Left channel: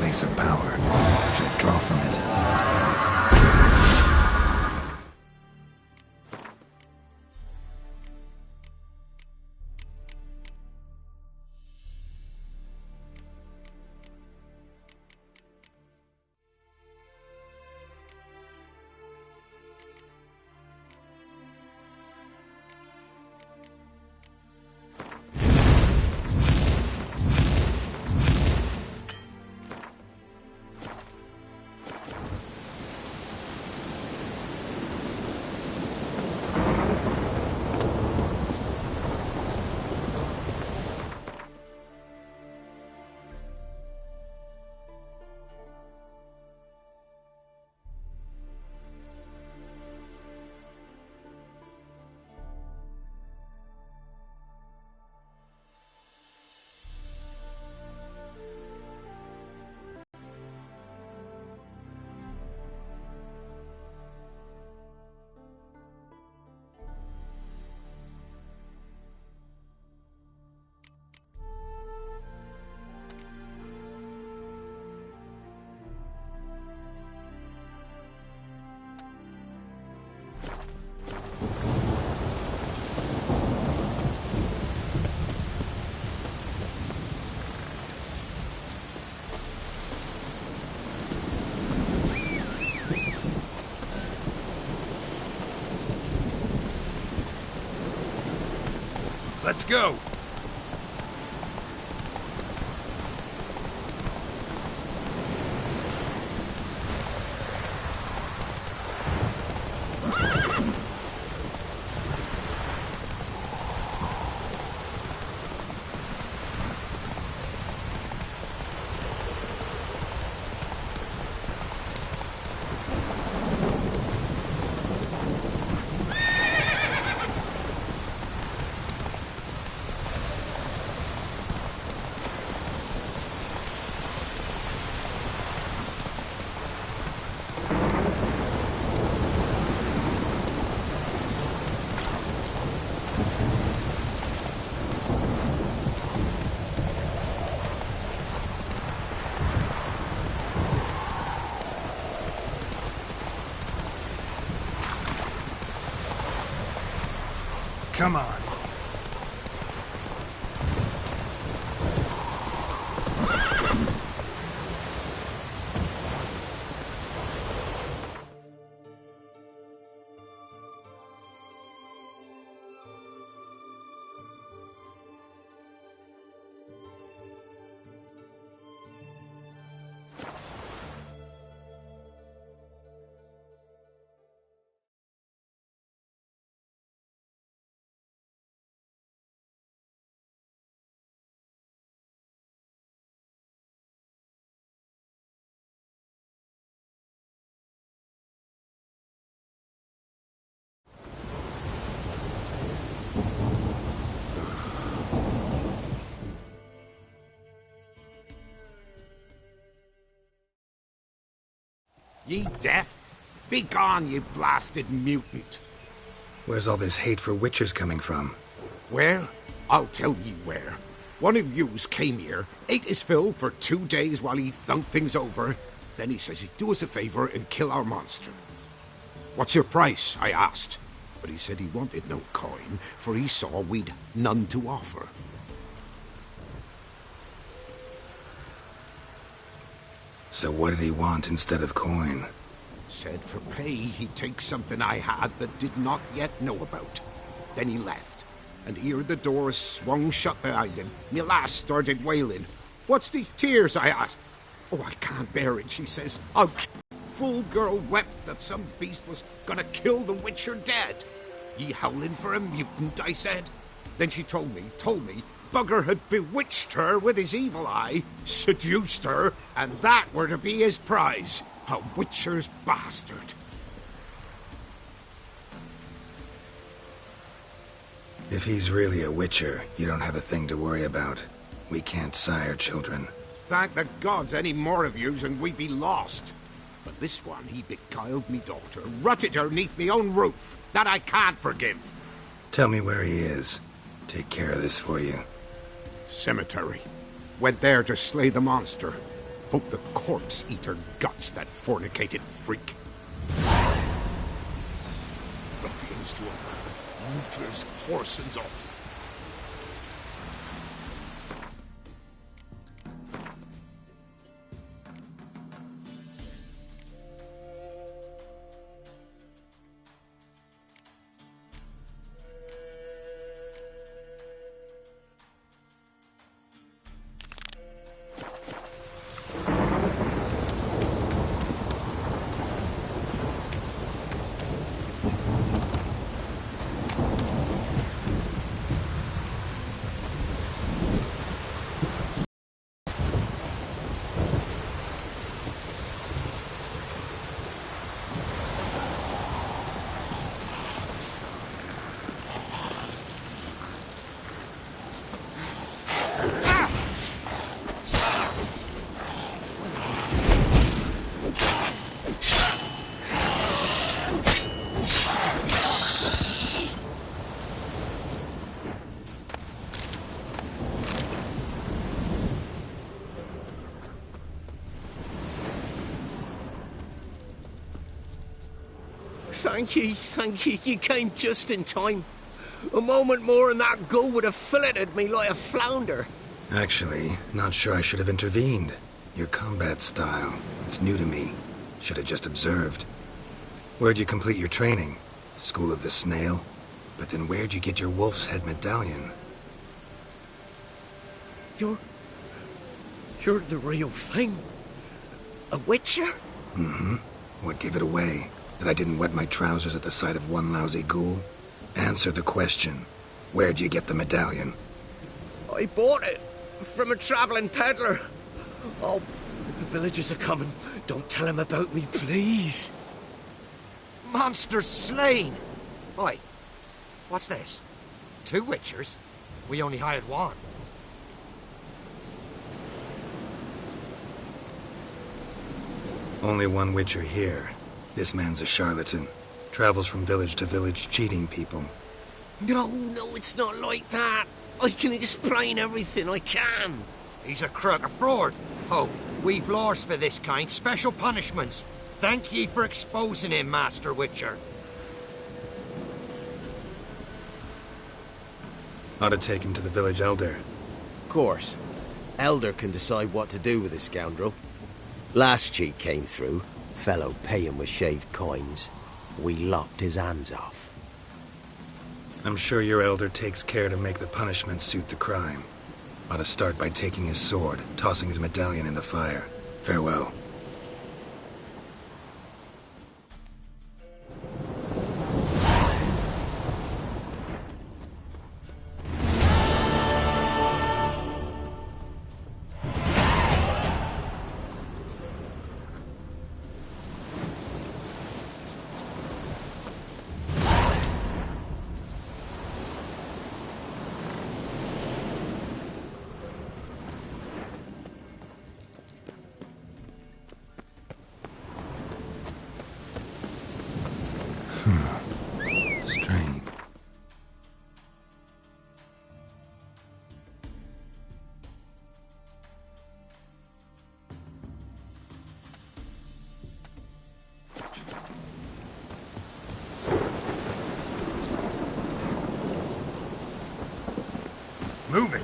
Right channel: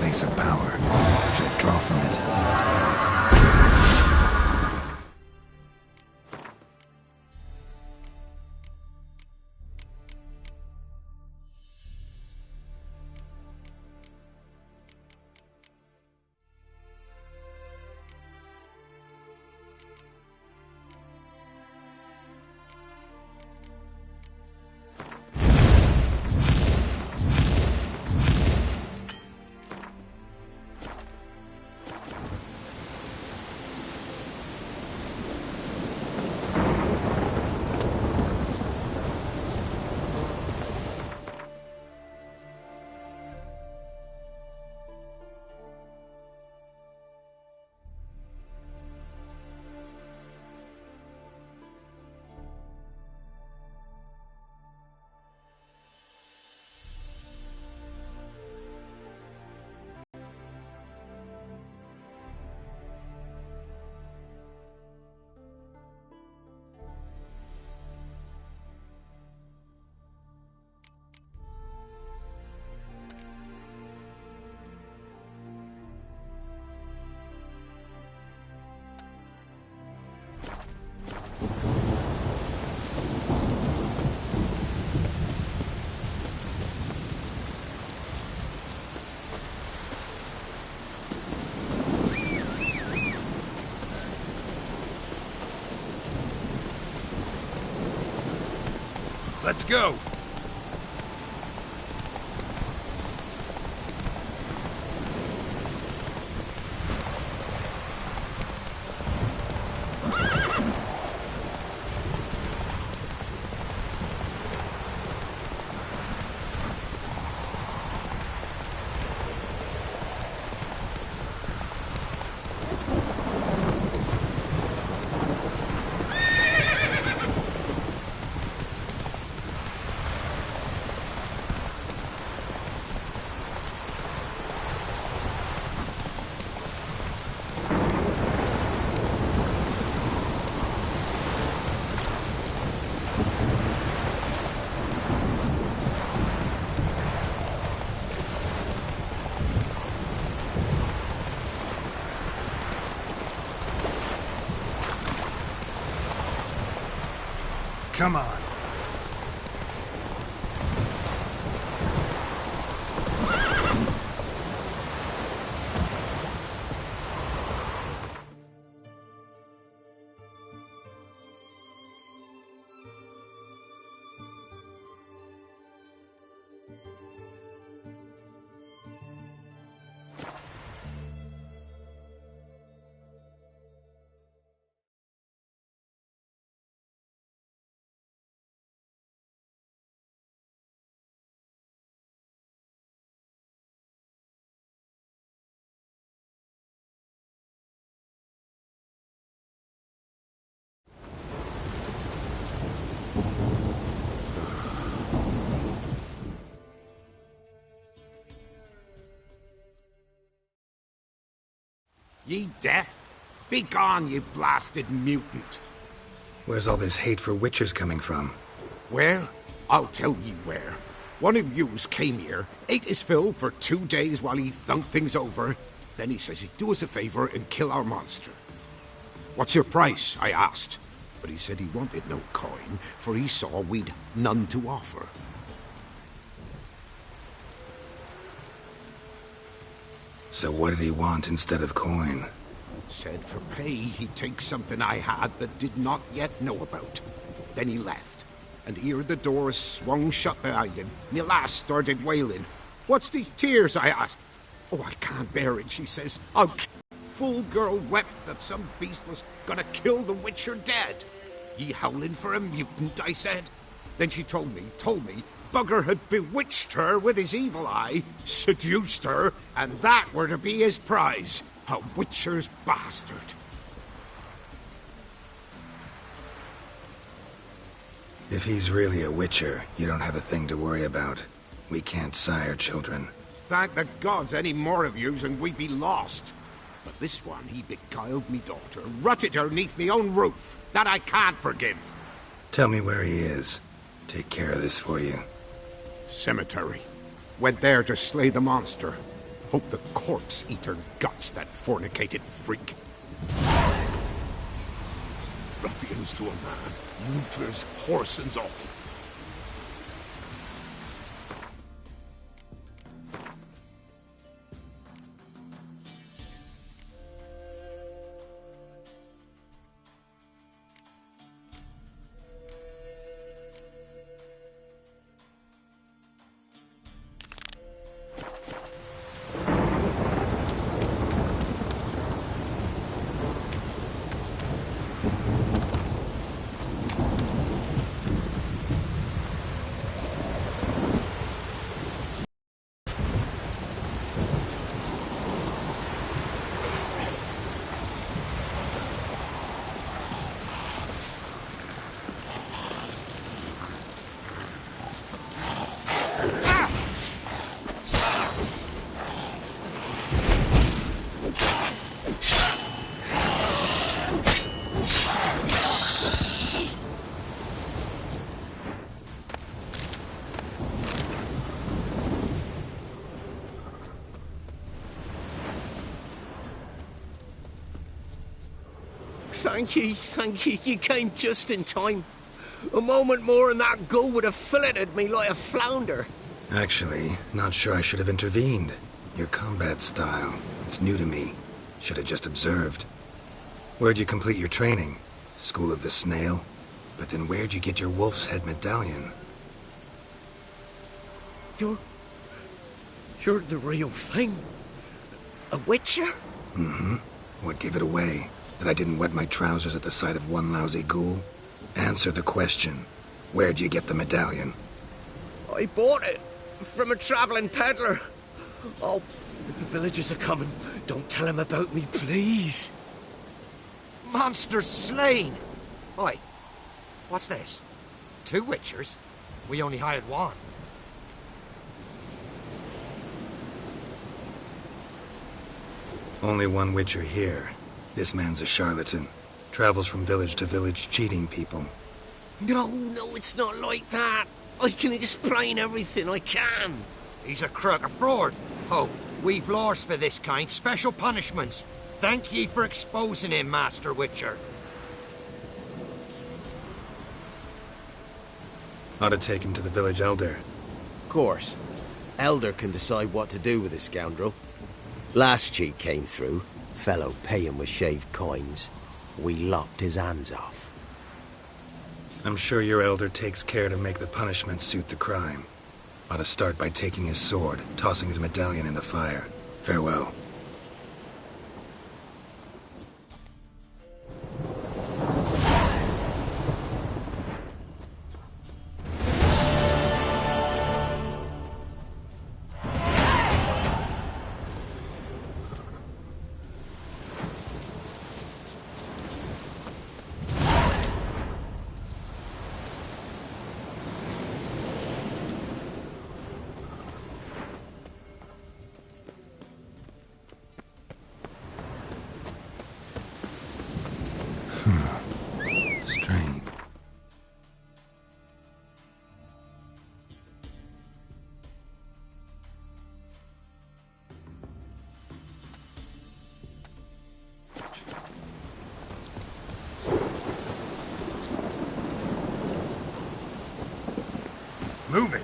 Place of power. Should draw from it. Let's go! Come on. Ye deaf? Be gone, you blasted mutant! Where's all this hate for witchers coming from? Where? I'll tell ye where. One of yous came here, ate his fill for 2 days while he thunked things over. Then he says he'd do us a favor and kill our monster. What's your price? I asked. But he said he wanted no coin, for he saw we'd none to offer. So what did he want instead of coin? Said for pay he'd take something I had that did not yet know about. Then he left. and ere the door swung shut behind him, me lass started wailing. "What's these tears?" I asked. "Oh, I can't bear it," she says. Full girl wept that some beast was gonna kill the Witcher dead. "Ye howling for a mutant," I said. Then she told me, Bugger had bewitched her with his evil eye, seduced her, and that were to be his prize. A Witcher's bastard. If he's really a Witcher, you don't have a thing to worry about. We can't sire children. Thank the gods any more of yous and we'd be lost. But this one, he beguiled me daughter, rutted her neath me own roof. That I can't forgive. Tell me where he is. Take care of this for you. Cemetery. Went there to slay the monster. Hope the corpse eater guts that fornicated freak. Ruffians to a man. Looters, horse and all. Thank you, you came just in time. A moment more and that gull would have filleted me like a flounder. Actually, not sure I should have intervened. Your combat style, it's new to me. Should have just observed. Where'd you complete your training? School of the Snail? But then where'd you get your wolf's head medallion? You're the real thing? A Witcher? Mm-hmm. What gave it away? That I didn't wet my trousers at the sight of one lousy ghoul? Answer the question. Where'd you get the medallion? I bought it from a traveling peddler. Oh, the villagers are coming. Don't tell him about me, please. Monster slain! Oi, what's this? 2 Witchers? We only hired one. Only one Witcher here. This man's a charlatan. Travels from village to village cheating people. No, it's not like that. I can explain everything, I can. He's a crook, a fraud. Oh, we've laws for this kind, special punishments. Thank ye for exposing him, Master Witcher. Ought to take him to the village elder. Of course. Elder can decide what to do with the scoundrel. Last cheat came through. Fellow pay him with shaved coins. We lopped his hands off. I'm sure your elder takes care to make the punishment suit the crime. Ought to start by taking his sword, tossing his medallion in the fire. Farewell. Strange. Move it!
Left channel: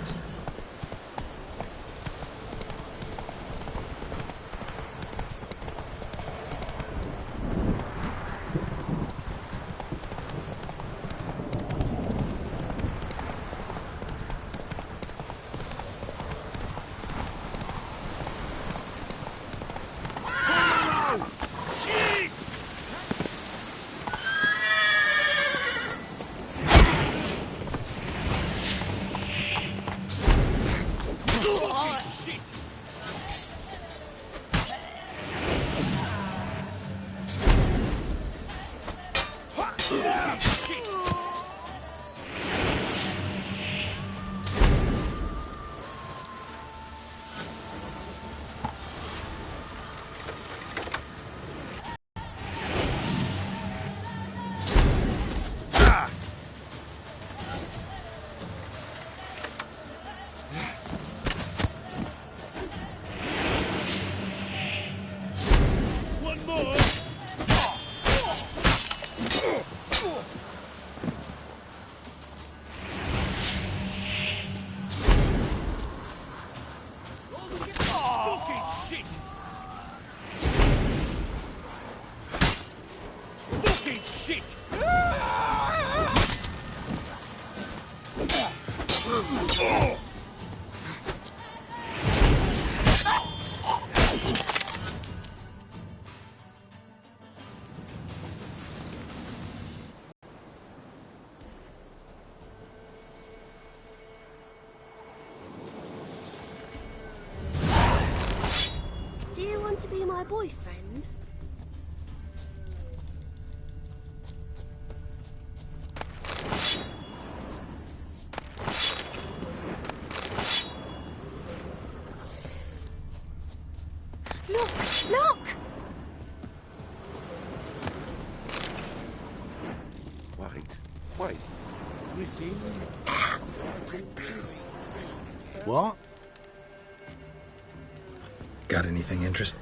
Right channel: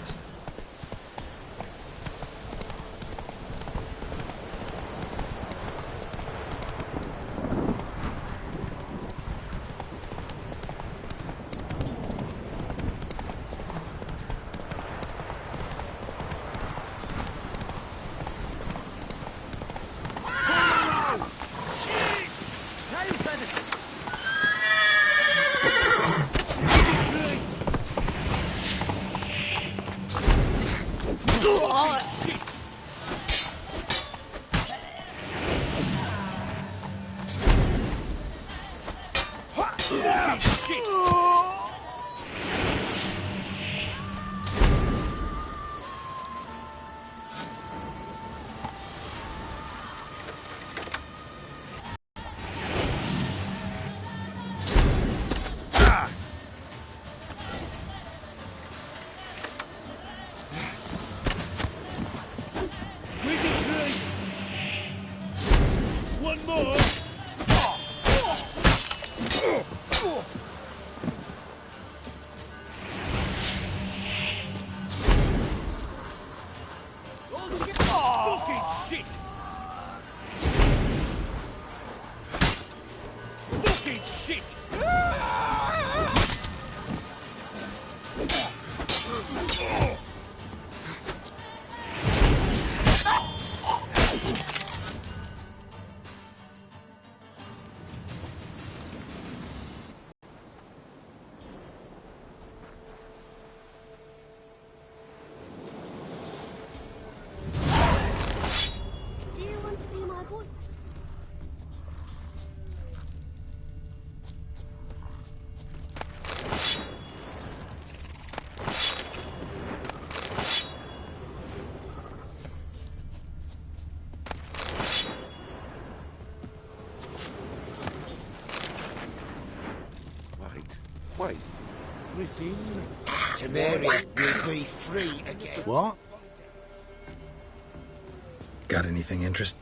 my boyfriend? Look! Wait. Griffin? Tomorrow we'll be free again. What? Got anything interesting?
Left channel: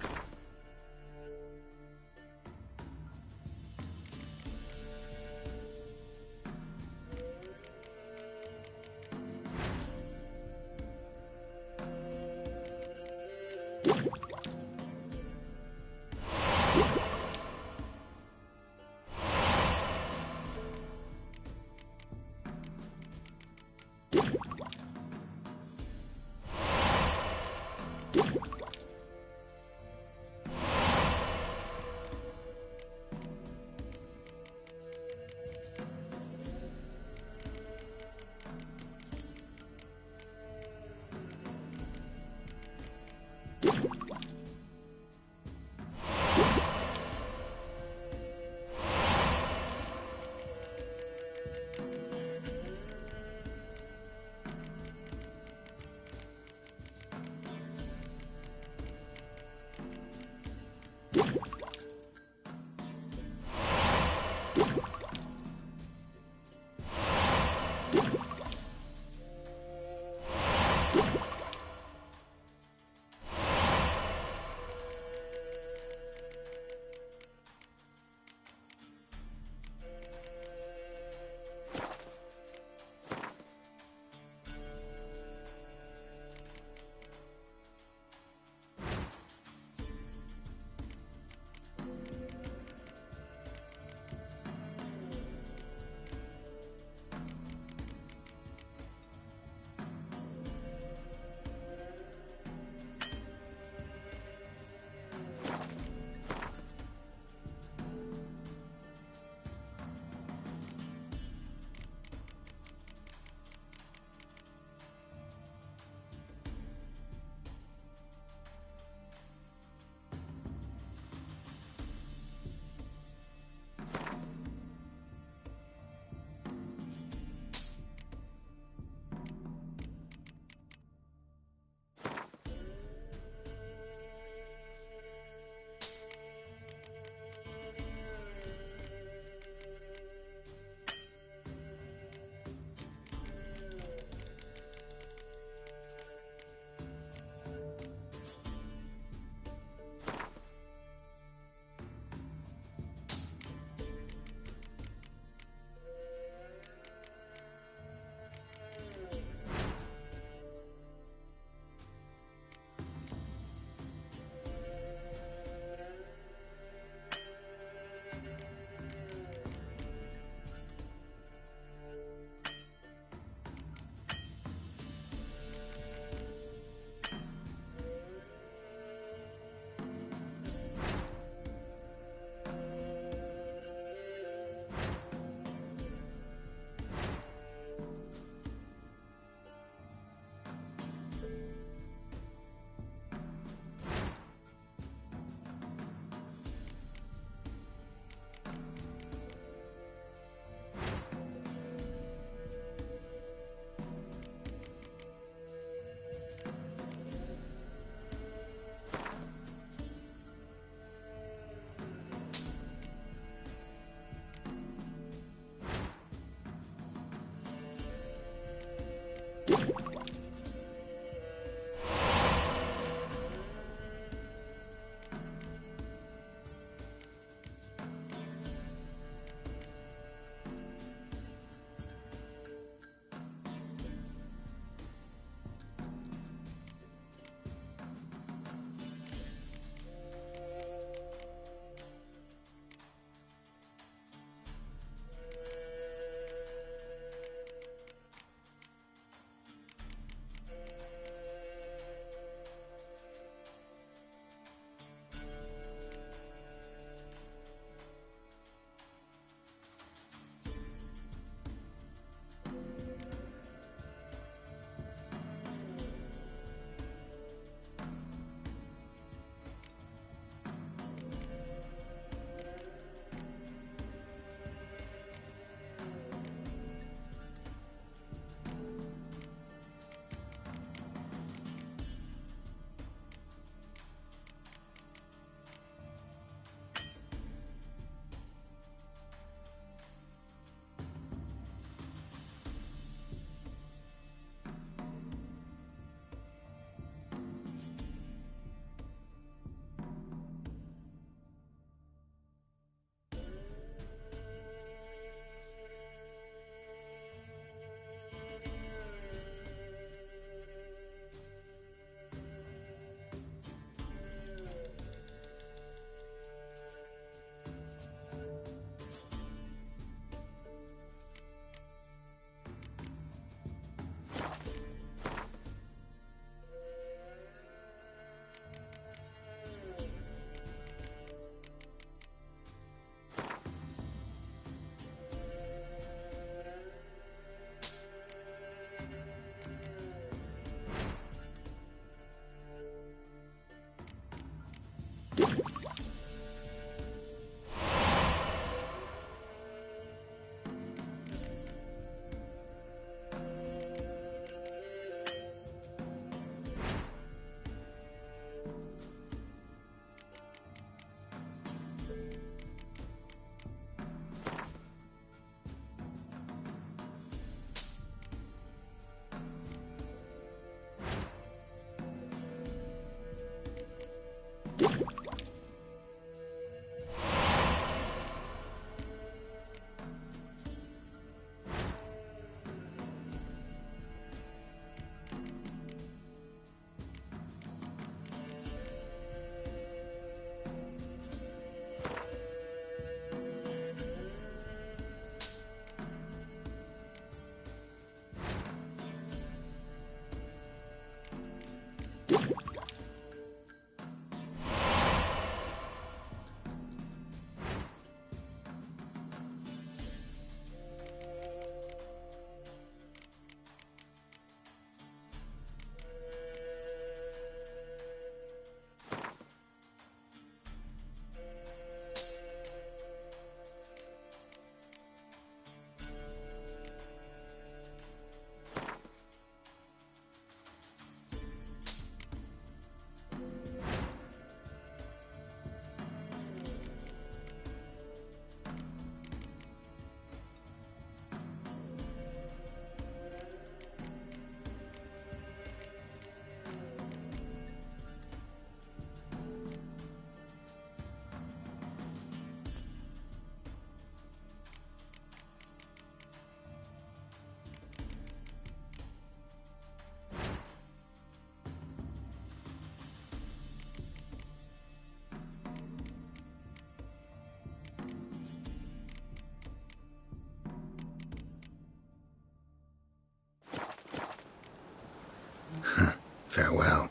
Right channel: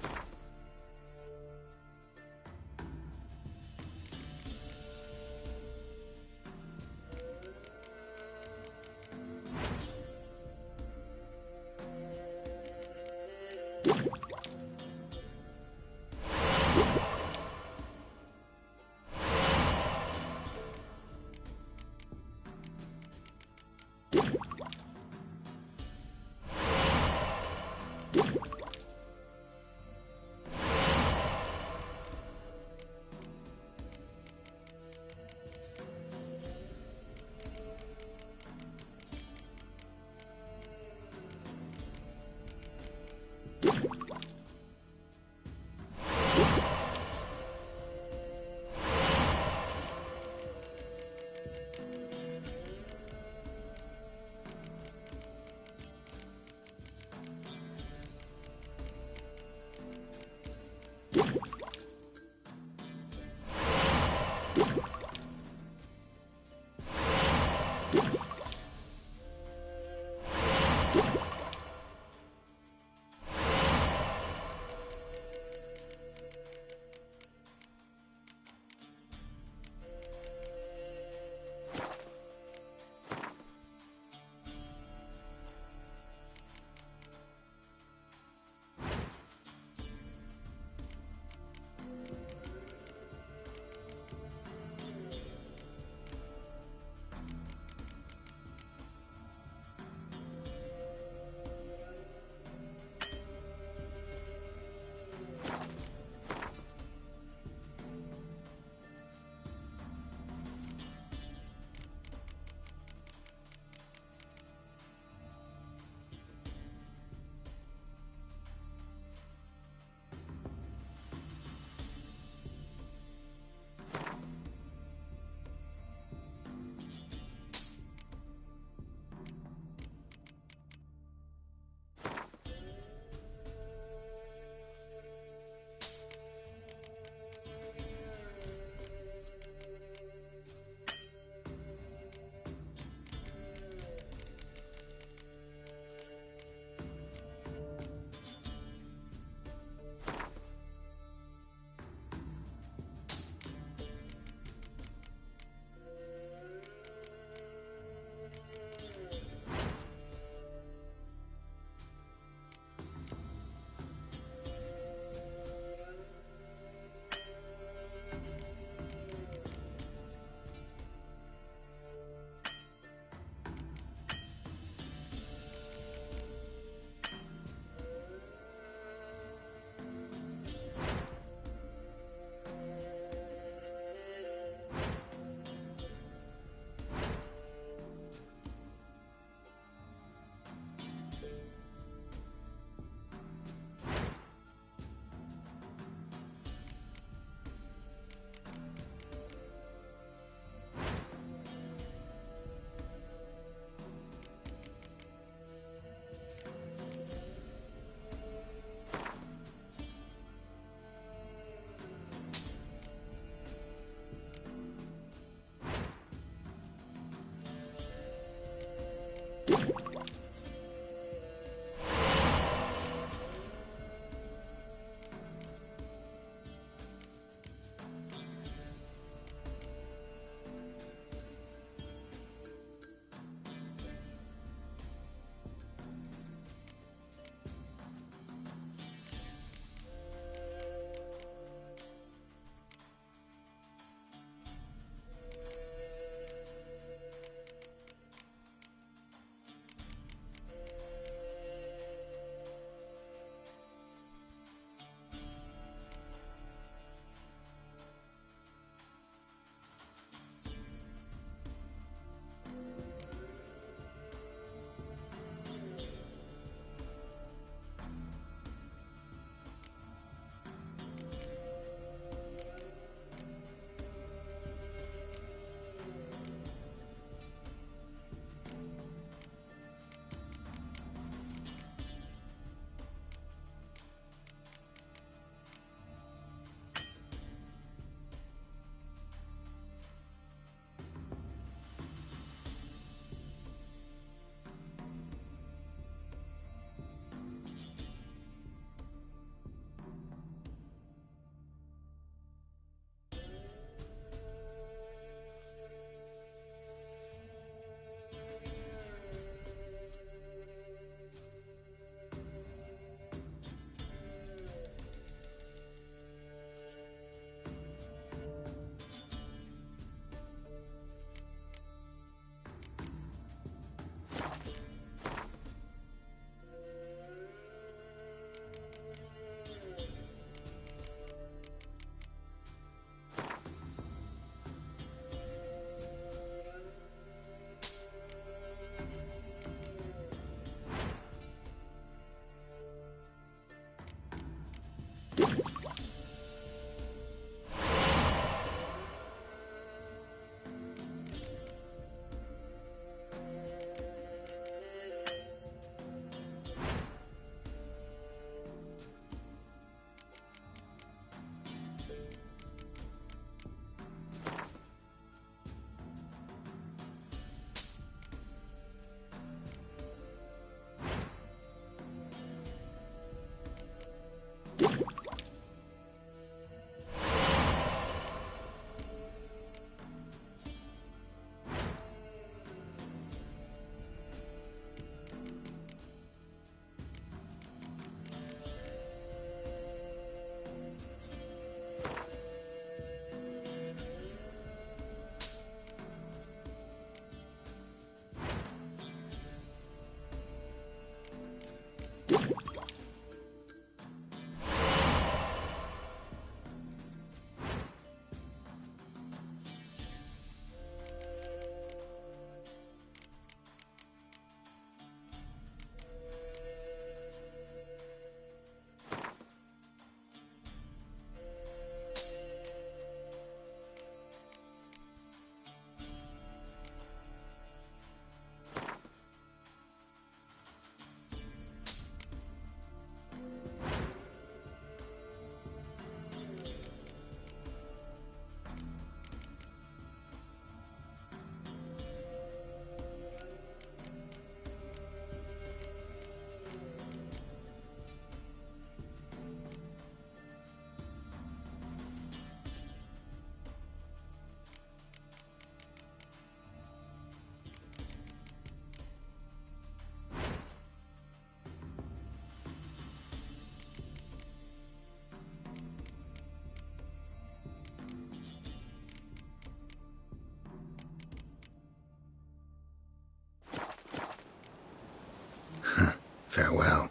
Farewell.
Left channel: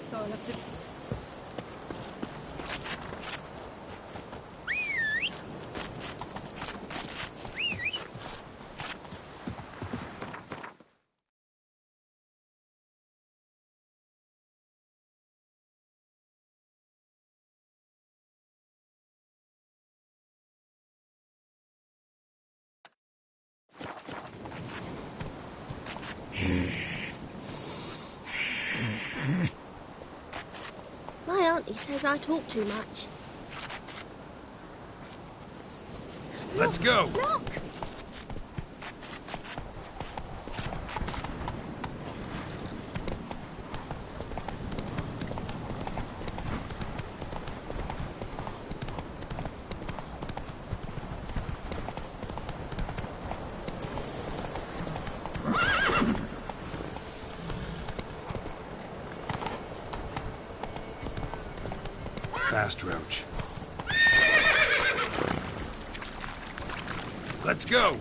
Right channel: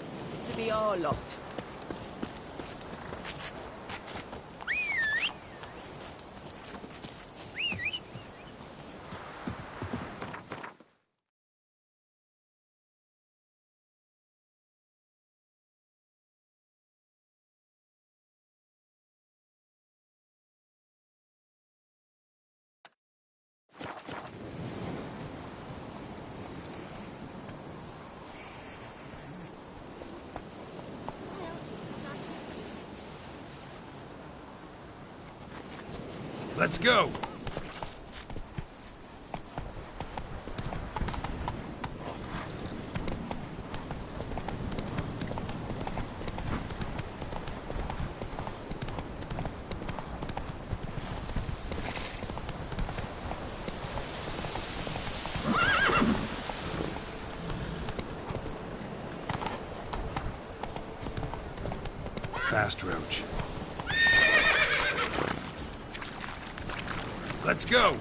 Sign up to be our lot. My auntie says I talk too much. Let's go! Fast, Roach. Let's go!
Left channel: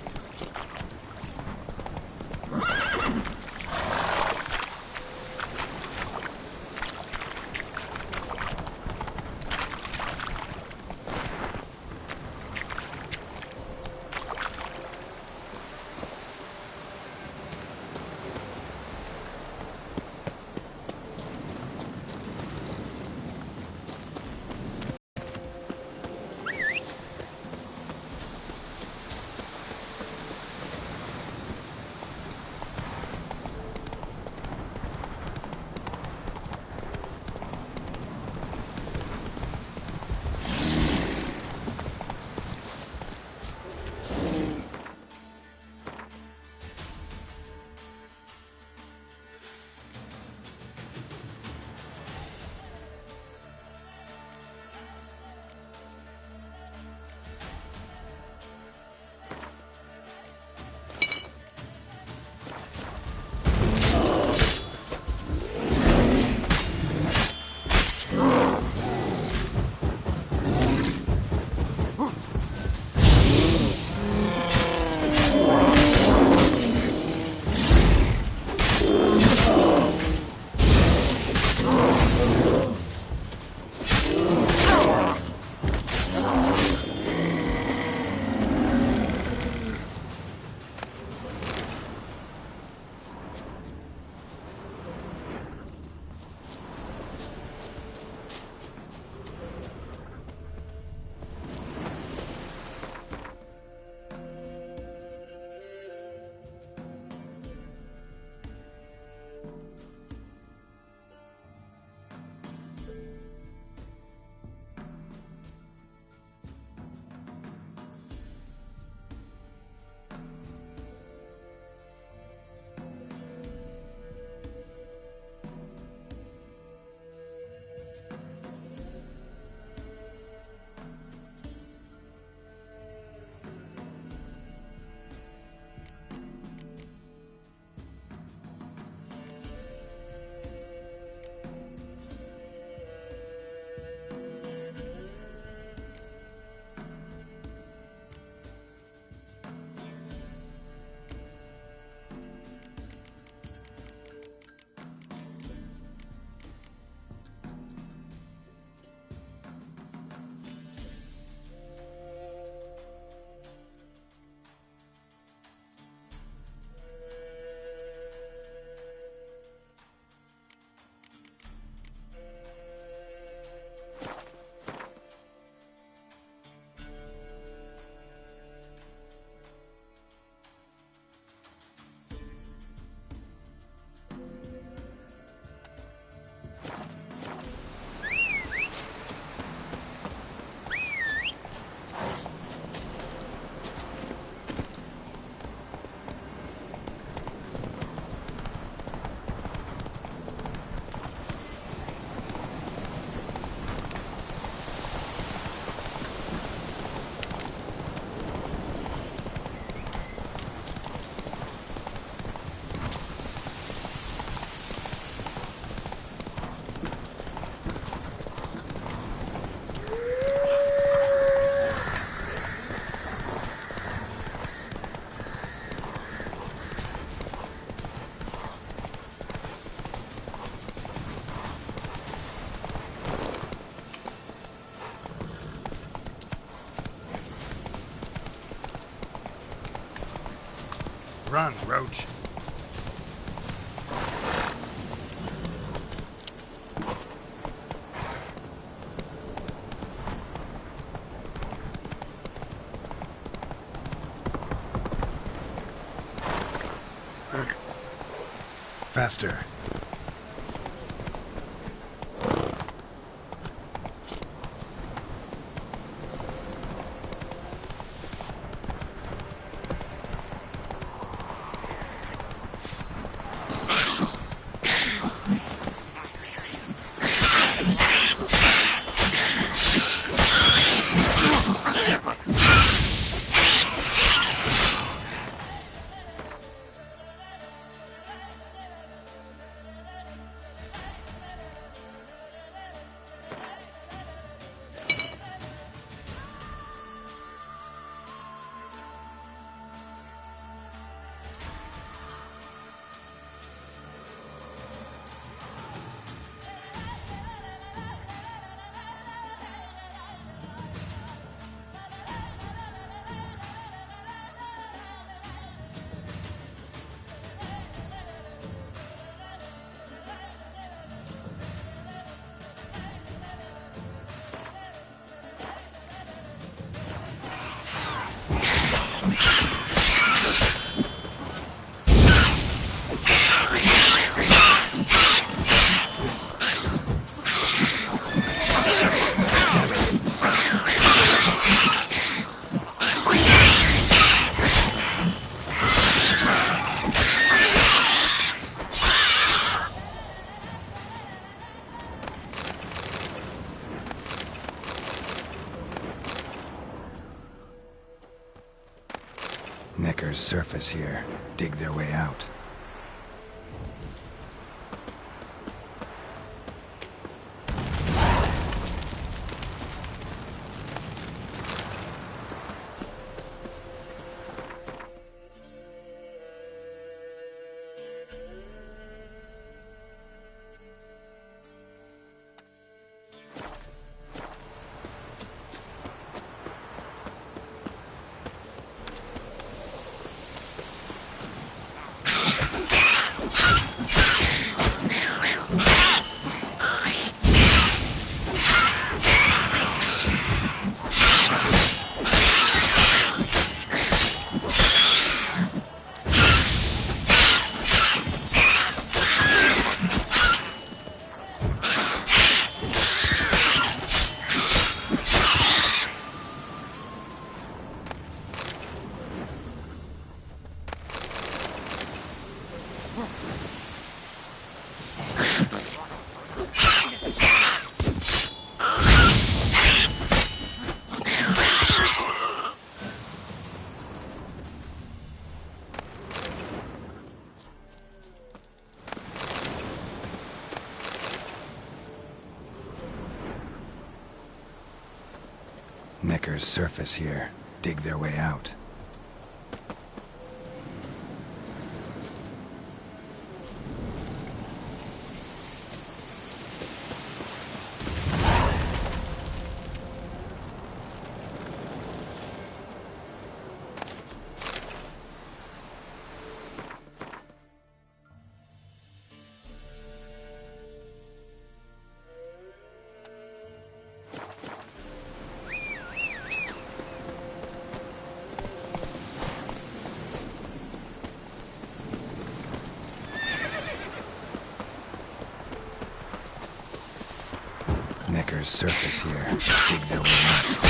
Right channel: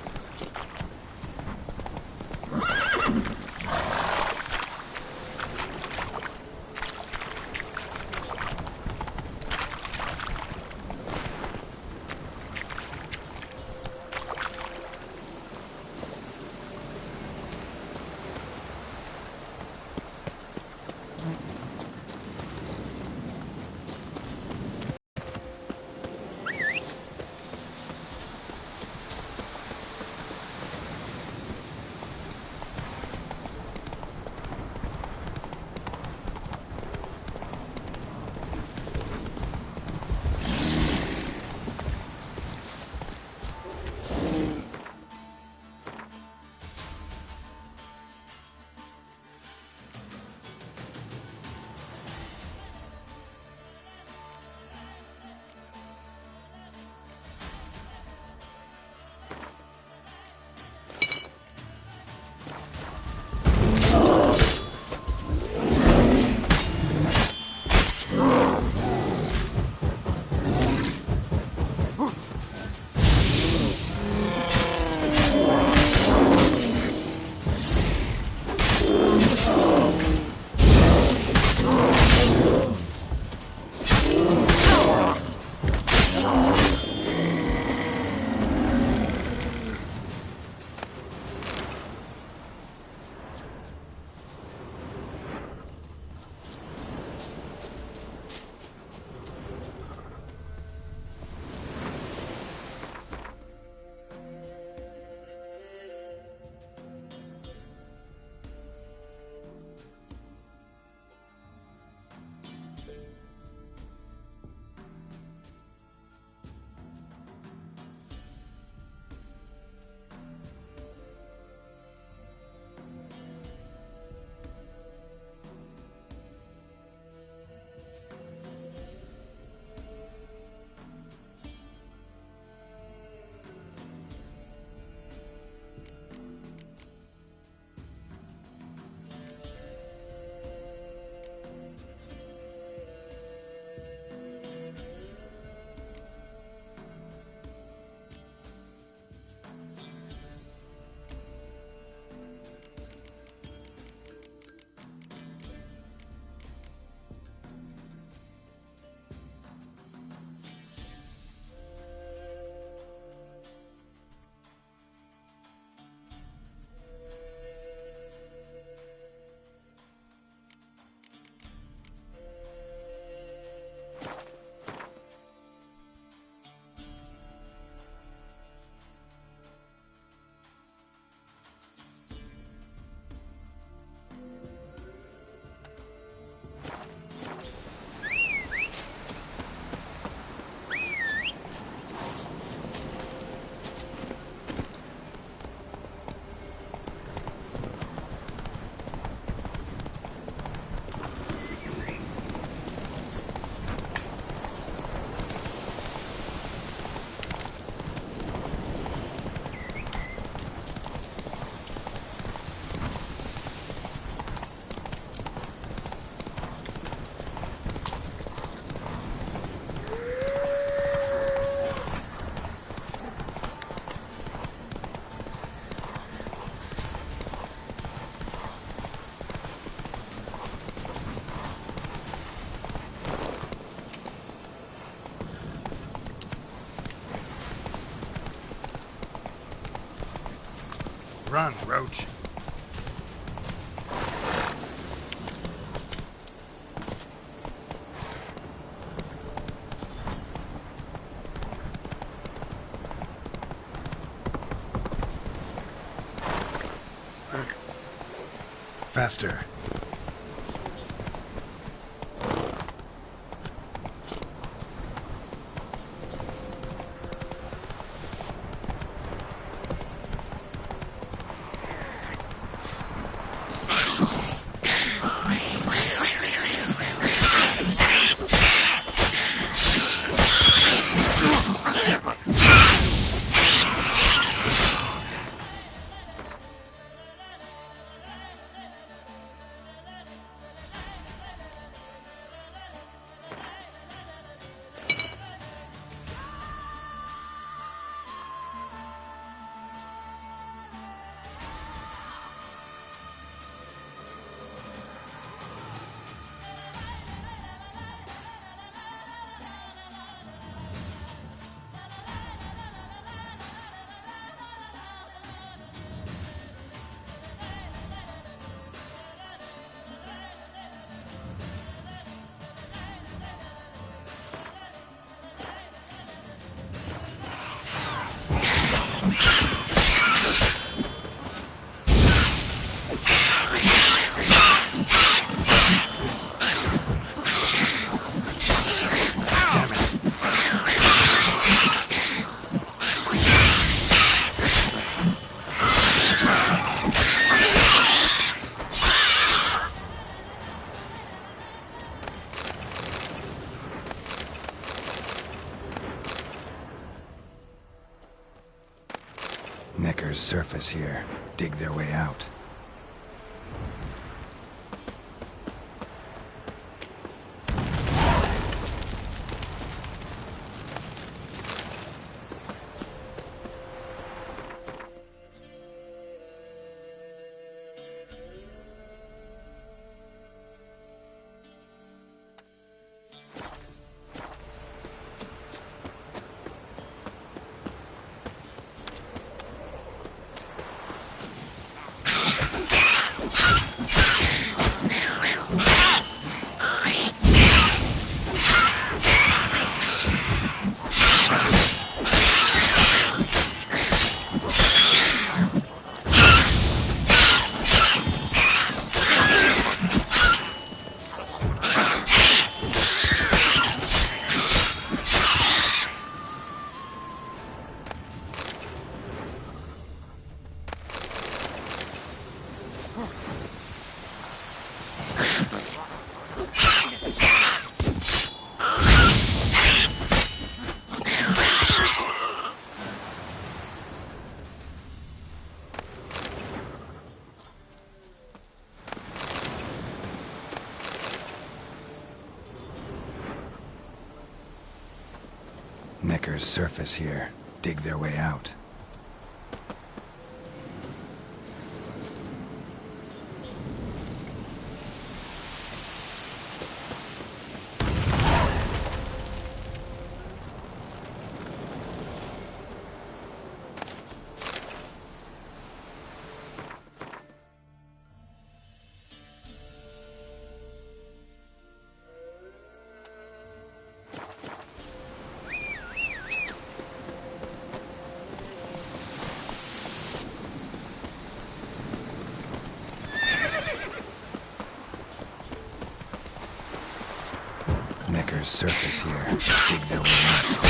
Run, Roach. Faster. Necker's surface here. Dig their way out. Necker's surface here. Dig their way out. Necker's surface here. Dig their way out.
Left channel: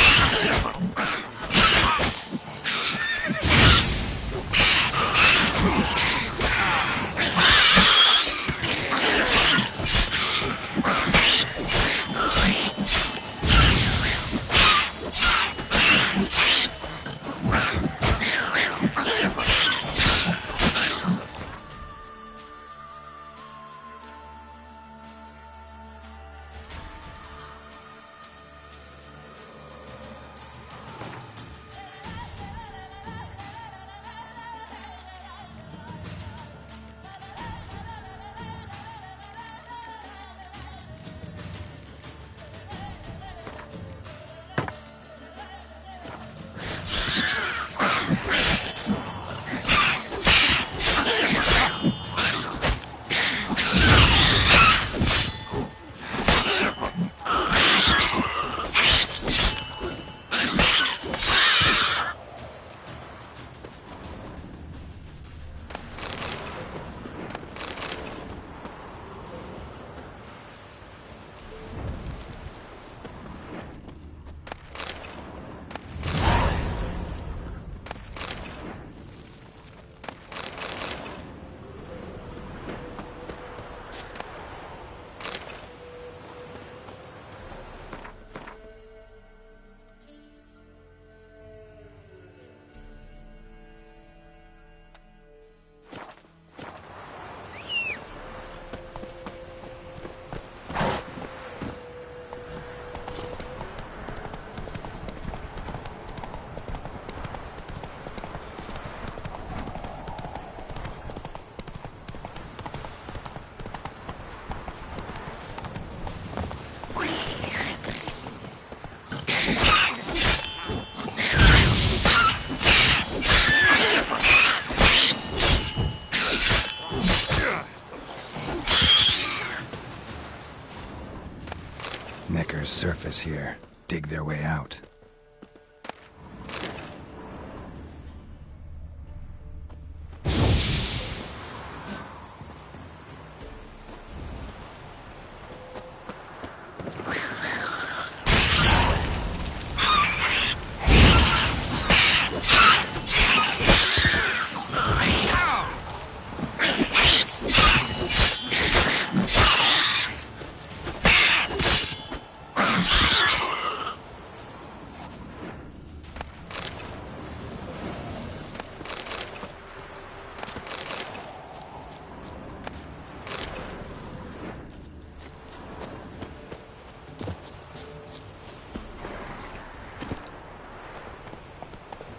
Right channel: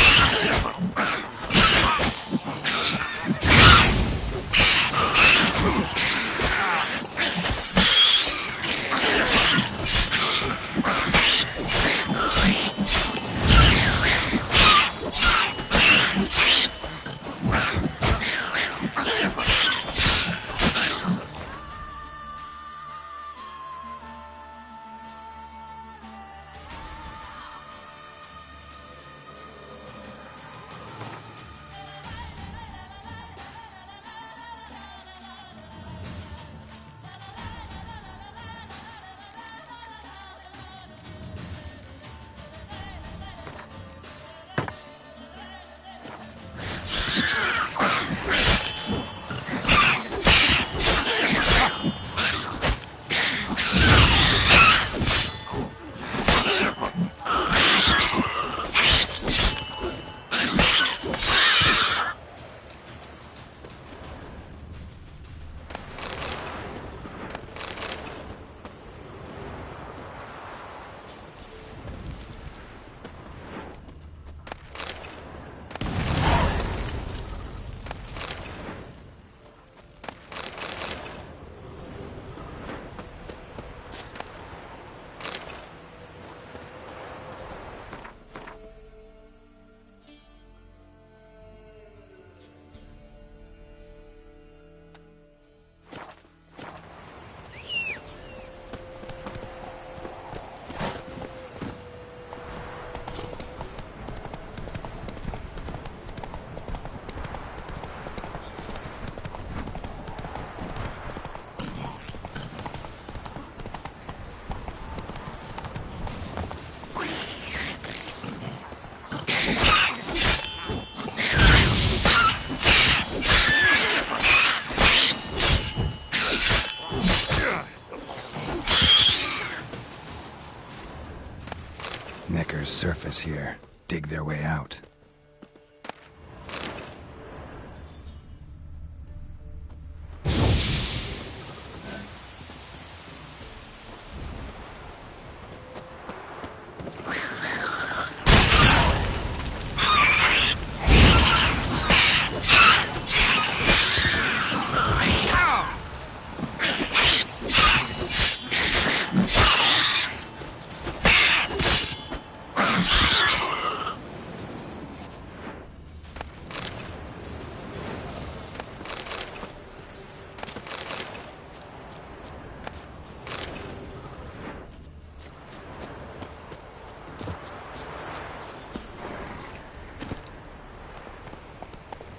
Neckers surface here, dig their way out.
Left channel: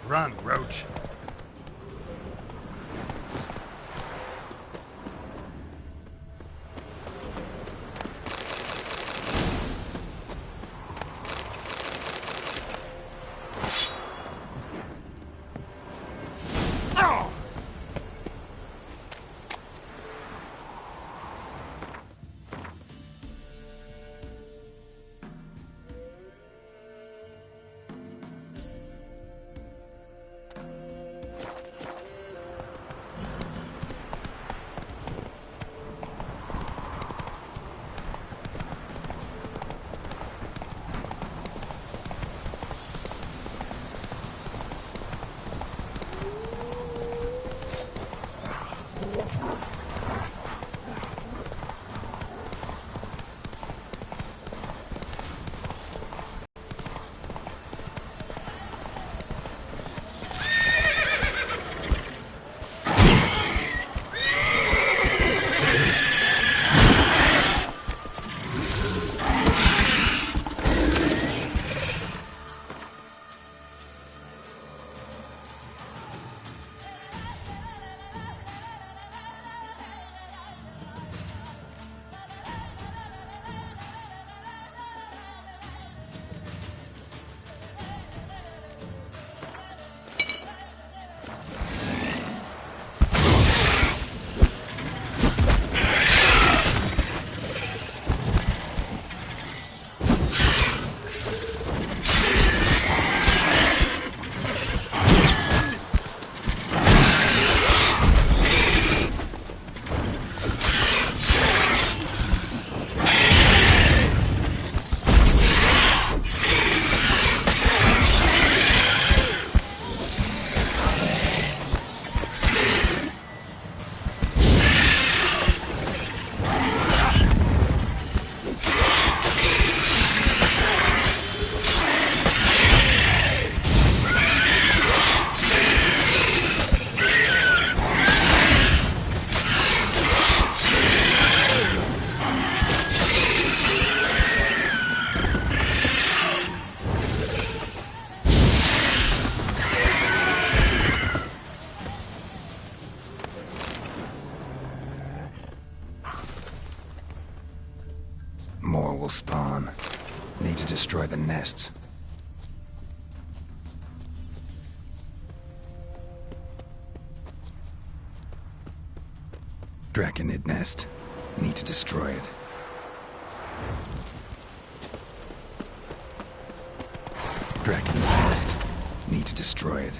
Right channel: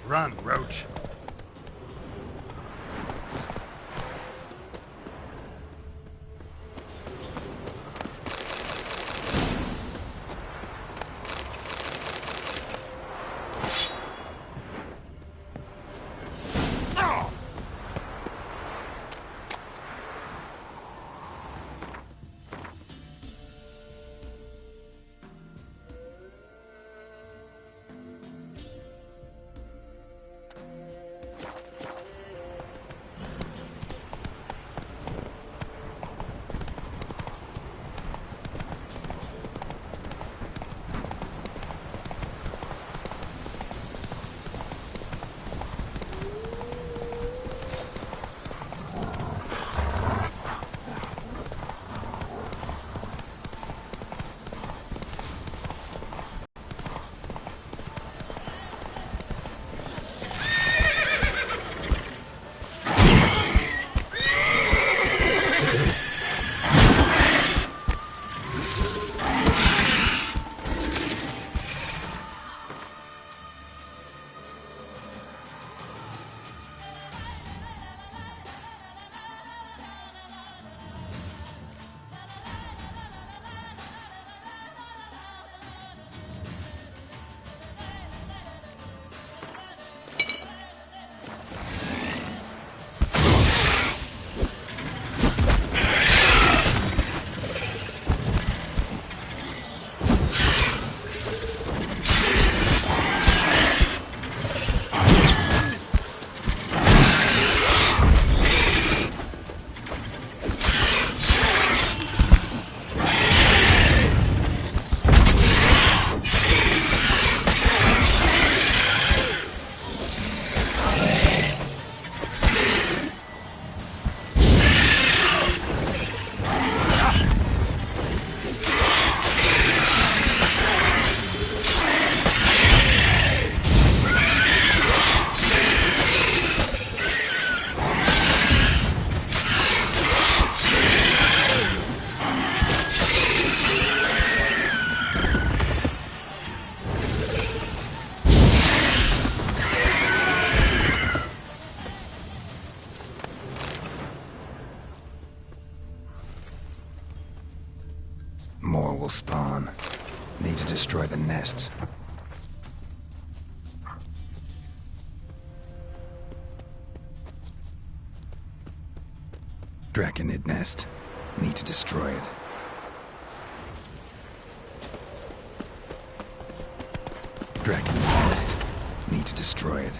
Run, Roach. More will spawn. Need to destroy the nests. Draconid nest. Need to destroy it. Draconid nest. Need to destroy it.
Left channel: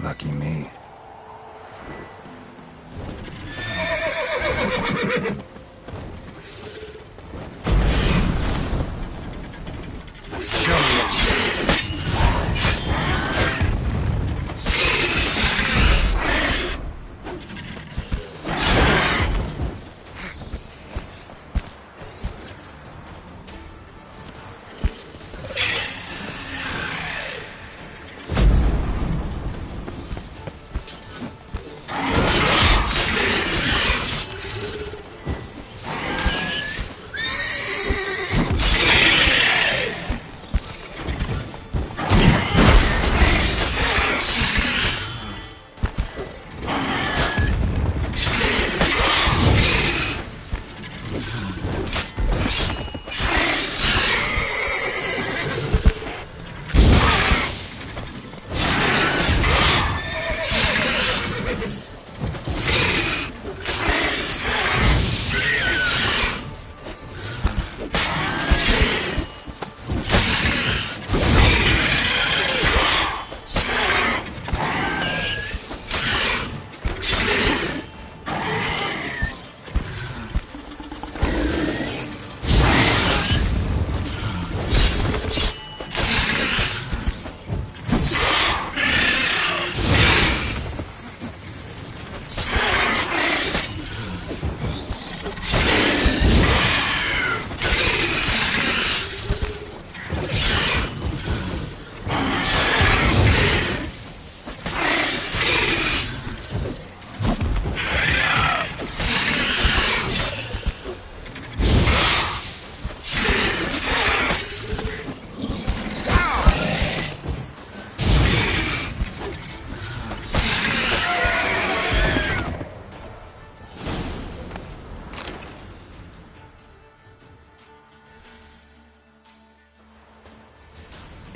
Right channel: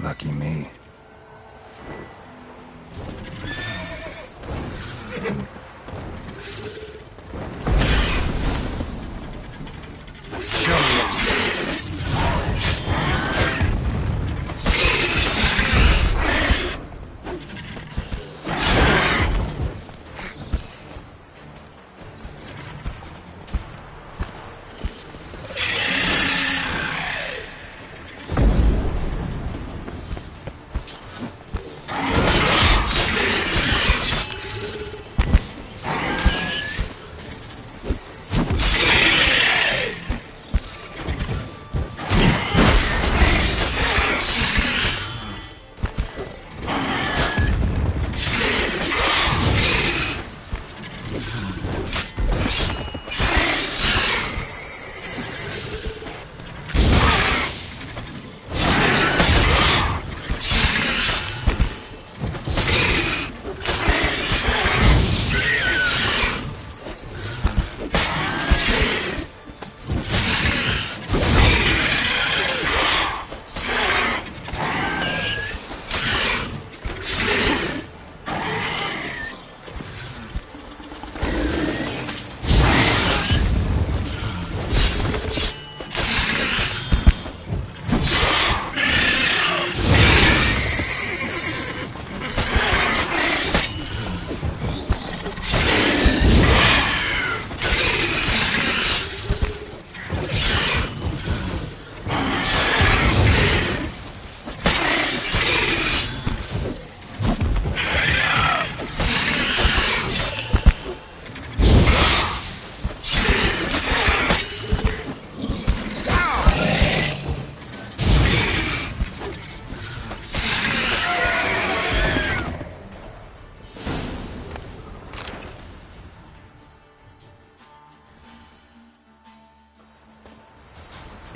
Lucky me. Show me what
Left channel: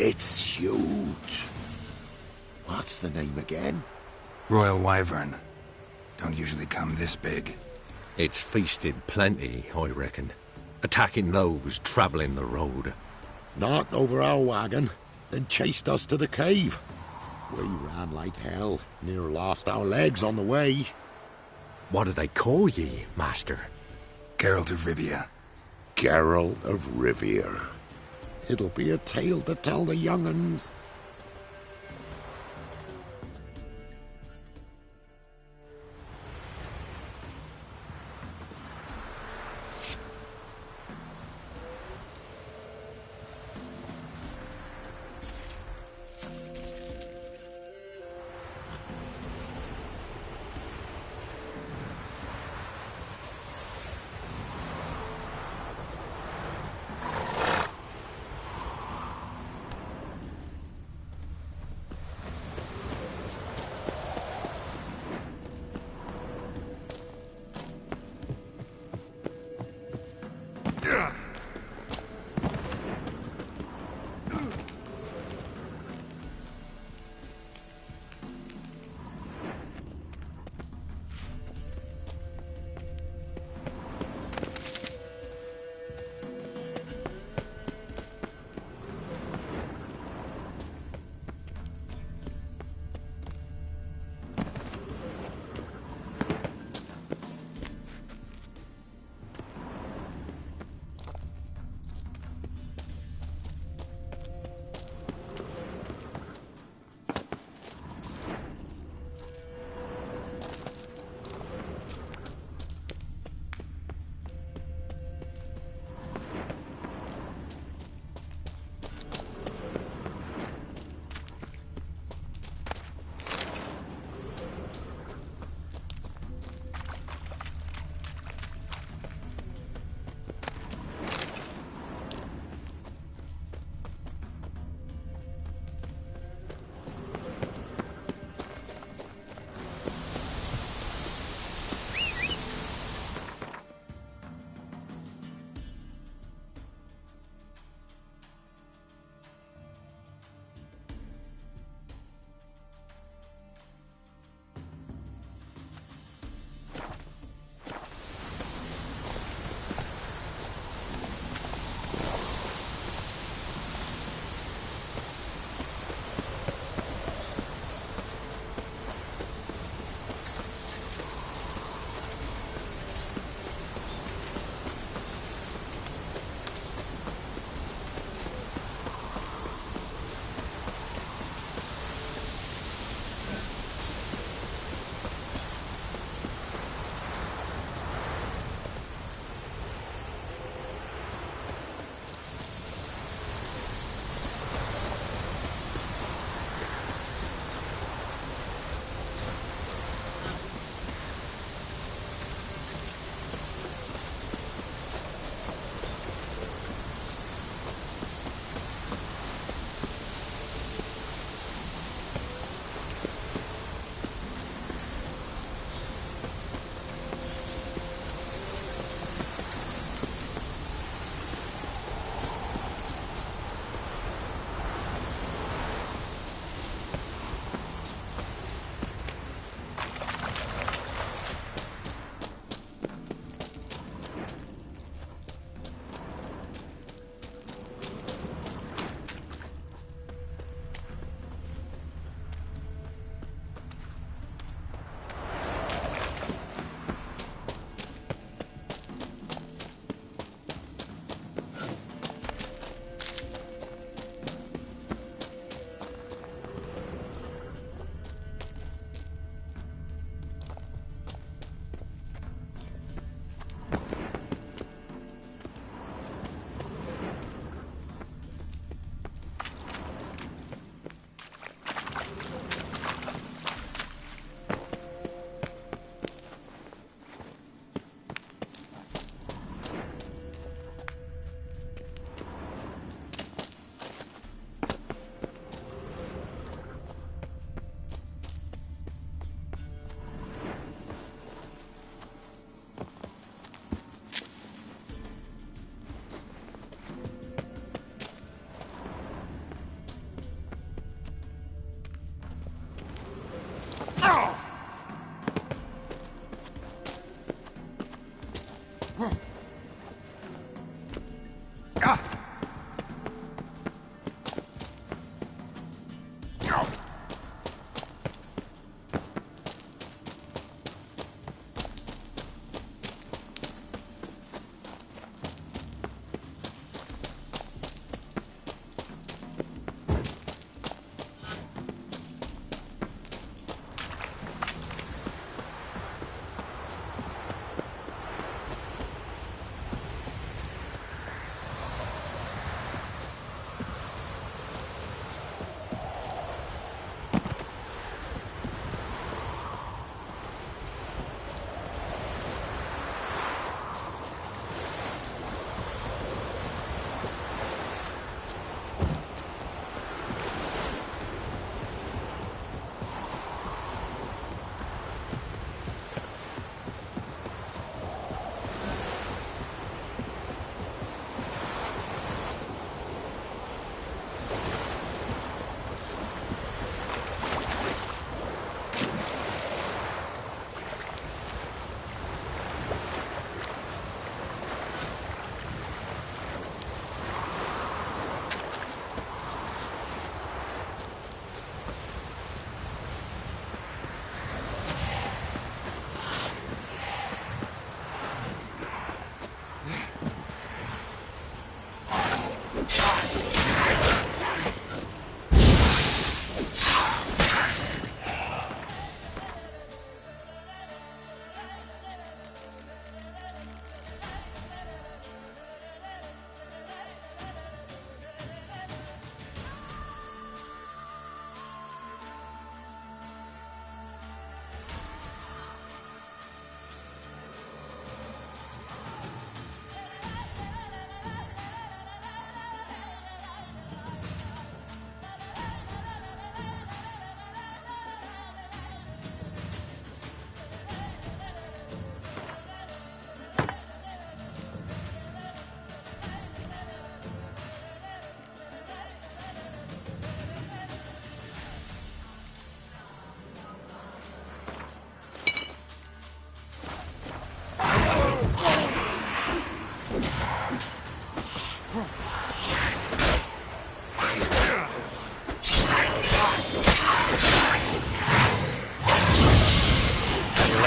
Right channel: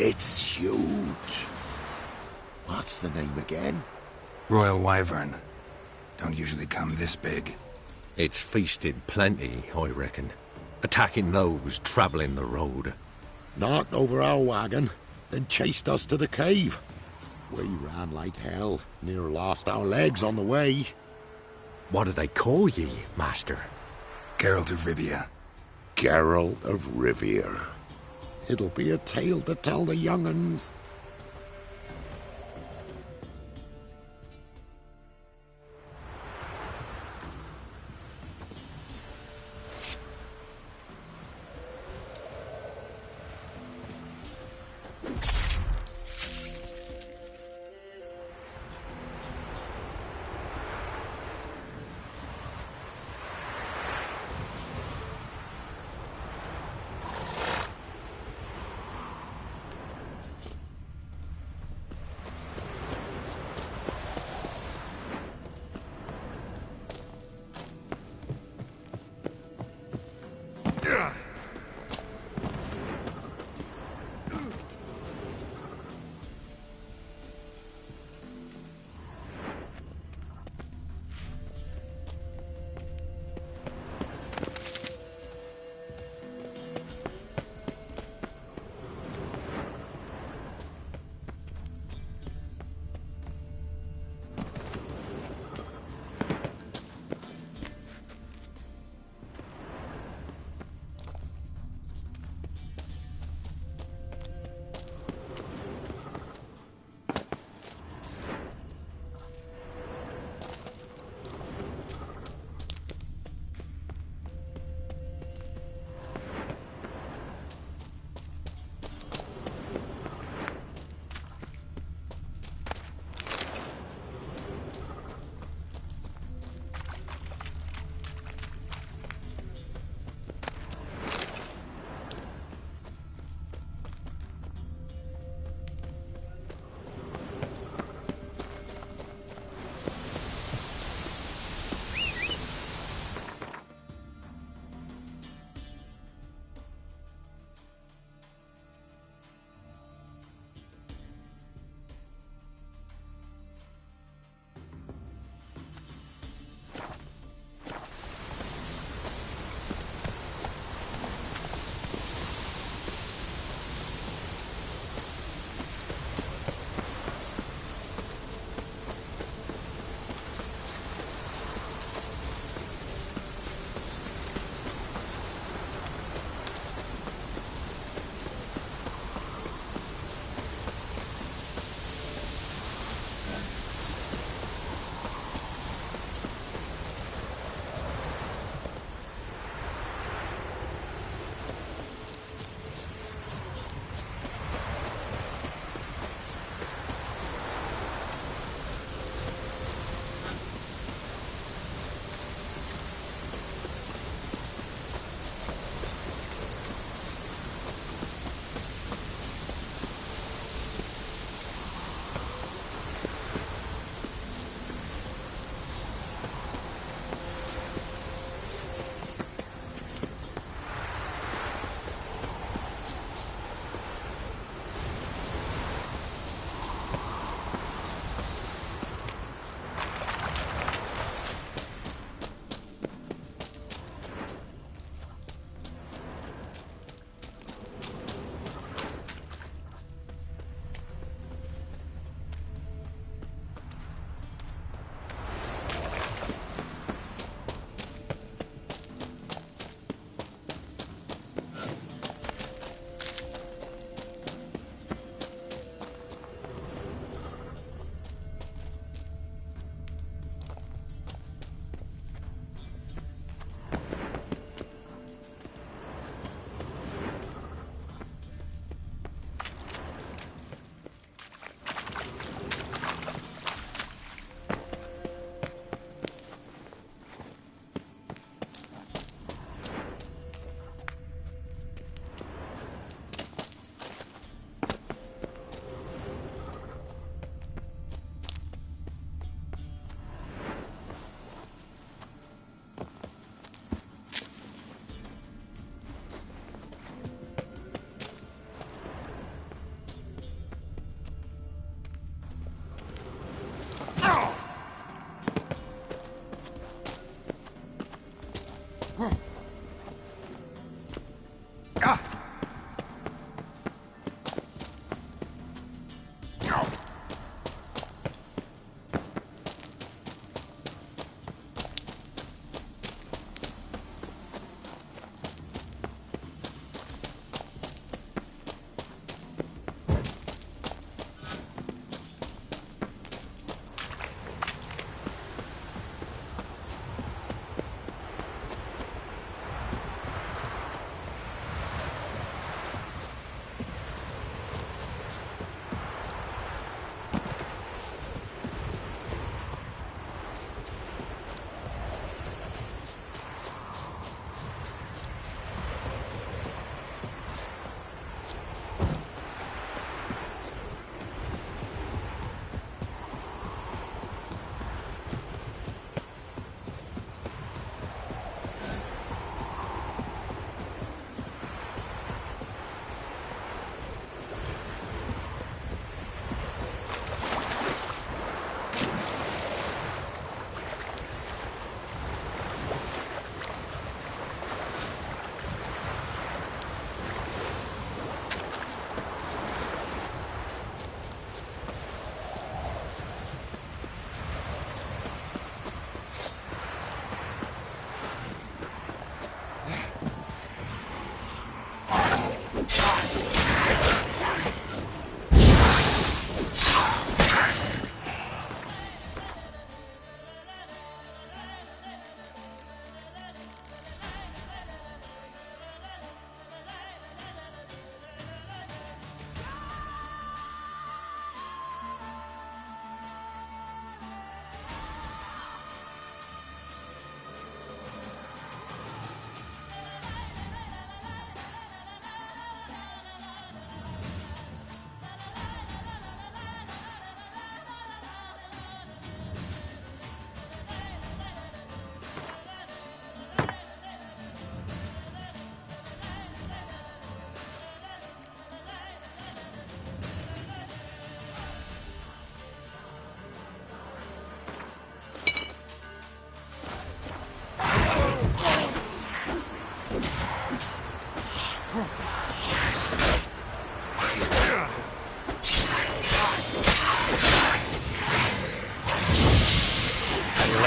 It's huge. What's the name again? Royal Wyvern. Don't usually come this big. It's feasted plenty, I reckon. Attacking those travelling the road. Knocked over our wagon, then chased us to the cave. We ran like hell, near lost our legs on the way. What do they call ye, master? Geralt of Rivia. Geralt of Rivia. It'll be a tale to tell the young'uns.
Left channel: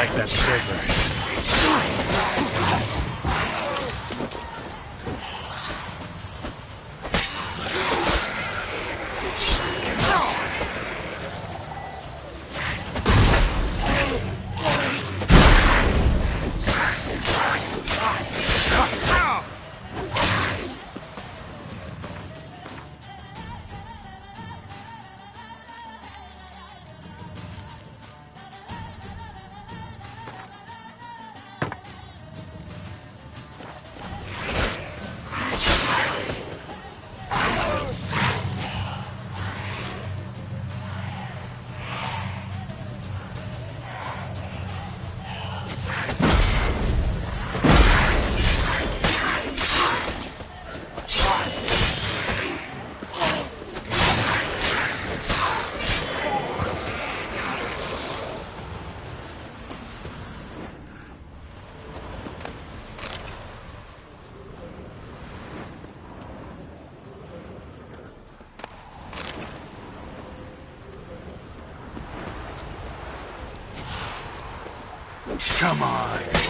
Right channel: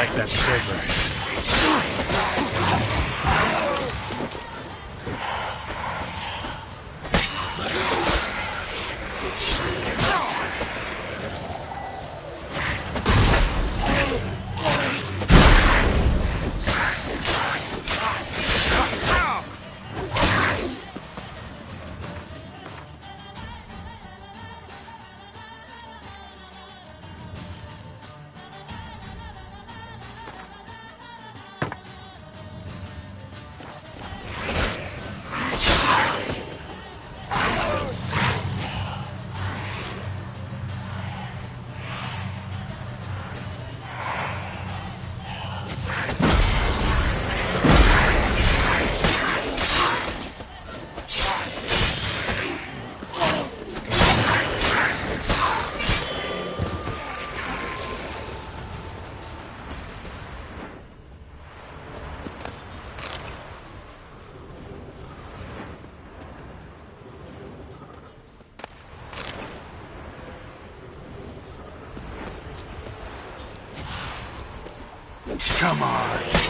like that silver. Come on.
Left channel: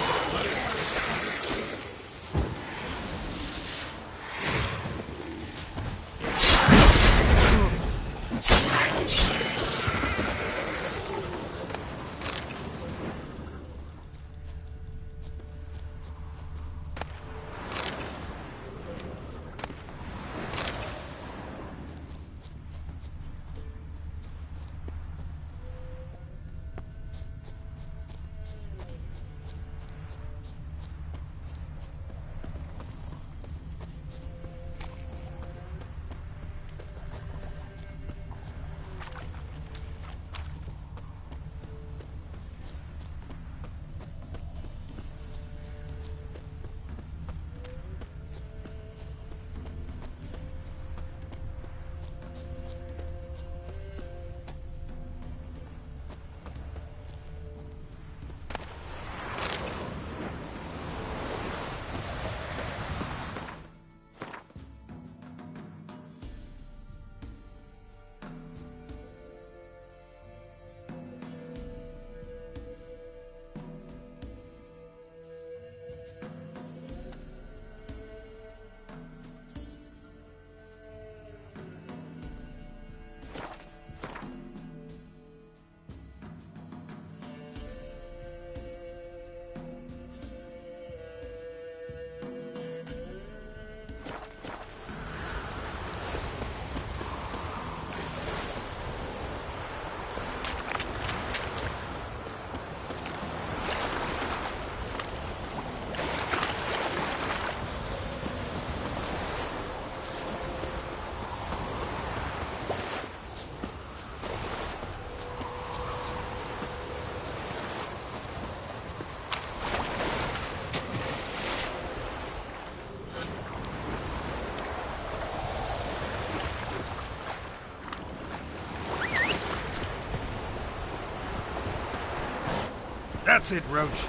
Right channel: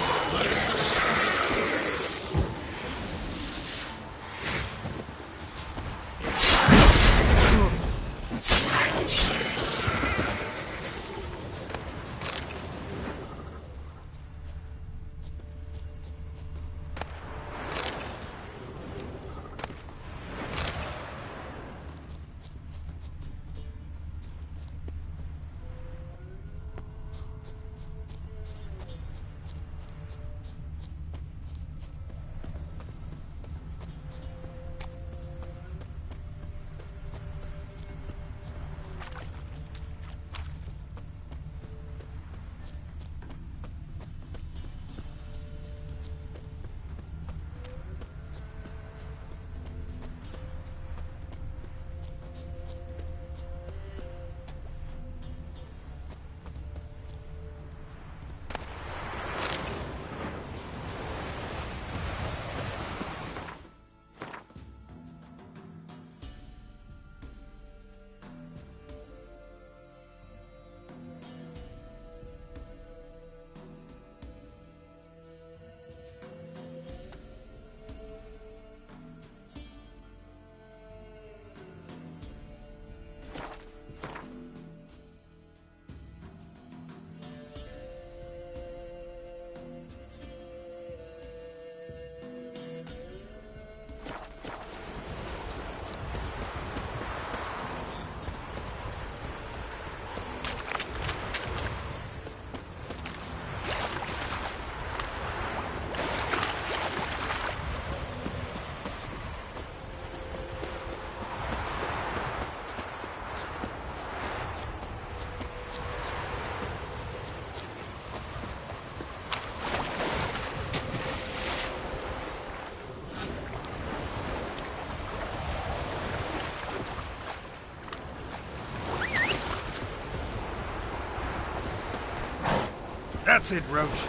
That's it, Roach.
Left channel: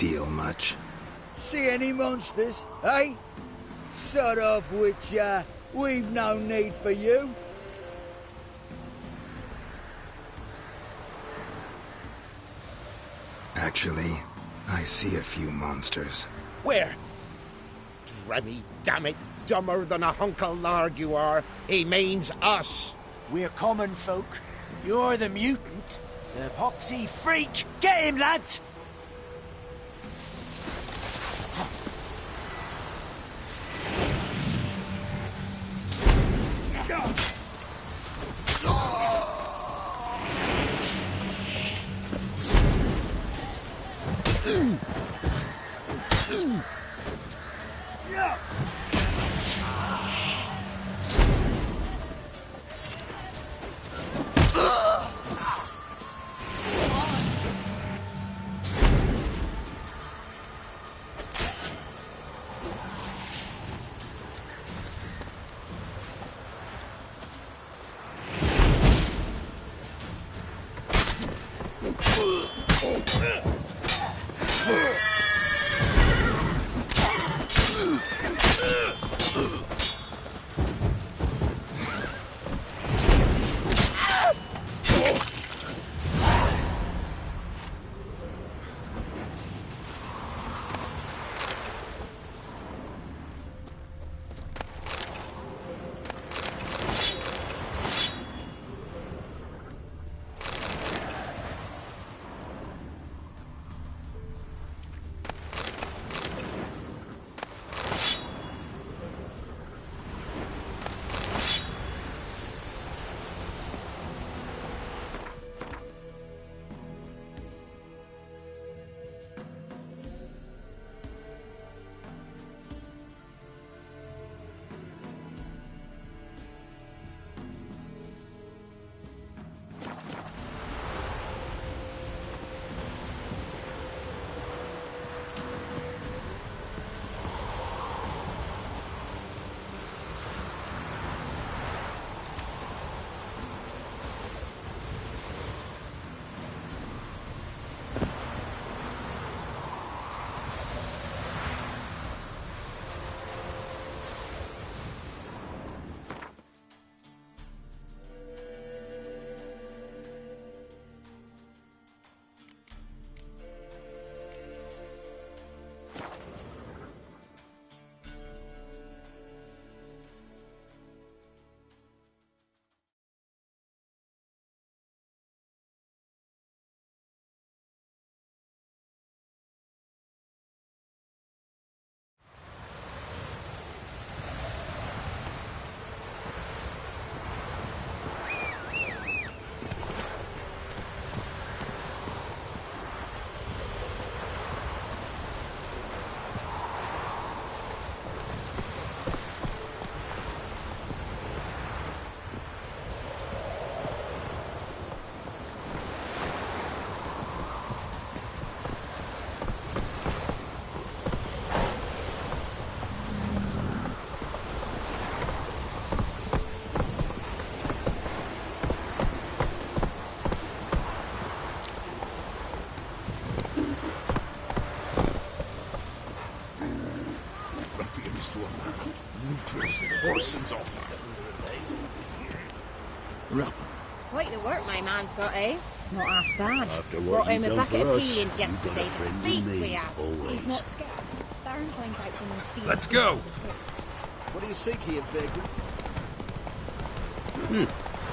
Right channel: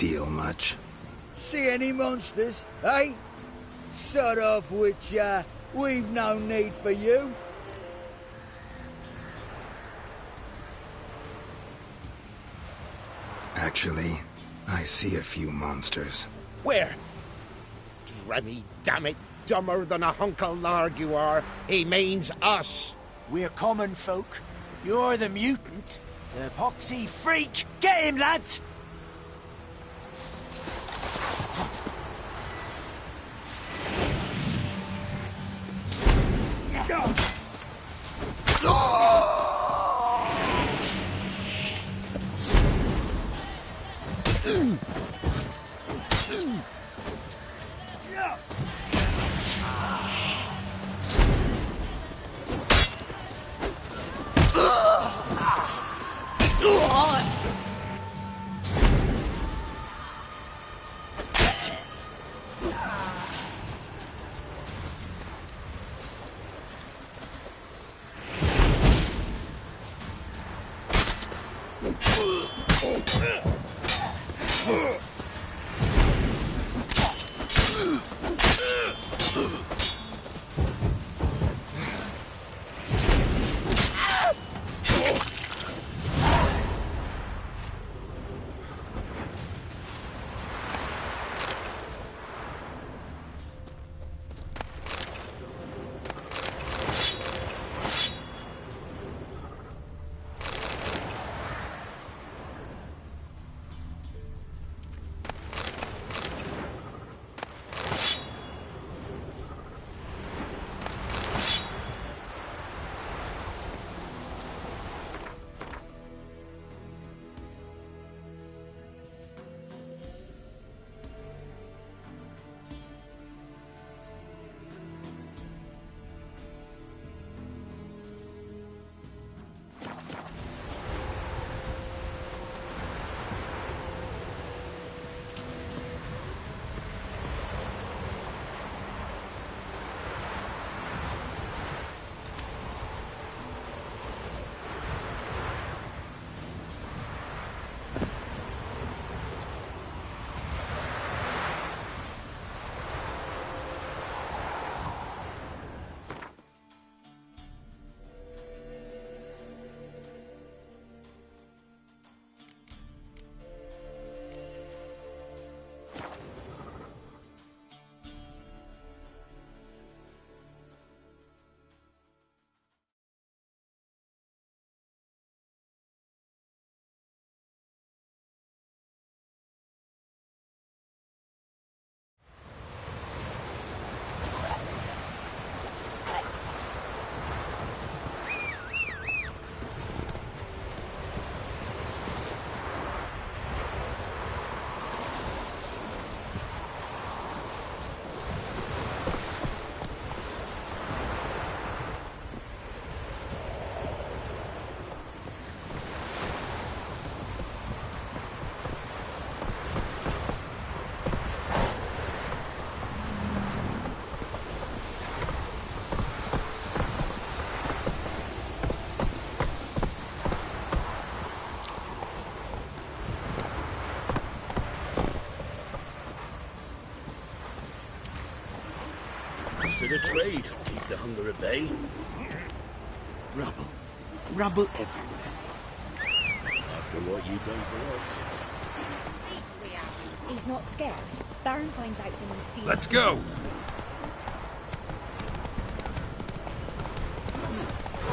Steal much? See any monsters, eh? Sod off, Witcher. We've no need for you. Actually, I see a few monsters. Where? Dremmy, damn it, dumber than a hunk of lard you are. He means us. We're common folk. You're the mutant. The poxy freak. Get him, lads! Rubble. Quite the Rubble. work my man's got, eh? Not half bad. After Brought what him you've a done bucket for of us. peelings yesterday. Feast we have. He's not scared. Baron finds out someone's stealing. Let's go. What are you seeking, vagrants?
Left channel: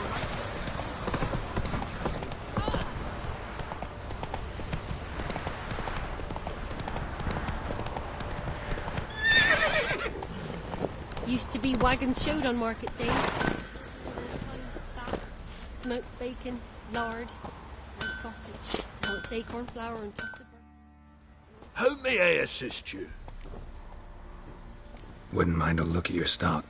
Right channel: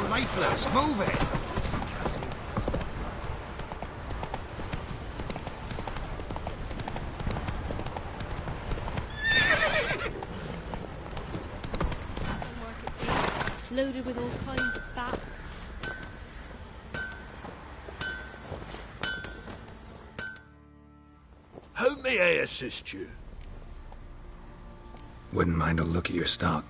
Lifeless, move it. Used to be wagons showed on market days, loaded with all kinds of fat, smoked bacon, lard, sausage, malts, acorn flour and tossed. How may I assist you? Wouldn't mind a look at your stock.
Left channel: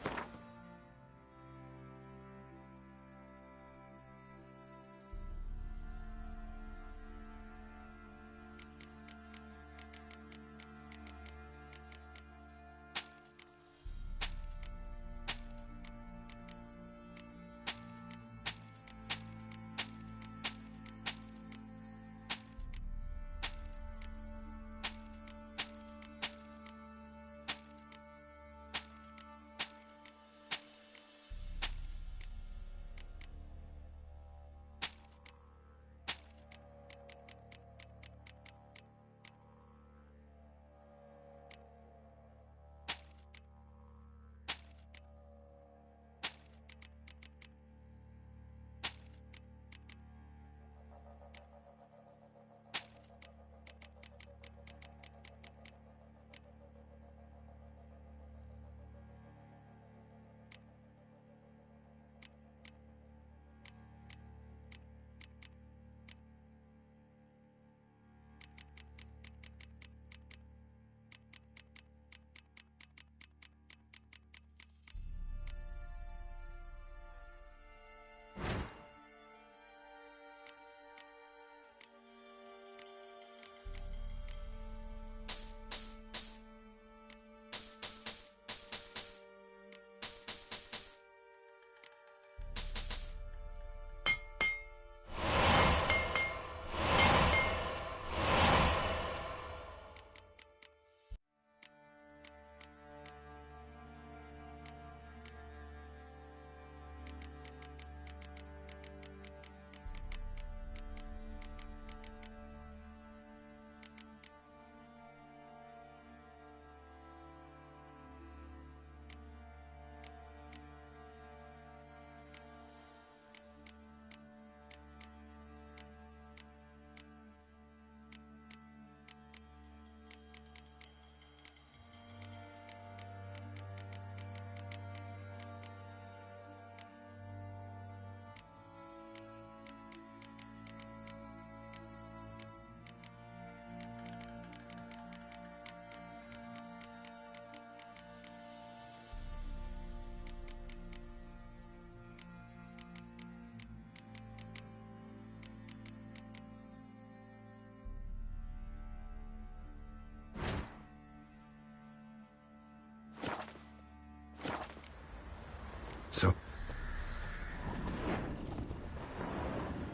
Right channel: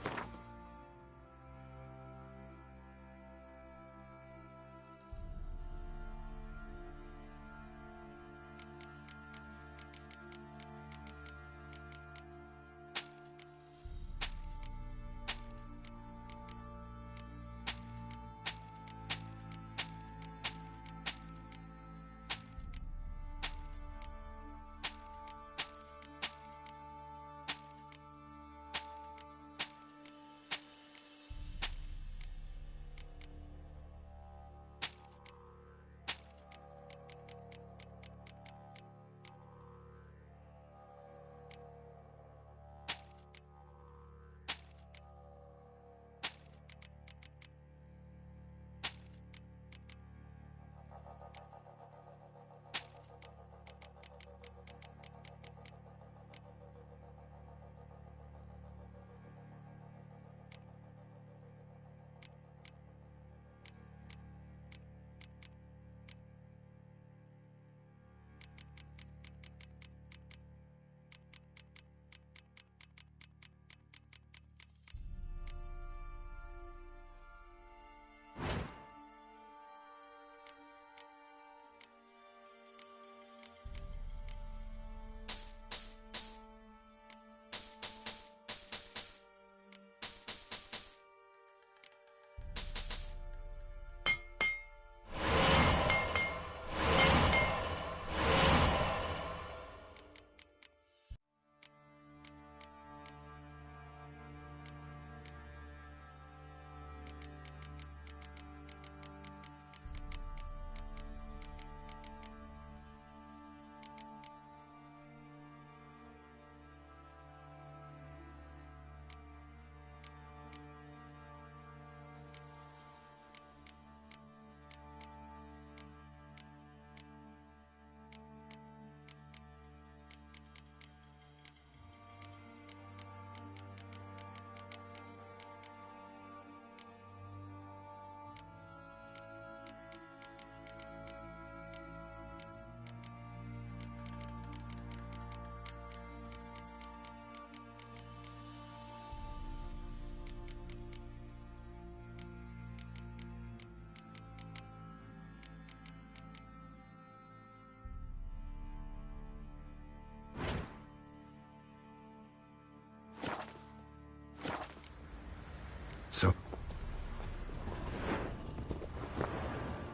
So,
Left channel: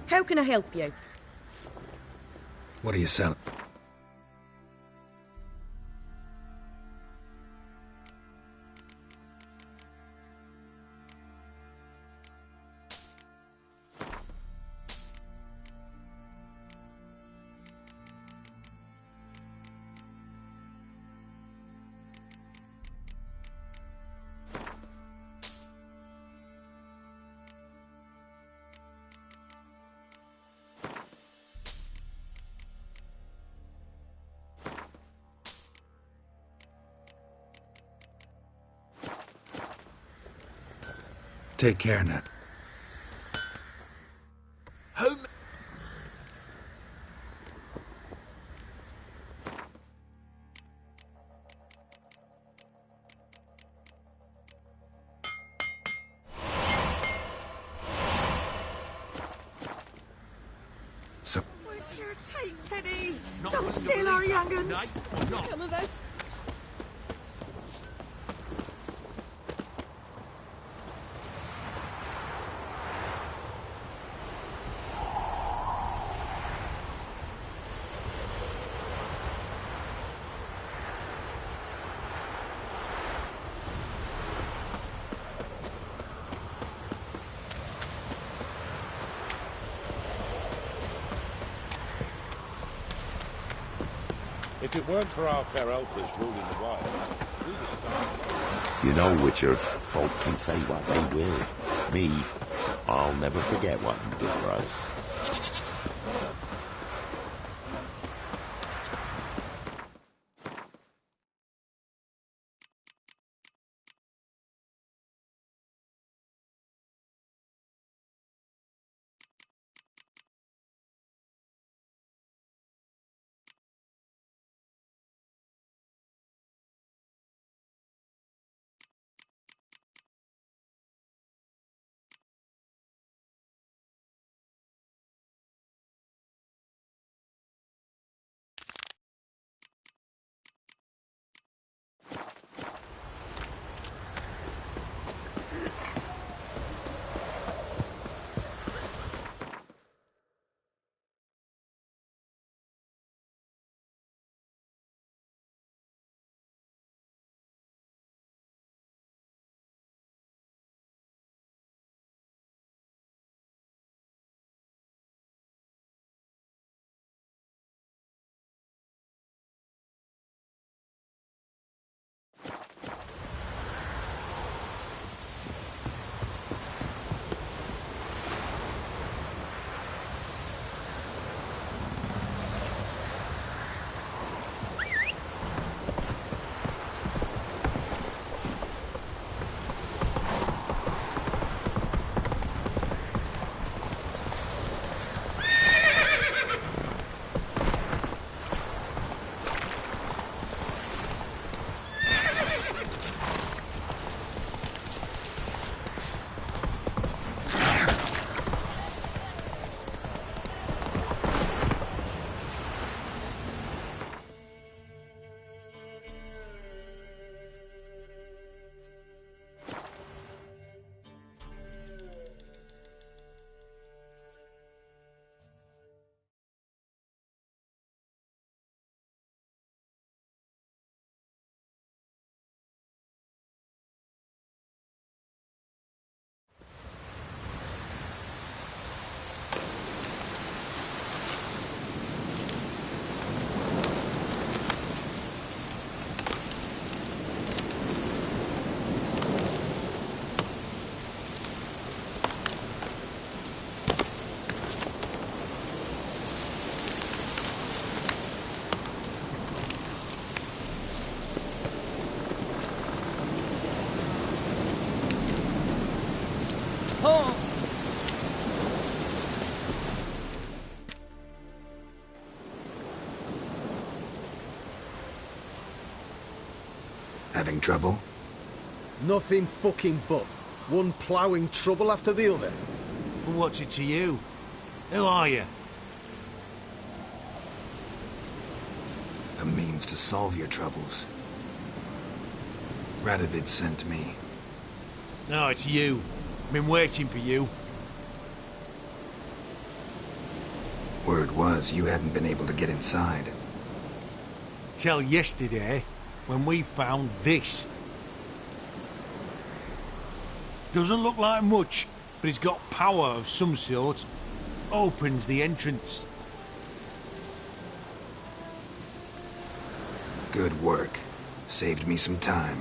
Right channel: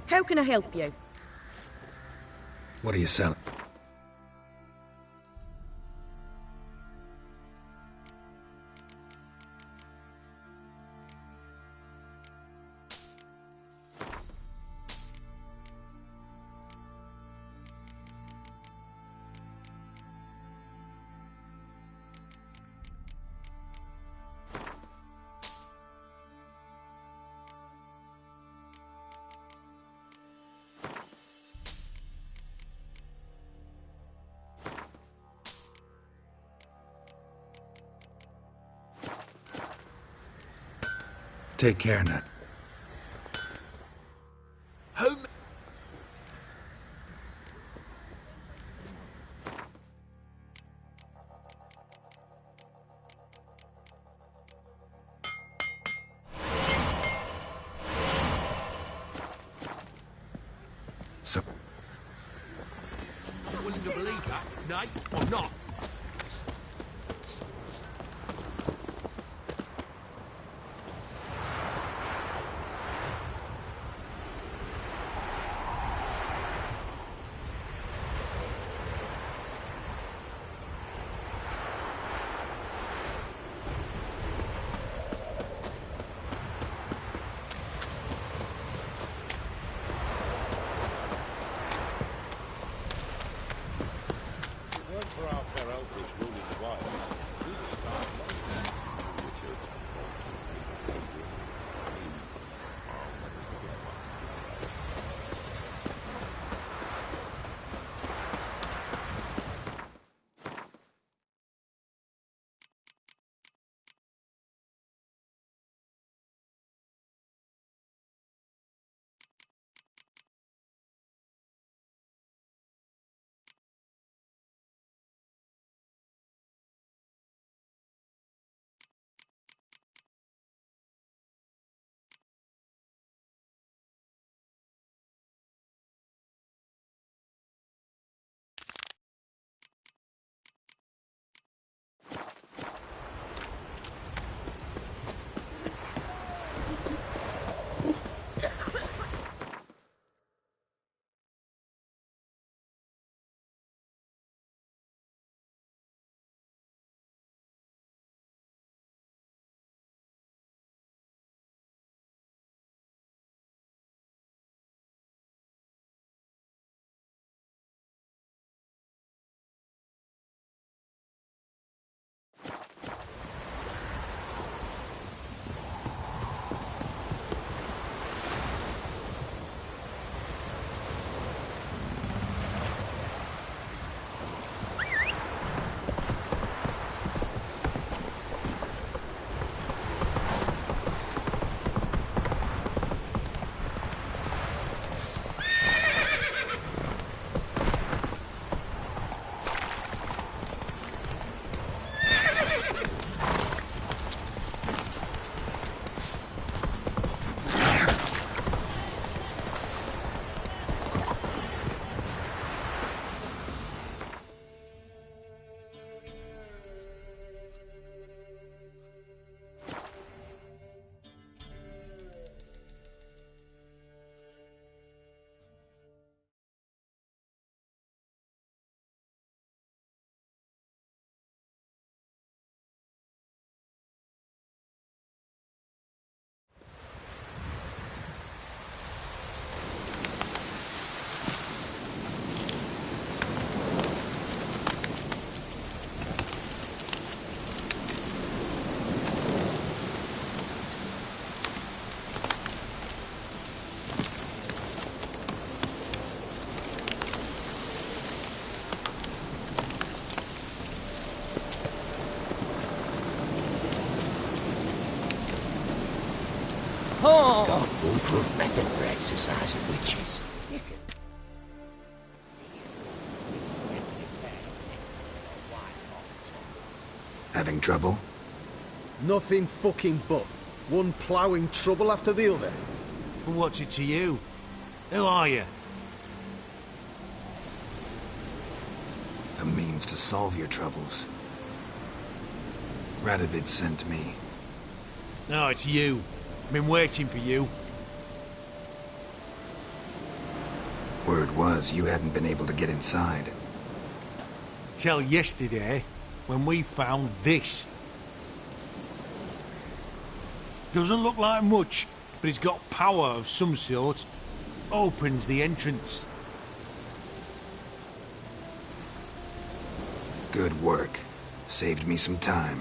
How can I help you? what are you selling? Take care, Nat. Who... So, What's your time, Penny? Not Don't willing to steal our believe that. young'uns. No, I'm not. Come on, boys. If it weren't for our fair elders ruling the wilds, we'd have starved. You know, Witcher, folk can say what they will. Me, I'll never forget what you did for us. Having trouble? Nothing fucking but. One ploughing trouble after the other. What's it to you? Who are you? A means to solve your troubles. Radovid sent me. No, it's you. I've been waiting for you. Word was you hadn't been able to get inside. Till yesterday, when we found this. Doesn't look like much, but it's got power of some sort. Opens the entrance. Good work. Saved me some time.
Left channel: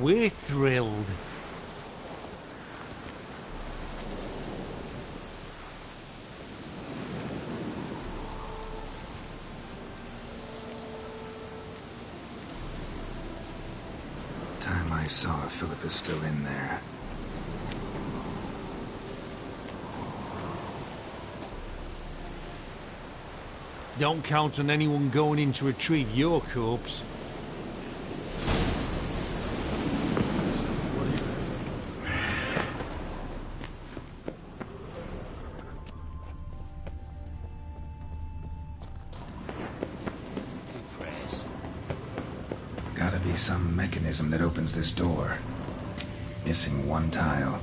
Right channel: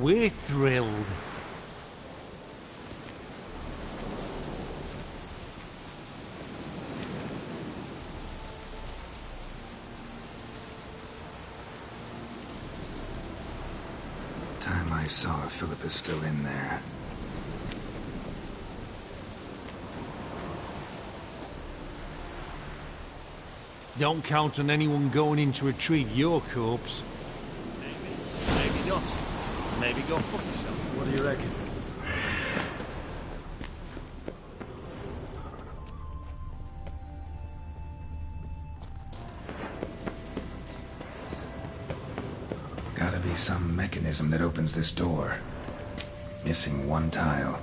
We're thrilled. Time I saw Philip is still in there. Don't count on anyone going in to retrieve your corpse. Maybe not. Maybe not. What do you reckon? Gotta be some mechanism that opens this door. Missing one tile.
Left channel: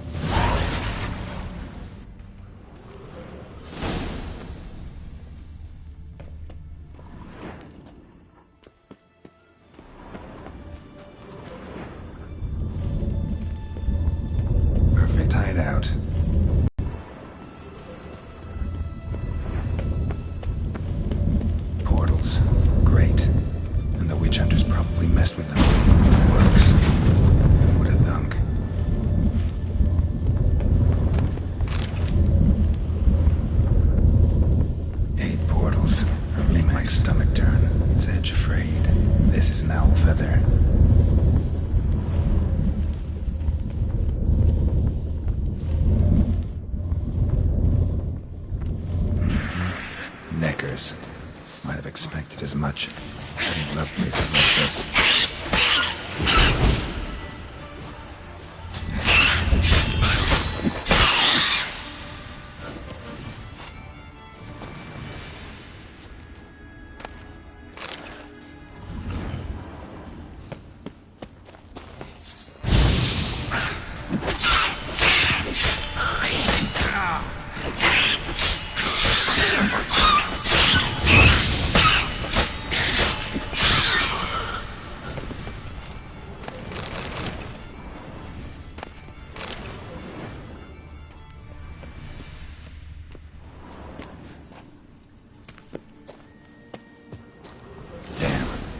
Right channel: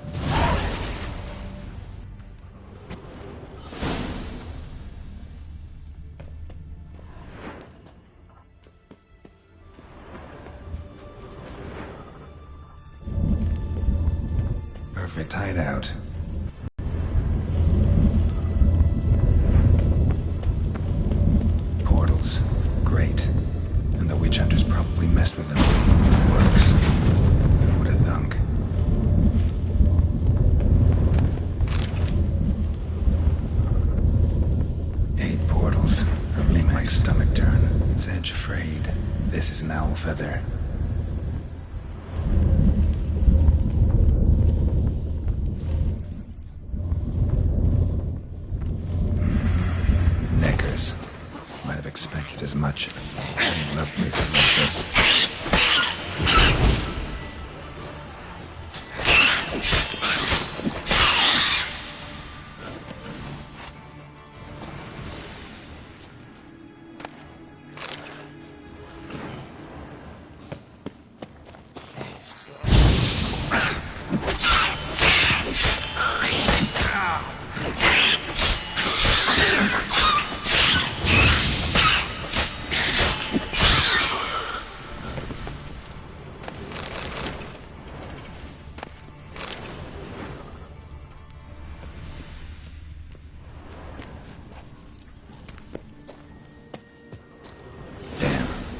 Perfect hideout. Portals. Great. And the witch hunters probably messed with them. Works. Who would have thunk? Eight portals. Make my stomach turn. Its edge frayed. This is an owl feather. Neckers. Might have expected as much. I love places like this.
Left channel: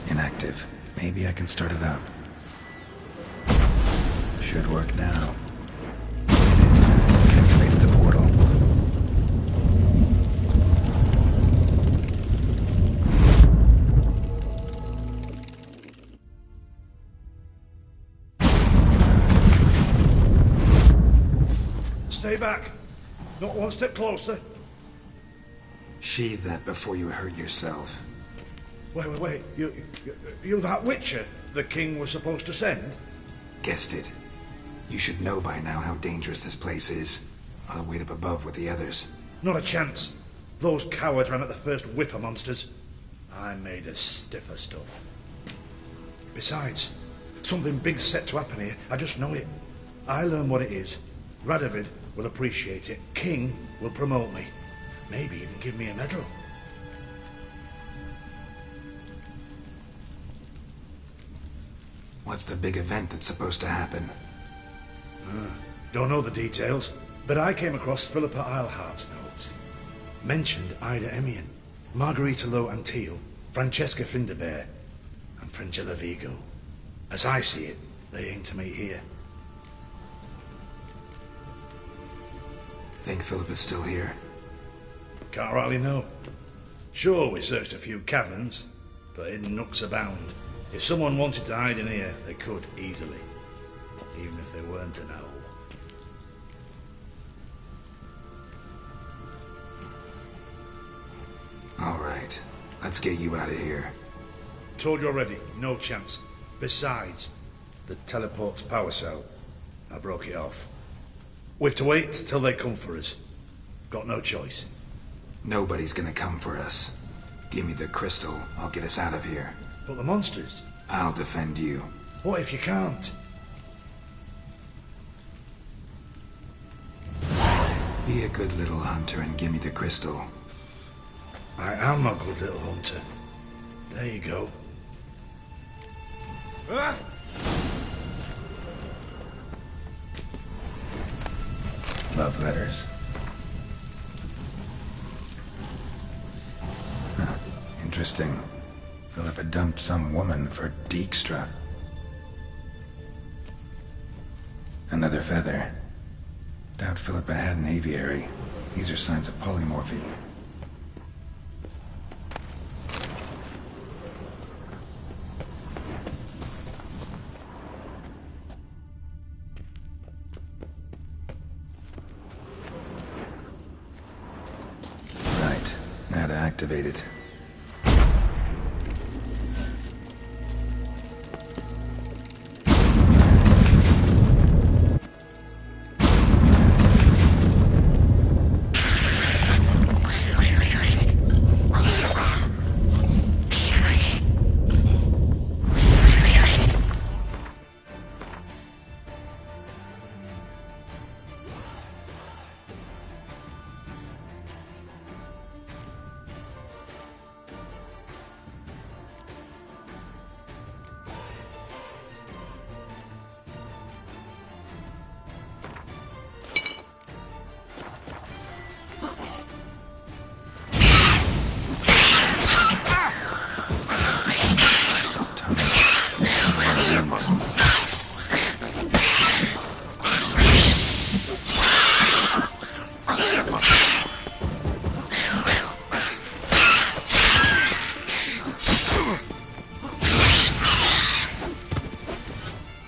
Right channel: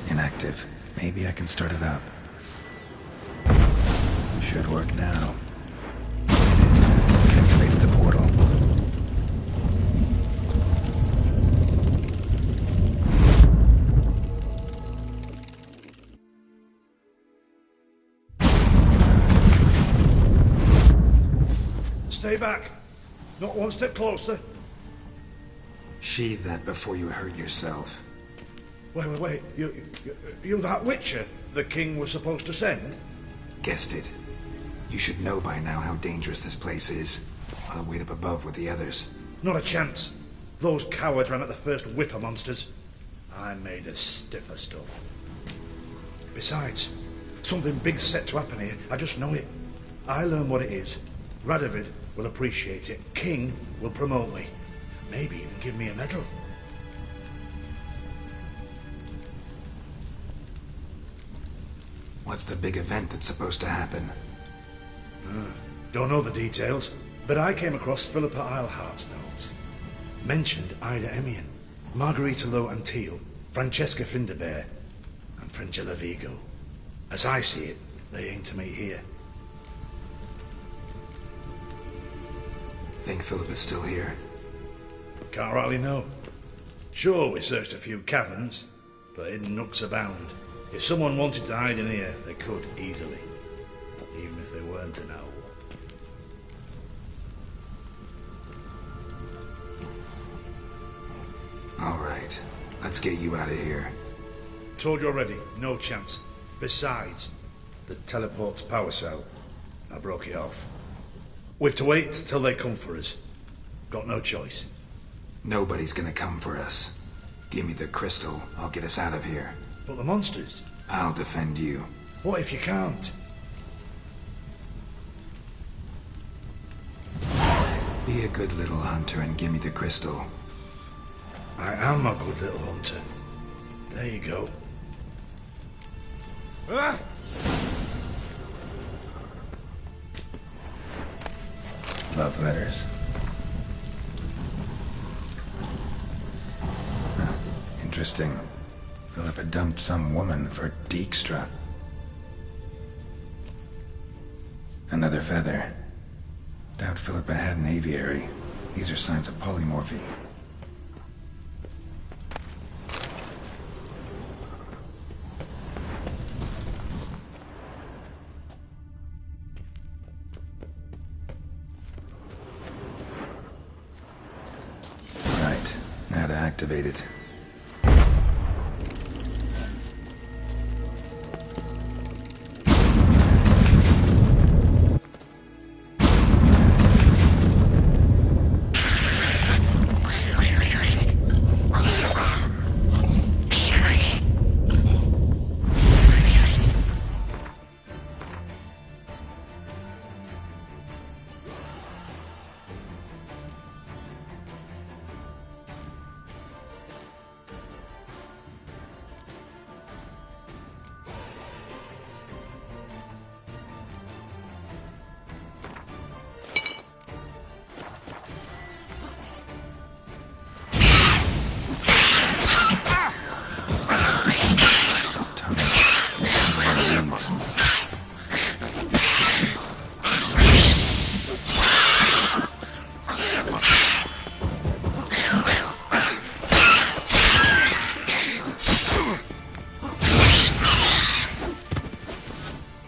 Inactive. Maybe I can start it up. Should work now. Activated the portal. Stay back. Not one step closer. Sheathe that before you hurt yourself. Wait. You that Witcher the king was supposed to send? Guessed it. You should know by now how dangerous this place is. I'll wait up above with the others. Not a chance. Those cowards ran at the first whiff of monsters. I made a stiffer stuff. Besides, something big's set to happen here. I just know it. I learn what it is. Radovid will appreciate it. King will promote me. Maybe even give me a medal. What's the big event that's supposed to happen? Don't know the details, but I came across Philippa Eilhart's notes. Mentioned Ida Emian, Margarita Lo Antio, Francesca Finderbear, and Frangilla Vigo. As I see it, they aim to meet here. Think Philippa's still here? Can't rightly know. Sure, we searched a few caverns, but hidden nooks abound. If someone wanted to hide in here, they could easily. Even if they weren't an owl. All right. Let's get you out of here. Told you already, no chance. Besides, the teleport's power cell. I broke it off. We've to wait till they come for us. Got no choice. Nobody's gonna come for us. Give me the crystal, I'll get us out of here. But the monsters? I'll defend you. What if you can't? Be a good little hunter and give me the crystal. I am a good little hunter. There you go. Love letters. Huh. Interesting. Philippa dumped some woman for Dijkstra. Another feather. Doubt Philippa had an aviary. These are signs of polymorphy. Right. Now to activate it.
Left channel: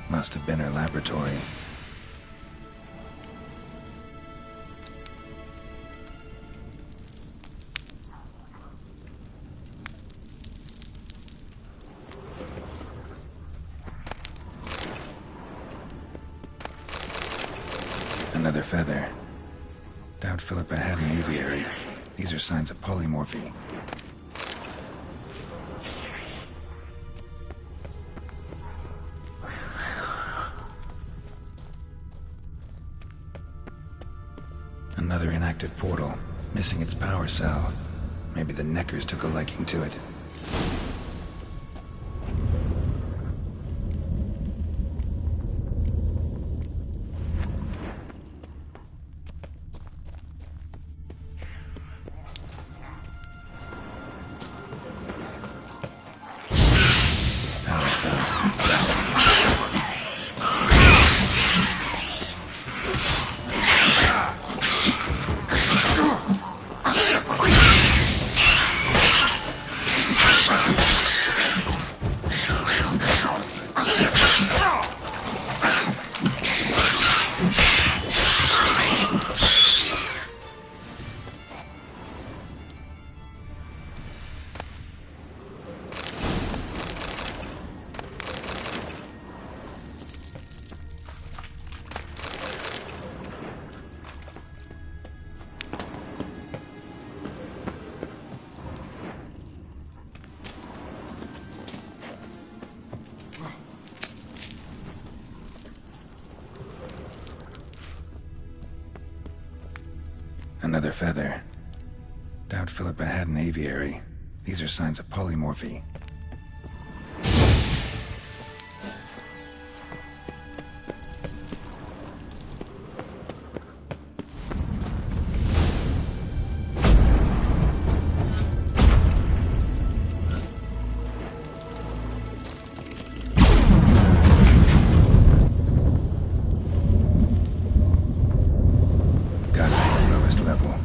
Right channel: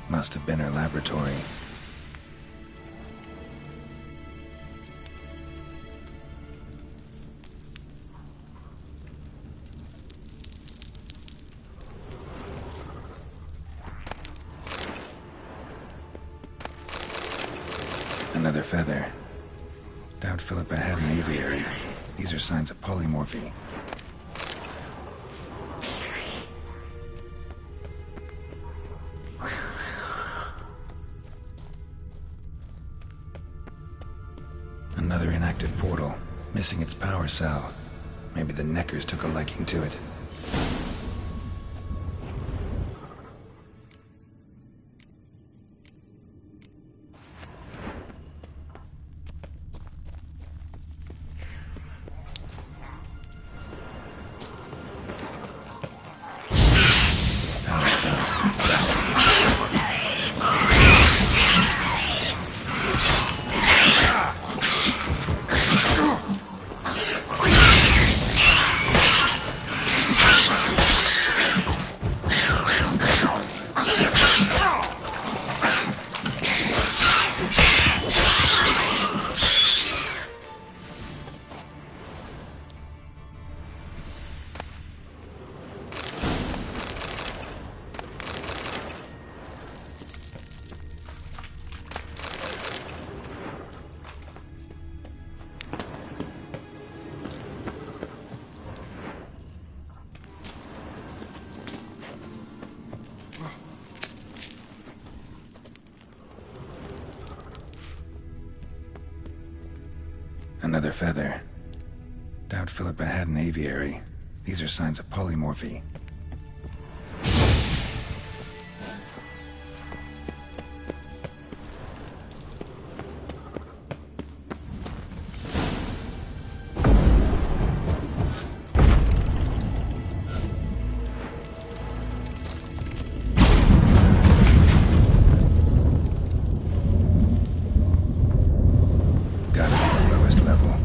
Must have been her laboratory. Another feather. Doubt Philippa had an aviary. These are signs of polymorphy. Another inactive portal, missing its power cell. Maybe the Neckers took a liking to it. Power cell. Another feather. Doubt Philippa had an aviary. These are signs of polymorphy. Level.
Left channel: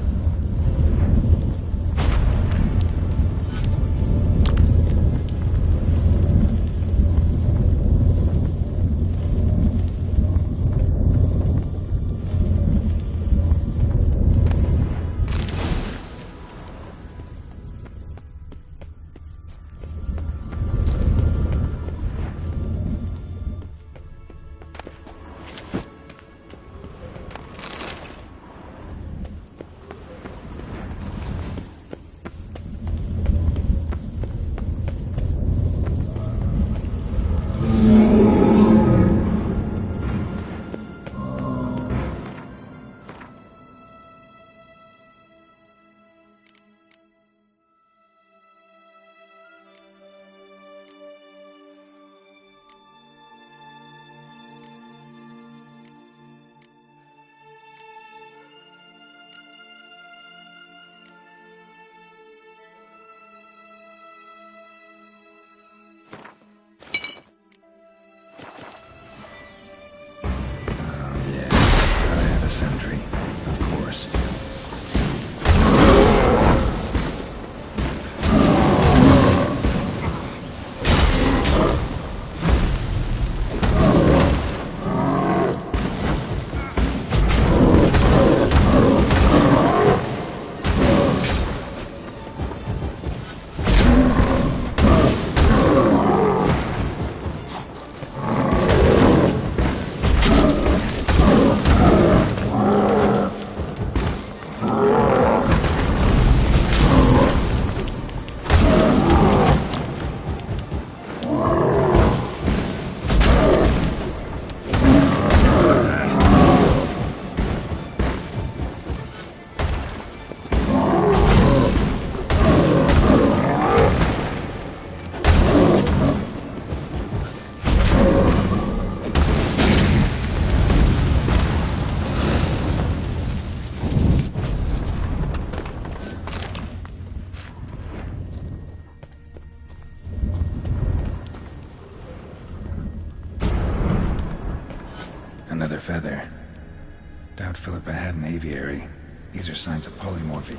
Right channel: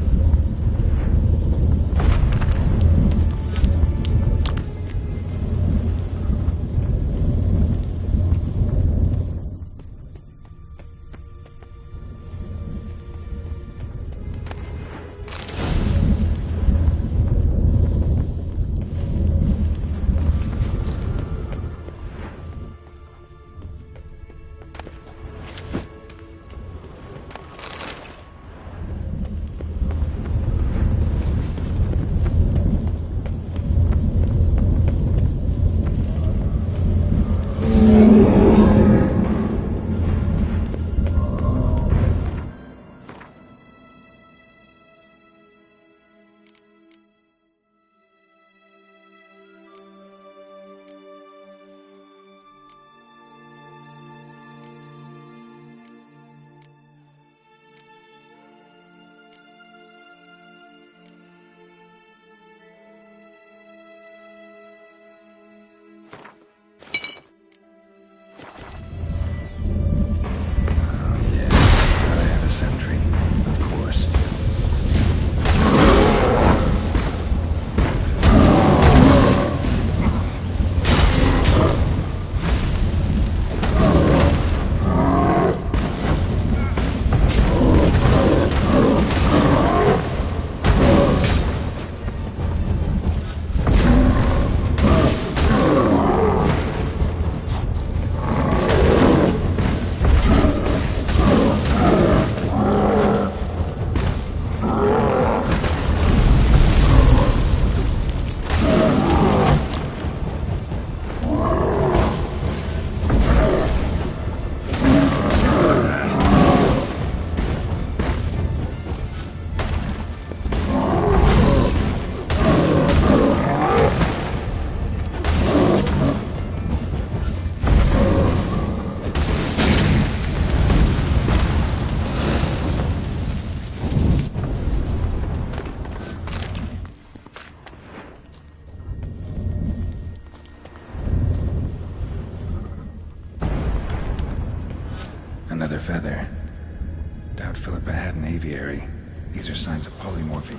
Doubt Philippa had an aviary. These are signs of polymorphy.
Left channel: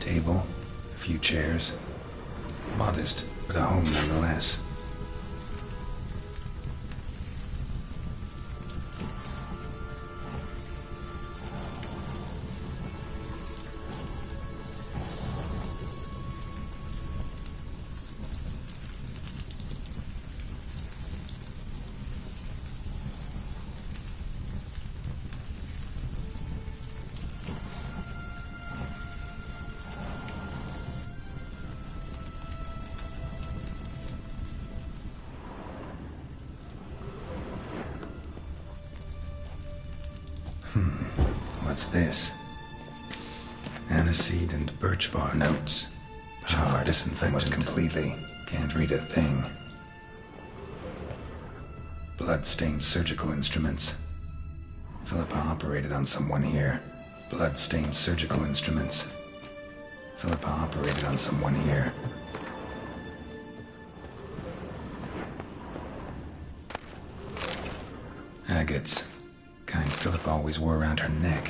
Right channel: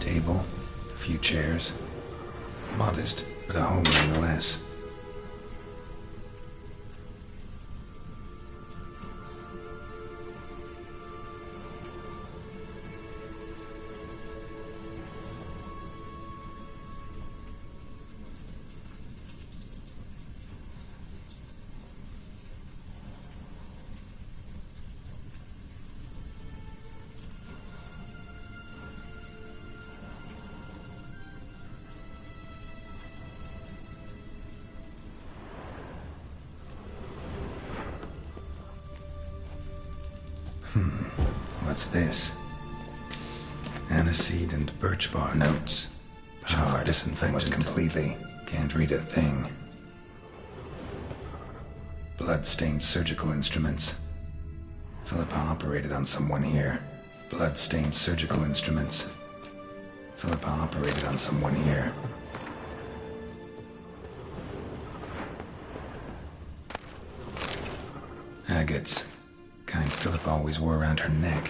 Table, a few chairs. Modest, but a home nonetheless. What's this? Aniseed and birch bark. Notes. Charred, disinfected completely. Can't read a thing. Blood-stained surgical instruments. Philippa operated on someone here. Blood-stained surgical instruments. Philippa operated on someone here. Agates. Kind Philippa always wore around her neck.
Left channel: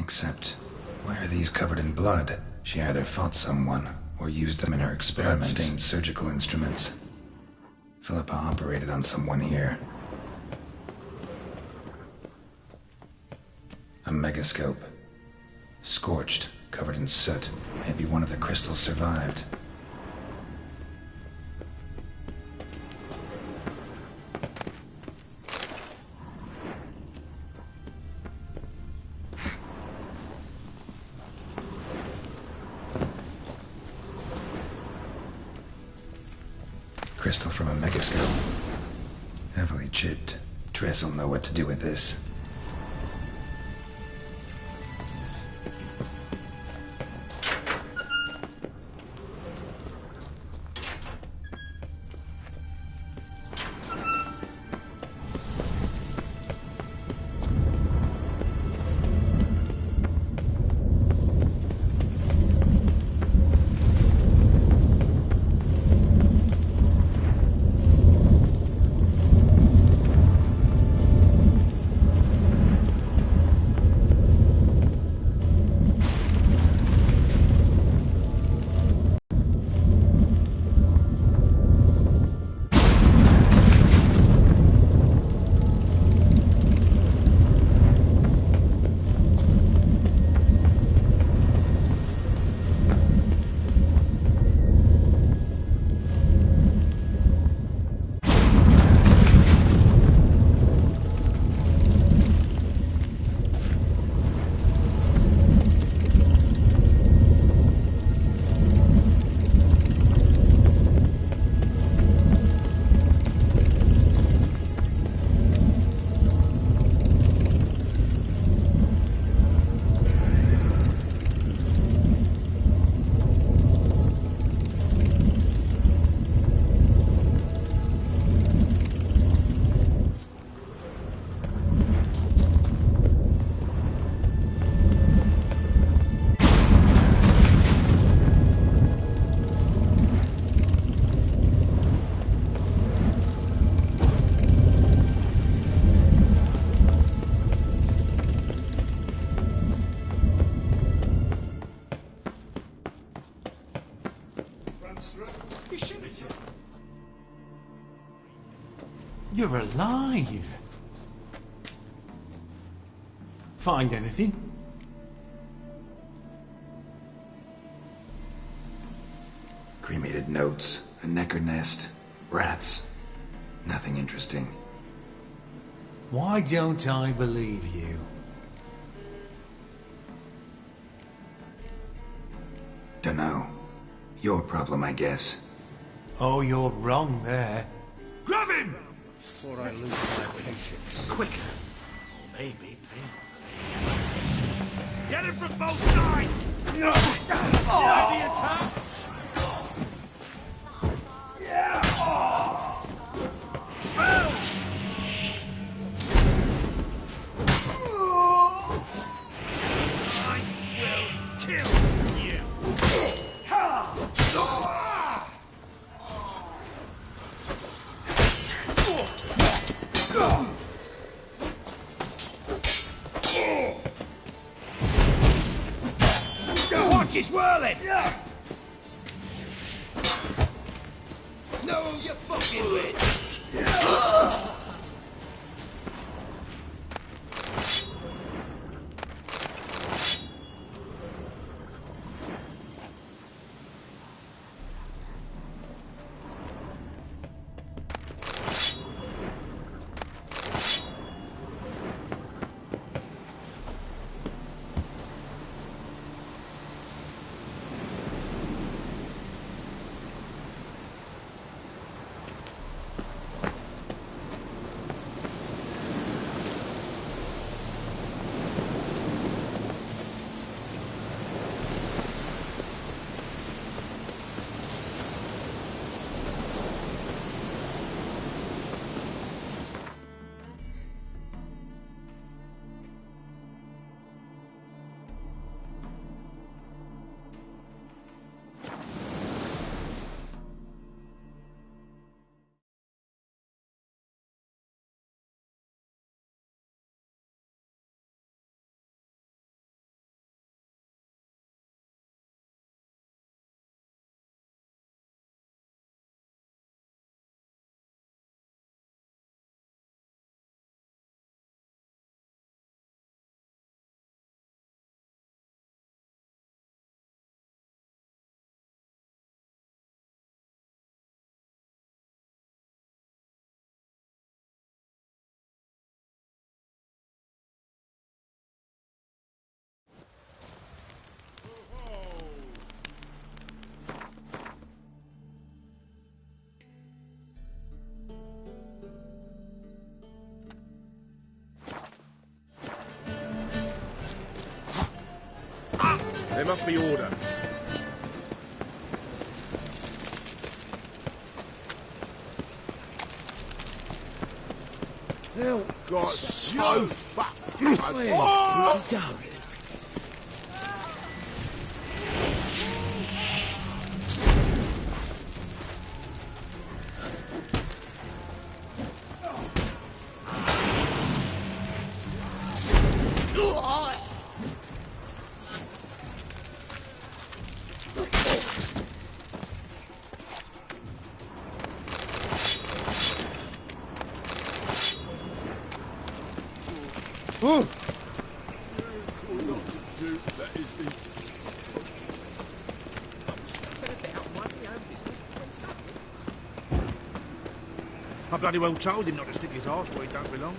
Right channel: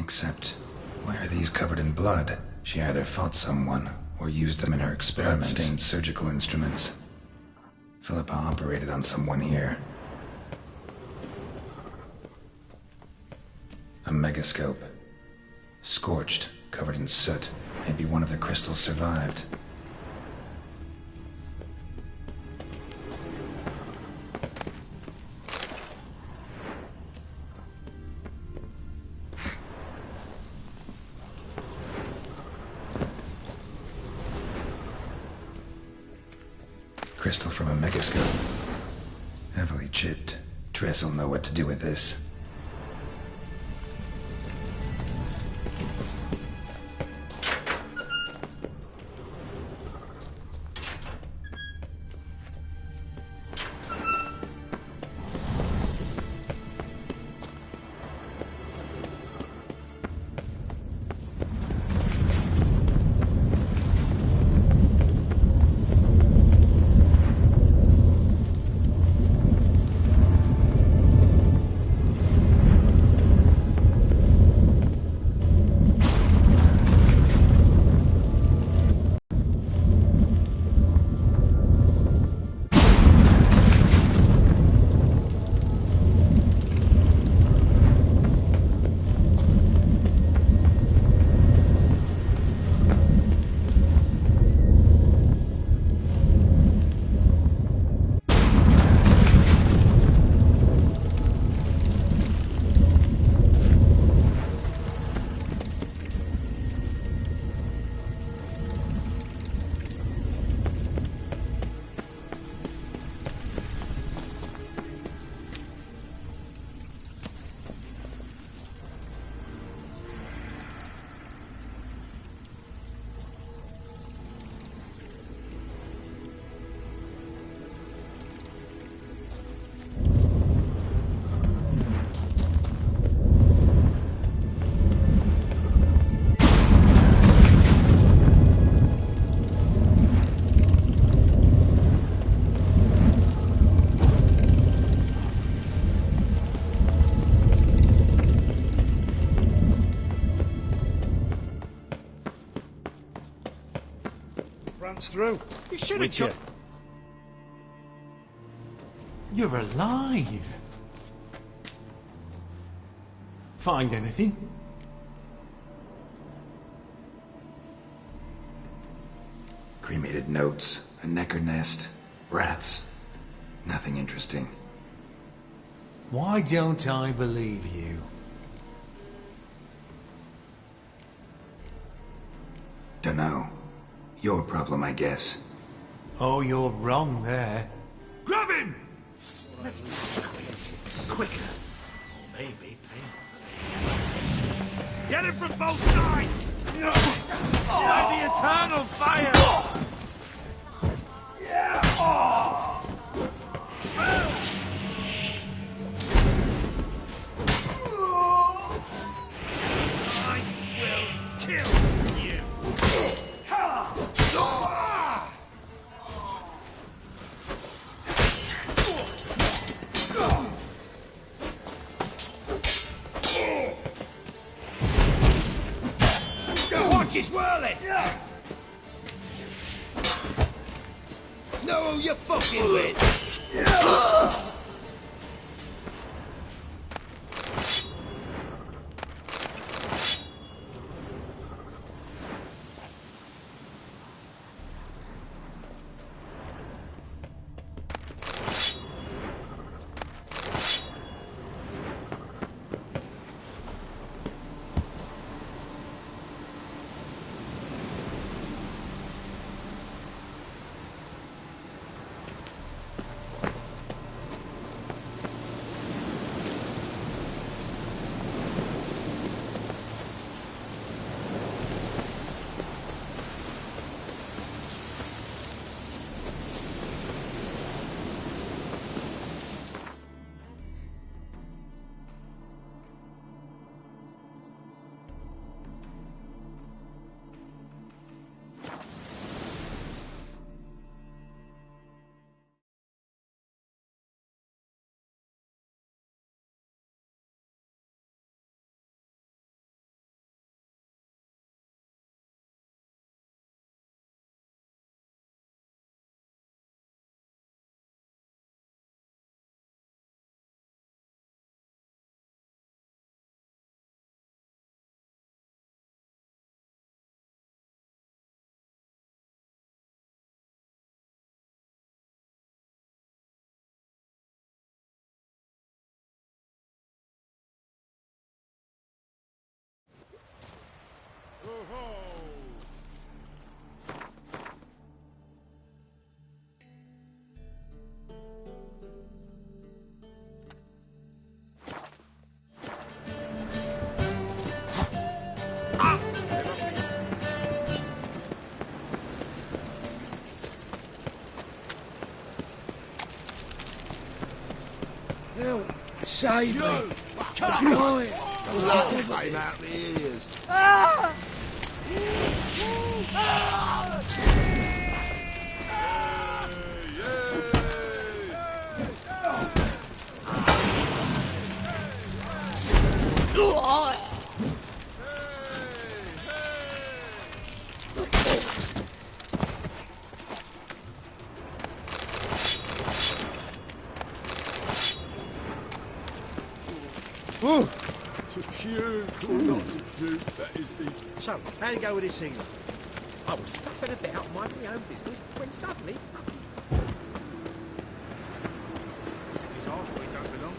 Except, why are these covered in blood? She either fought someone, or used them in her experiments. Blood-stained surgical instruments. Philippa operated on someone here. A megascope. Scorched, covered in soot. Maybe one of the crystals survived. Crystal from a megascope. Heavily chipped. Triss will know what to do with this. Through. You should have Witcher. You're alive. Find anything? Cremated notes, a necker nest, rats. Nothing interesting. Why don't I believe you? Dunno. Your problem, I guess. Oh, you're wrong there. Grab him! Before I lose my patience. Quicker. Maybe painfully. Get him from both sides! No! By the eternal fire! Yeah! Spell! I will kill you! Watch his whirling! Know who you're fucking with! There must be order. Oh, God, Save you you! fuck Fuck! So, how'd it go with this evening? I was flapping about minding my own business when suddenly... I bloody well told him not to stick his arse where he don't belong.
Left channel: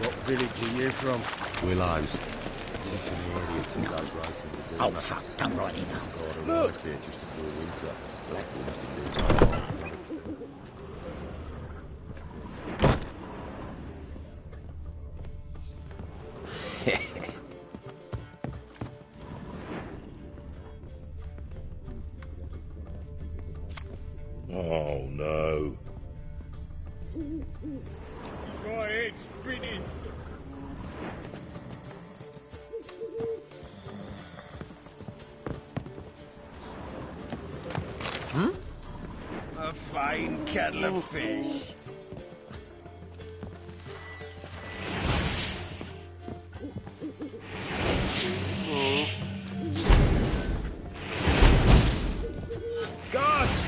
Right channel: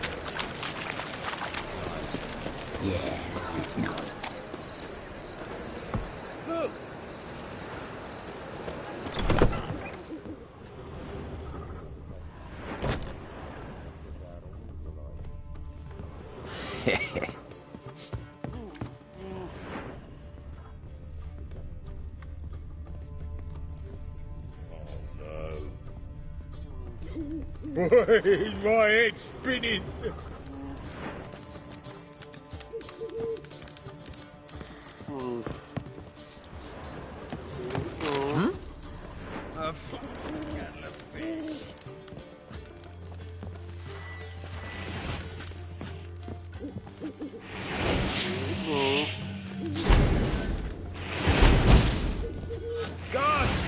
What village are you from? Williams. Oh, fuck, don't write it. Look! Oh no. My head's spinning. A fine kettle of fish. Gods!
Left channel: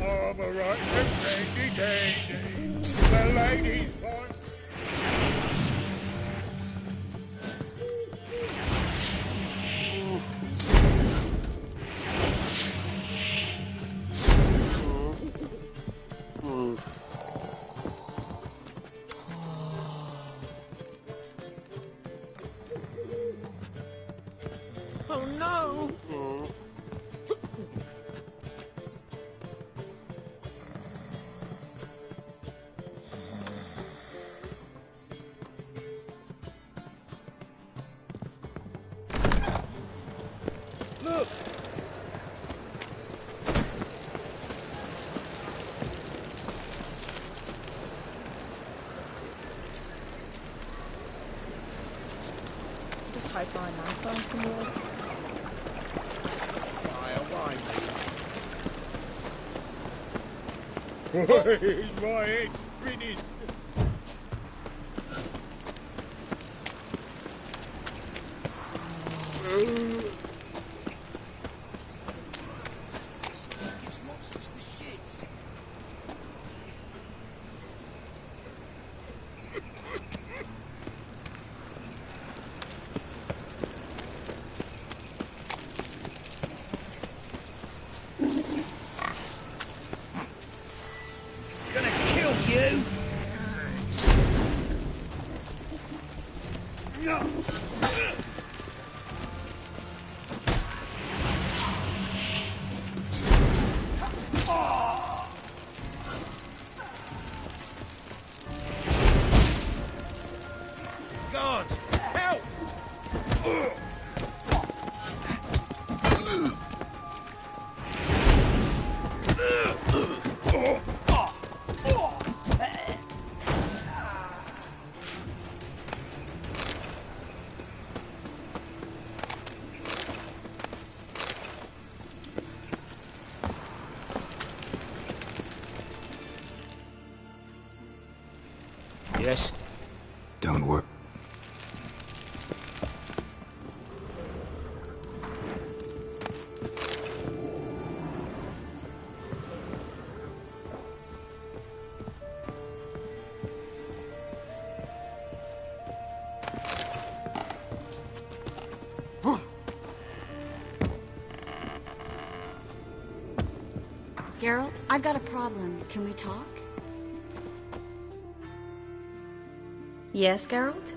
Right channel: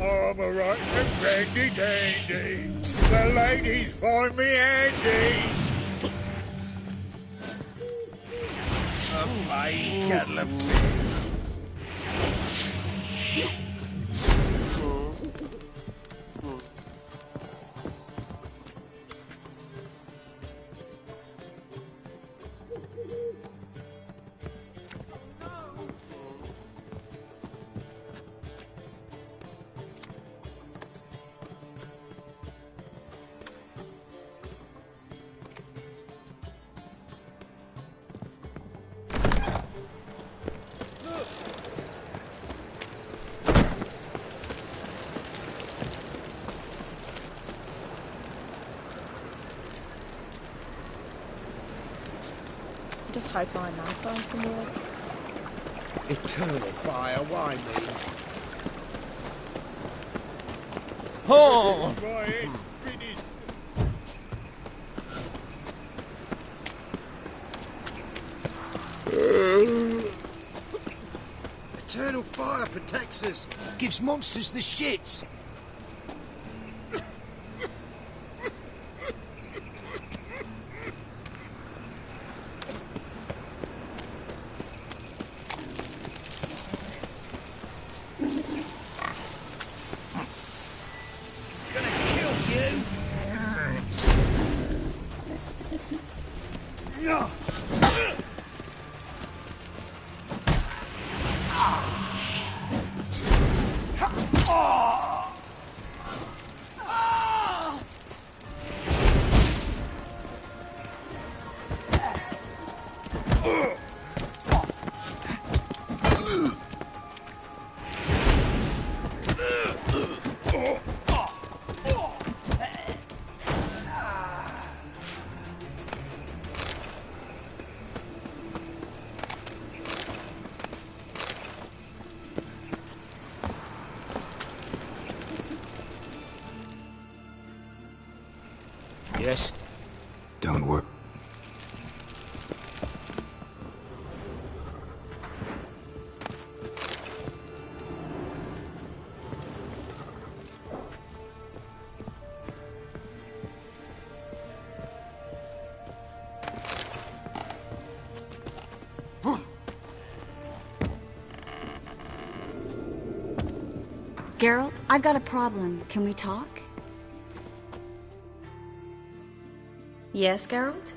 Oh I'm a right handy dandy. The ladies find me handy. A fine kettle of Oh no! Look! Just hope my man finds some work. Eternal fire, why me? Oh! My head's finished. Eternal fire protects us. Gives monsters the shits. Gonna kill you. God, help! Yes? Don't worry. Geralt, I've got a problem. Can we talk? Yes, Geralt?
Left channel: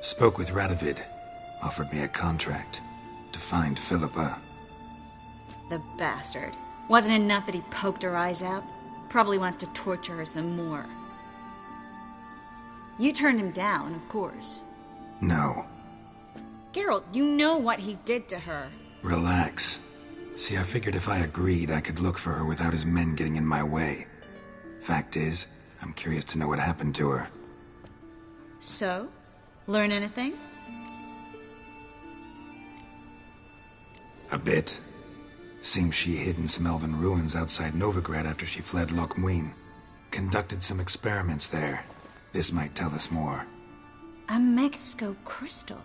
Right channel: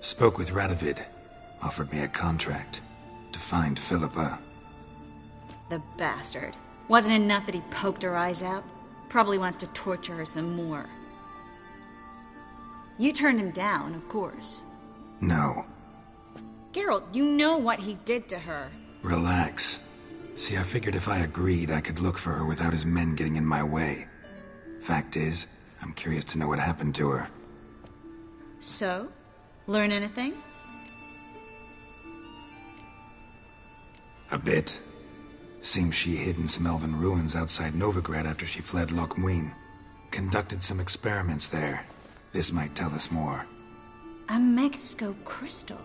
Spoke with Radovid. Offered me a contract to find Philippa. The bastard. Wasn't enough that he poked her eyes out? Probably wants to torture her some more. You turned him down, of course. No. Geralt, you know what he did to her. Relax. See, I figured if I agreed, I could look for her without his men getting in my way. Fact is, I'm curious to know what happened to her. So? Learn anything? A bit. Seems she hid in some elven ruins outside Novigrad after she fled Loch Muin. Conducted some experiments there. This might tell us more. A megascope crystal.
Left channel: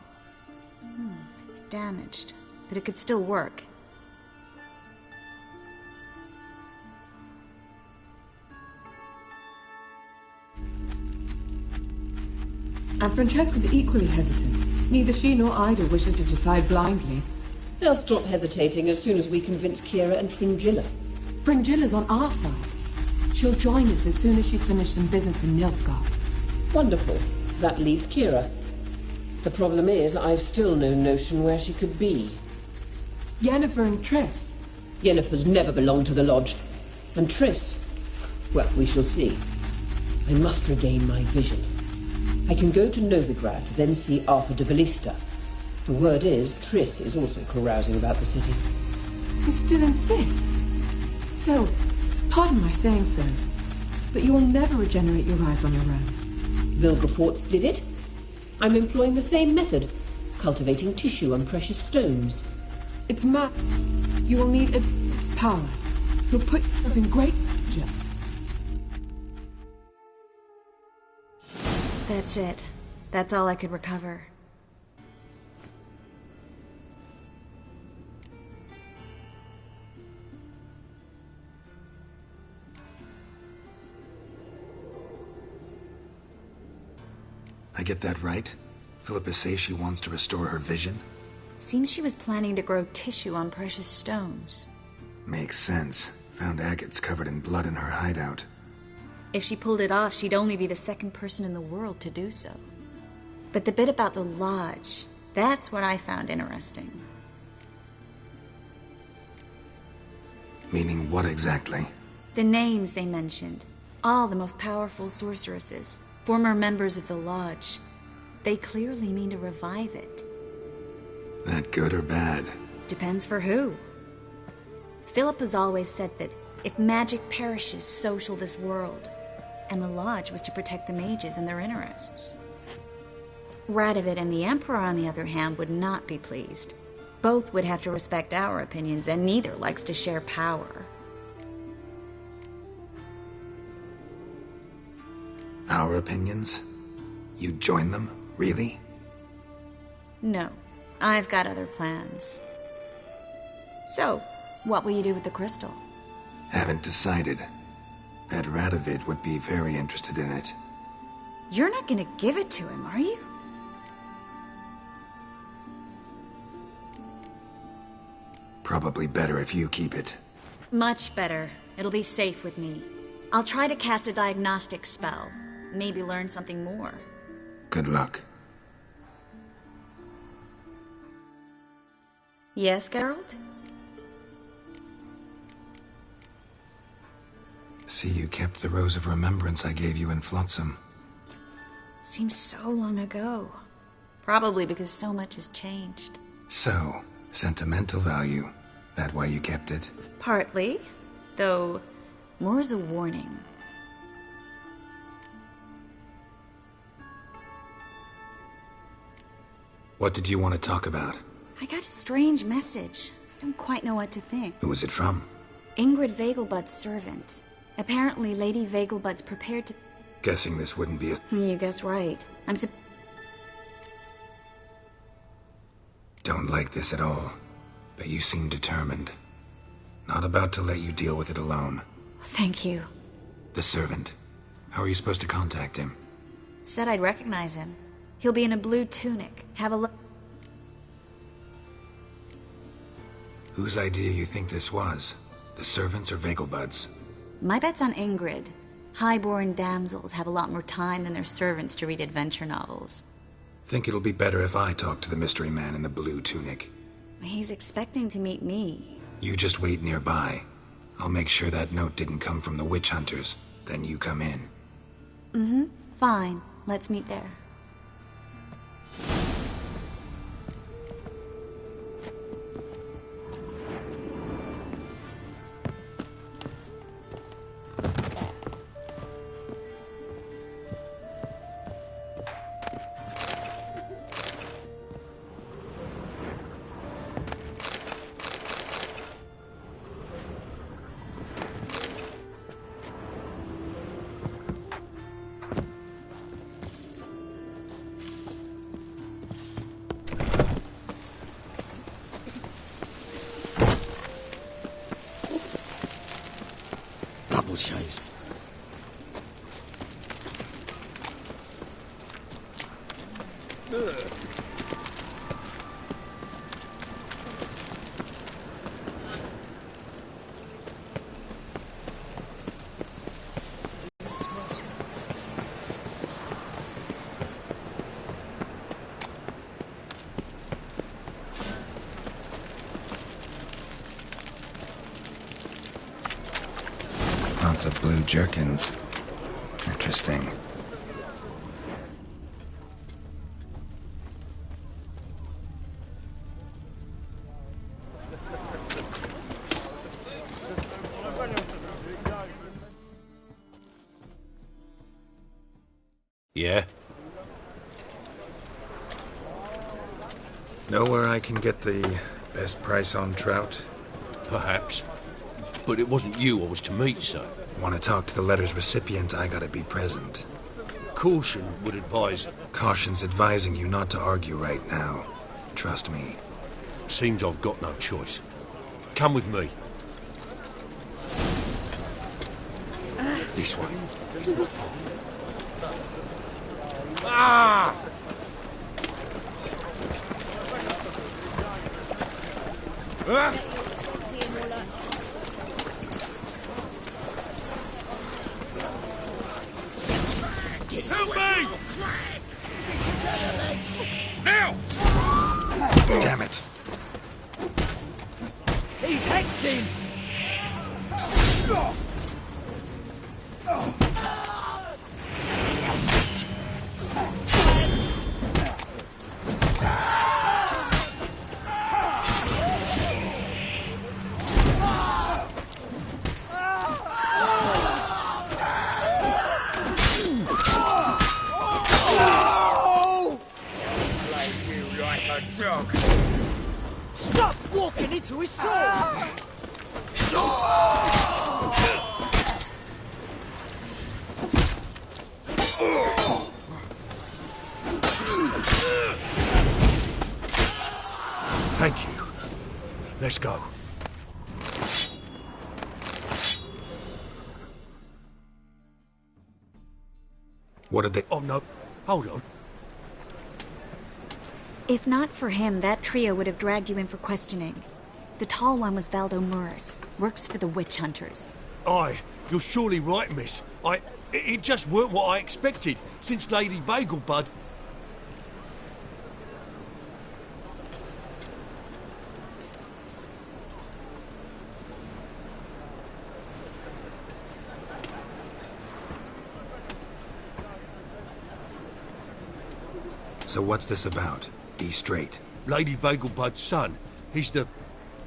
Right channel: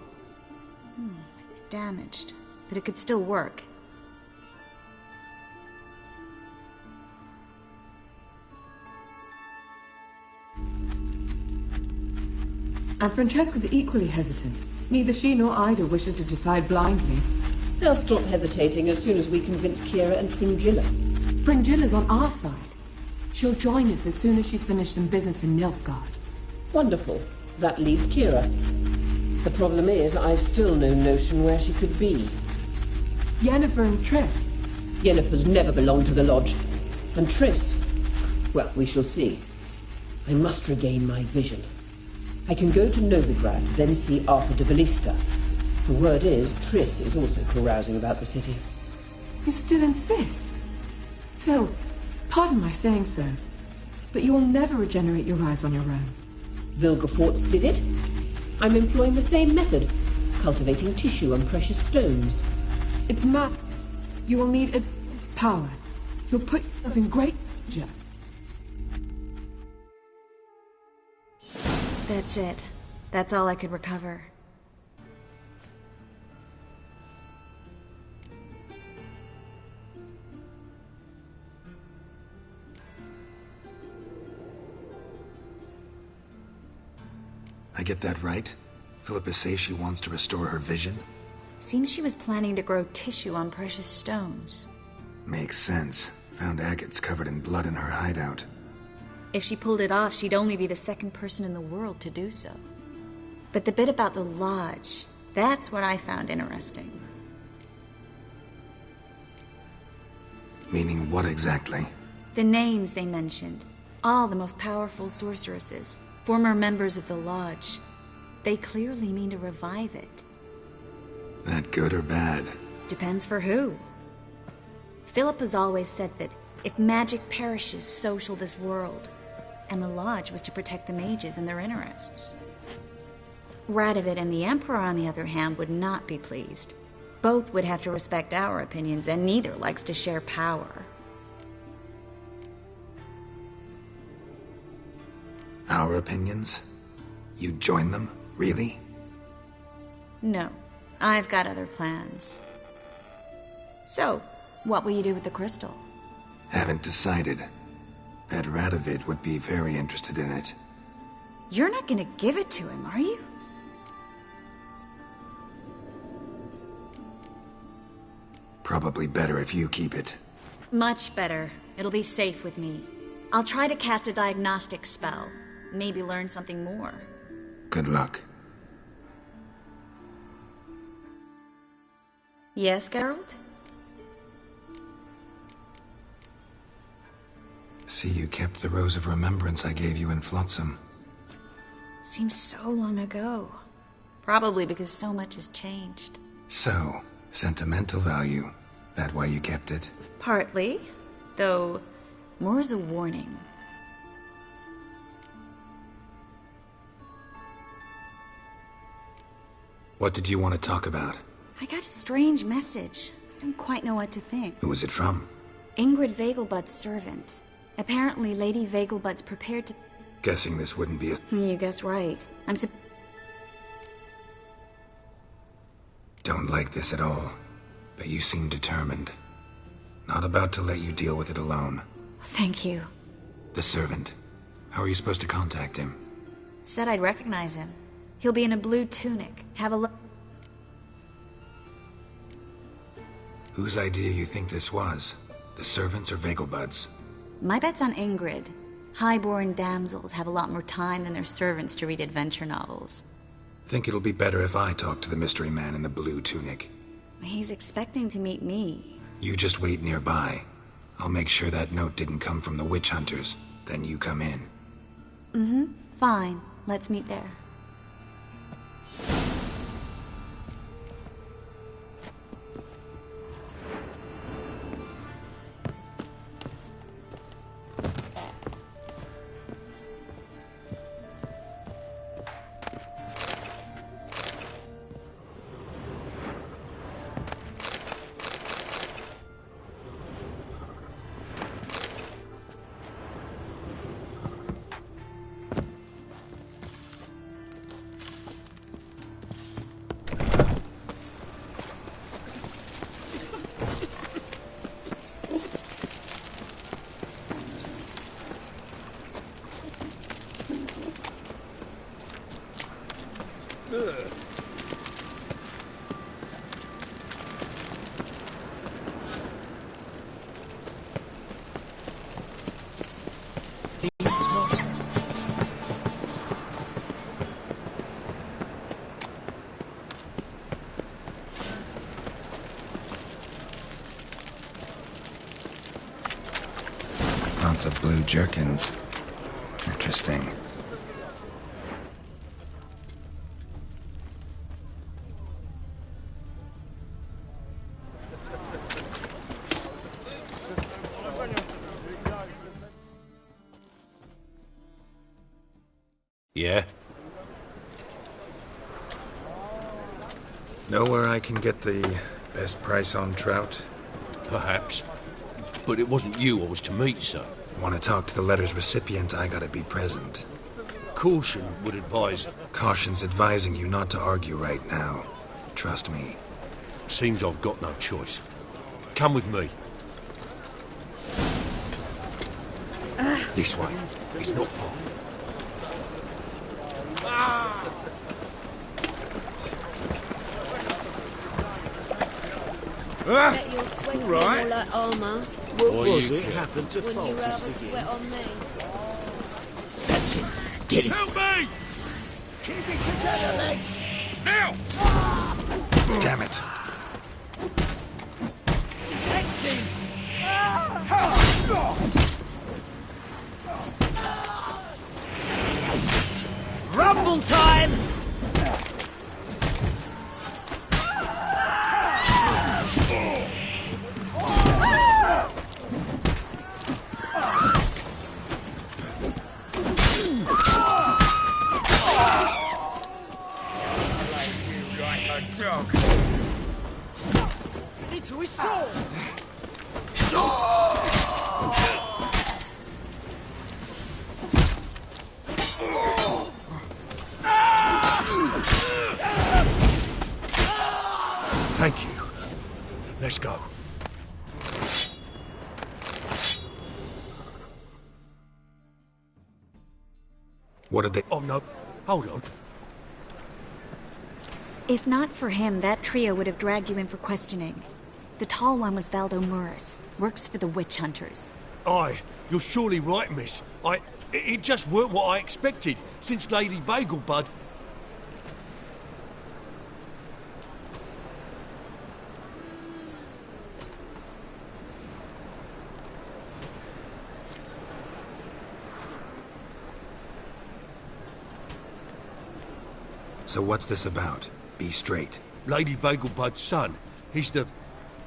It's damaged, but it could still work. And Francesca's equally hesitant. Neither she nor Ida wishes to decide blindly. They'll stop hesitating as soon as we convince Kira and Fringilla. Fringilla's on our side. She'll join us as soon as she's finished some business in Nilfgaard. Wonderful. That leaves Kira. The problem is, I've still no notion where she could be. Yennefer and Triss. Yennefer's never belonged to the Lodge. And Triss? Well, we shall see. I must regain my vision. I can go to Novigrad, then see Arthur de Ballista. The word is, Triss is also carousing about the city. You still insist? Phil, pardon my saying so, but you will never regenerate your eyes on your own. Vilgefortz did it. I'm employing the same method, cultivating tissue and precious stones. It's madness. You will need its power. You'll put yourself in great danger. That's it. That's all I could recover. I get that right? Philippa says she wants to restore her vision? Seems she was planning to grow tissue on precious stones. Makes sense. Found agates covered in blood in her hideout. If she pulled it off, she'd only be the second person in the world to do so. But the bit about the lodge, that's what I found interesting. Meaning what exactly? The names they mentioned. All the most powerful sorceresses, former members of the lodge. They clearly mean to revive it. That good or bad? Depends for who. Philip has always said that if magic perishes, so shall this world. And the lodge was to protect the mages and their interests. Radovid and the Emperor, on the other hand, would not be pleased. Both would have to respect our opinions, and neither likes to share power. Our opinions? You join them? Really? No, I've got other plans. So, what will you do with the crystal? Haven't decided. Bet Radovid would be very interested in it. You're not gonna give it to him, are you? Probably better if you keep it. Much better. It'll be safe with me. I'll try to cast a diagnostic spell. Maybe learn something more. Good luck. Yes, Geralt? See, you kept the Rose of Remembrance I gave you in Flotsam. Seems so long ago. Probably because so much has changed. So, sentimental value. That why you kept it? Partly. Though, more as a warning. What did you want to talk about? I got a strange message. I don't quite know what to think. Who was it from? Ingrid Vegelbud's servant. Apparently, Lady Vegelbud's prepared to... Guessing this wouldn't be a... You guess right. Don't like this at all. But you seem determined. Not about to let you deal with it alone. Thank you. The servant. How are you supposed to contact him? Said I'd recognize him. He'll be in a blue tunic. Have a look. Whose idea you think this was? The servants or Vegelbud's? My bet's on Ingrid. Highborn damsels have a lot more time than their servants to read adventure novels. Think it'll be better if I talk to the mystery man in the blue tunic. He's expecting to meet me. You just wait nearby. I'll make sure that note didn't come from the witch hunters. Then you come in. Mm-hmm. Fine. Let's meet there. Lots of blue jerkins. Interesting. Yeah? Know where I can get the best price on trout? Perhaps. But it wasn't you I was to meet, sir. Want to talk to the letter's recipient, I gotta be present. Caution would advise... Caution's advising you not to argue right now. Trust me. Seems I've got no choice. Come with me. This way. It's not far. Ah! Bet you're sweating all that armour. What was it? Happened to When you sweat on me. That's it. Get it. Help me! Keep it together, legs. Now! Damn it. He's hexing. Rumble time! Slay you like a dog. Stop walking into his sword! Thank you. Let's go. What did they... Oh, no. Hold on. If not for him, that trio would have dragged you in for questioning. The tall one was Valdo Muris, works for the witch hunters. Aye, you're surely right, miss. It just weren't what I expected, since Lady Vagelbud... So what's this about? Be straight. Lady Vagelbud's son. He's the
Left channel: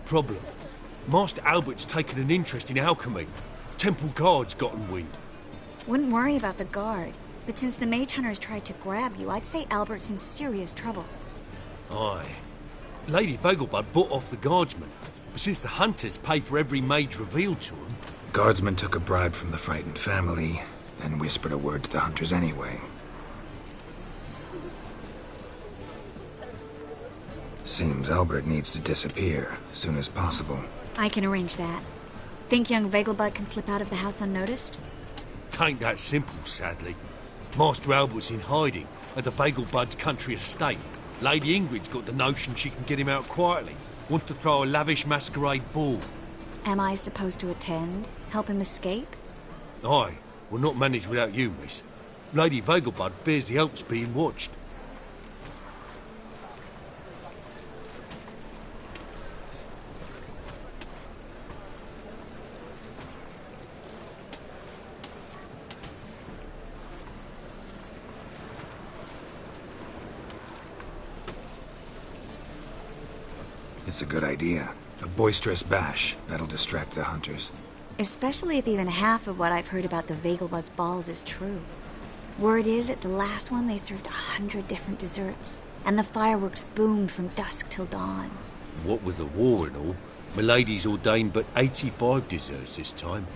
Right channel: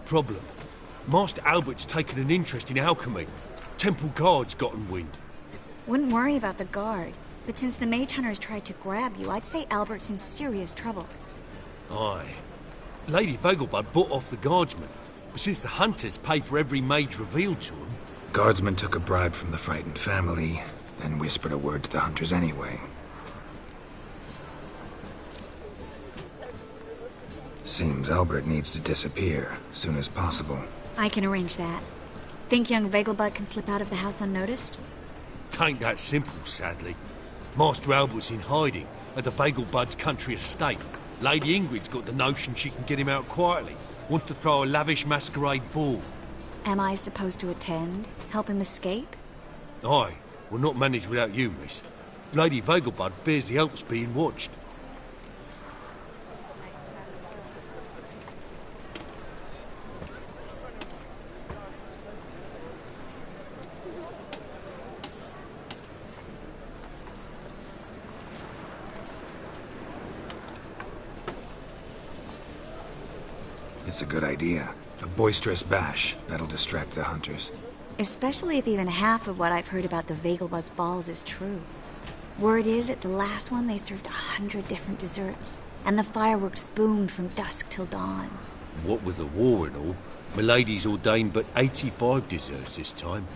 problem. Master Albert's taken an interest in alchemy. Temple guards gotten wind. Wouldn't worry about the guard, but since the mage hunters tried to grab you, I'd say Albert's in serious trouble. Aye. Lady Vagelbud bought off the guardsmen, but since the hunters pay for every mage revealed to them... Guardsmen took a bribe from the frightened family, then whispered a word to the hunters anyway. Seems Albert needs to disappear soon as possible. I can arrange that. Think young Vagelbud can slip out of the house unnoticed? Tain't that simple, sadly. Master Albert's in hiding at the Vagelbud's country estate. Lady Ingrid's got the notion she can get him out quietly. Wants to throw a lavish masquerade ball. Am I supposed to attend? Help him escape? Aye, we'll not manage without you, miss. Lady Vagelbud fears the help's being watched. It's a good idea. A boisterous bash. That'll distract the hunters. Especially if even half of what I've heard about the Vagelbud's balls is true. Word is, at the last one they served 100 different desserts, and the fireworks boomed from dusk till dawn. What with the war and all, Milady's ordained but 85 desserts this time.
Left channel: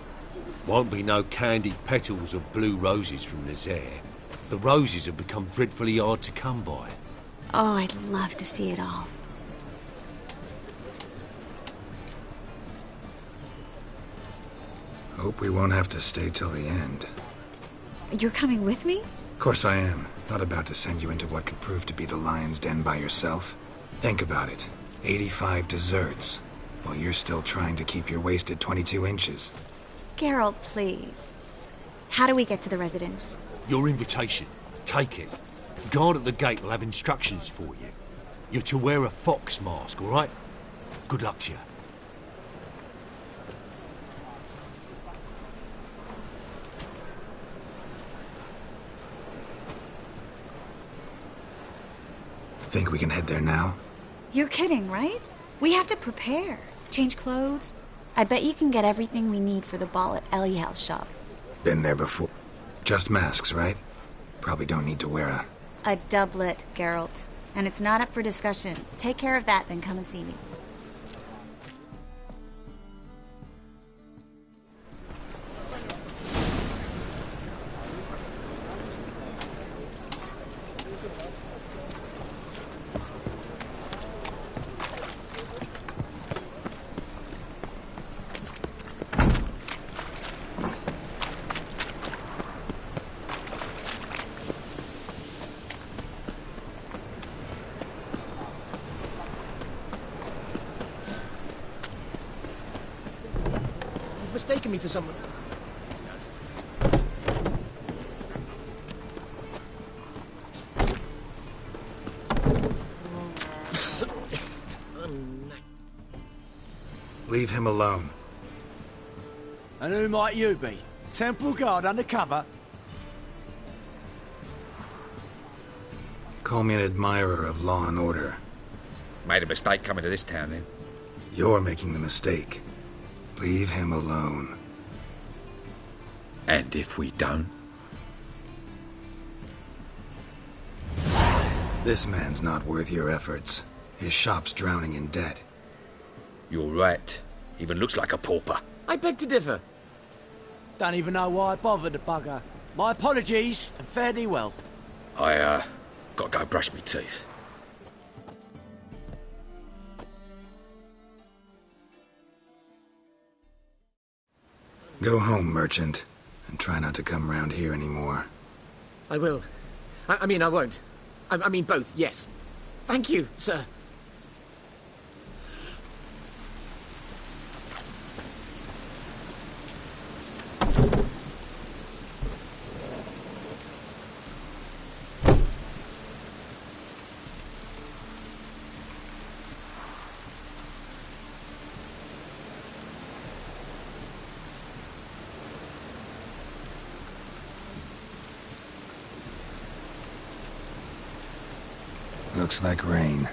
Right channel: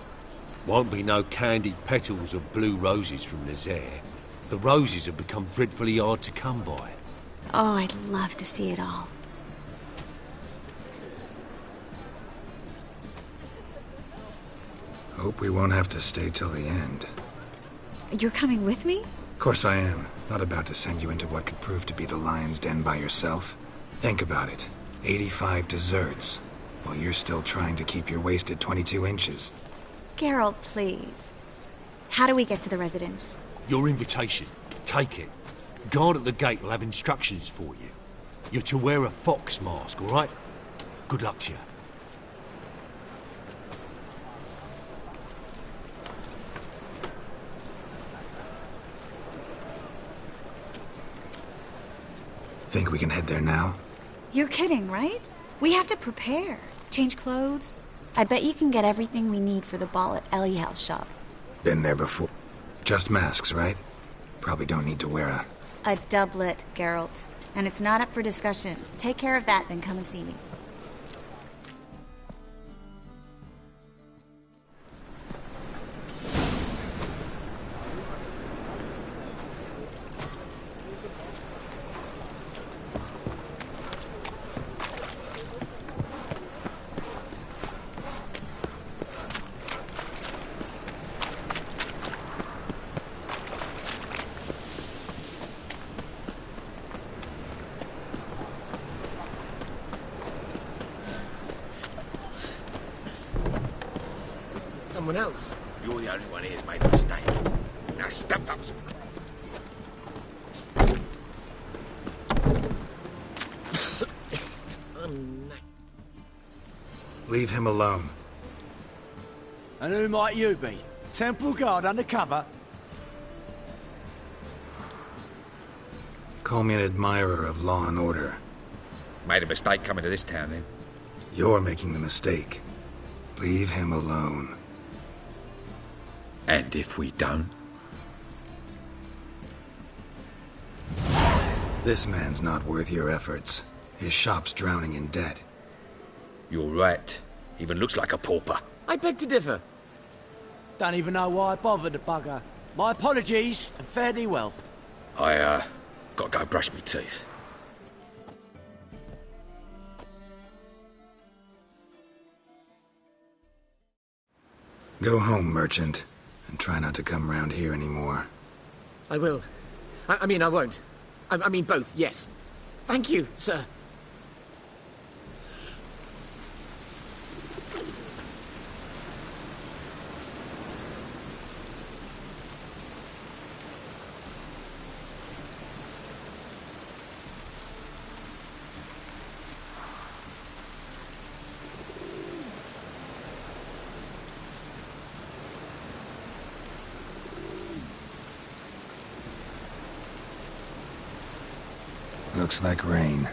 Won't be no candied petals of blue roses from Nazaire. The roses have become dreadfully hard to come by. Oh, I'd love to see it all. Hope we won't have to stay till the end. You're coming with me? Of course I am. Not about to send you into what could prove to be the lion's den by yourself. Think about it. 85 desserts, while you're still trying to keep your waist at 22 inches. Geralt, please. How do we get to the residence? Your invitation. Take it. Guard at the gate will have instructions for you. You're to wear a fox mask, all right? Good luck to you. Think we can head there now? You're kidding, right? We have to prepare. Change clothes. I bet you can get everything we need for the ball at Eliel's shop. Been there before. Just masks, right? Probably don't need to wear A doublet, Geralt. And it's not up for discussion. Take care of that, then come and see me. mistaken me for someone else. You're the only one here who's made a mistake. Now step up. Leave him alone. And who might you be? Temple Guard undercover? Call me an admirer of law and order. Made a mistake coming to this town, then. You're making the mistake. Leave him alone. And if we don't? This man's not worth your efforts. His shop's drowning in debt. You're right. Even looks like a pauper. I beg to differ. Don't even know why I bothered the bugger. My apologies, and fare thee well. I, gotta go brush me teeth. Go home, merchant, and try not to come round here anymore. I will. I mean, I won't. I mean both, yes. Thank you, sir. Looks like rain.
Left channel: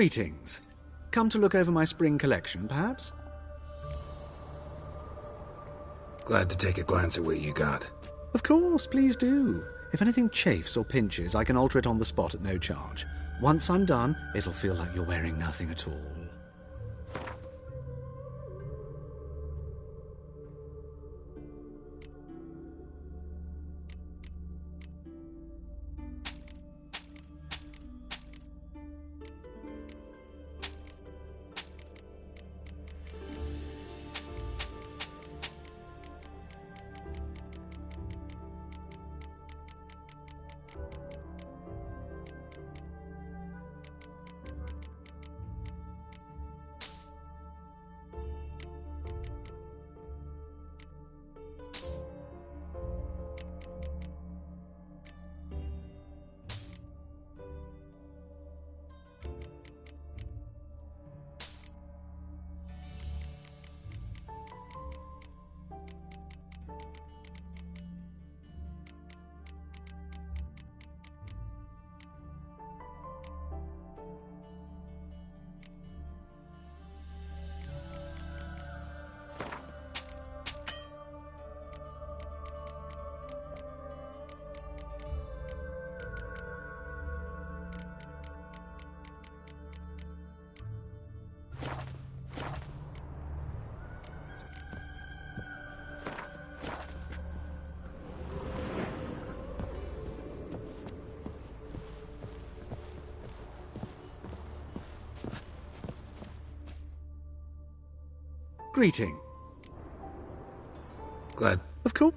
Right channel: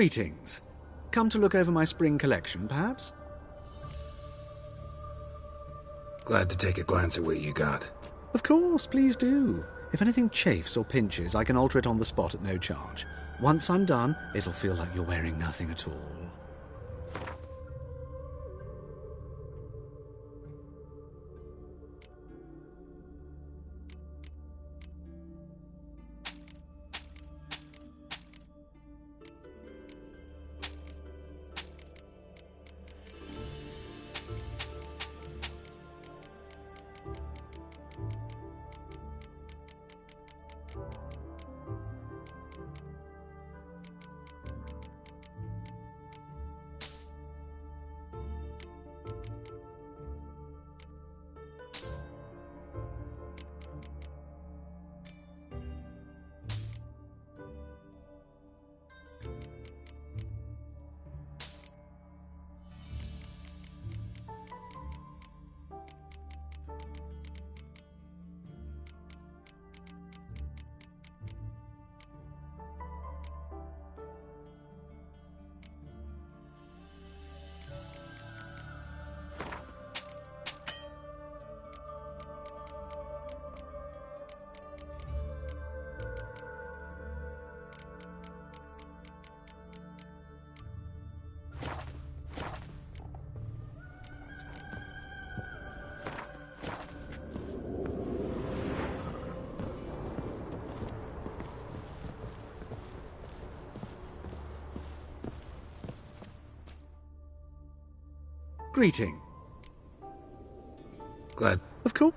Greetings. Come to look over my spring collection, perhaps? Glad to take a glance at what you got. Of course, please do. If anything chafes or pinches, I can alter it on the spot at no charge. Once I'm done, it'll feel like you're wearing nothing at all. Greeting. Glad. Of course.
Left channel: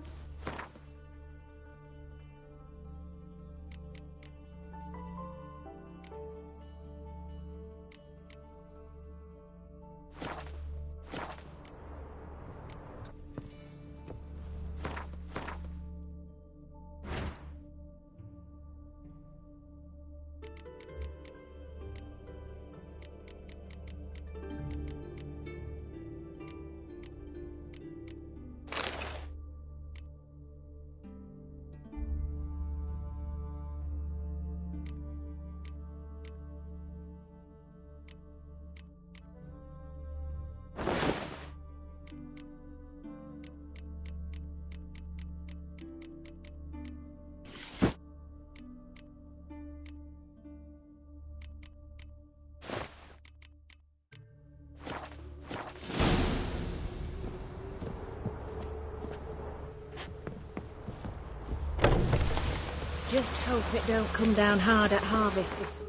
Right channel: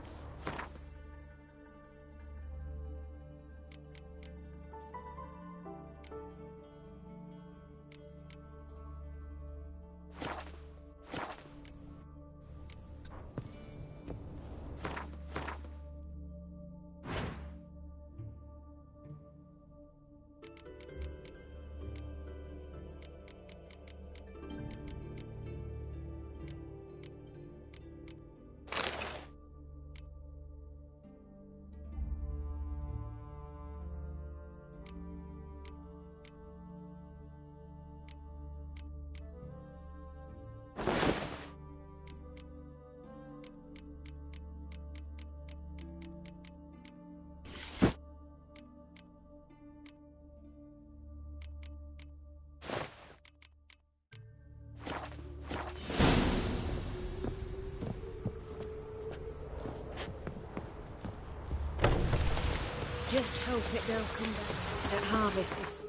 Just hope it don't come down hard at harvest this...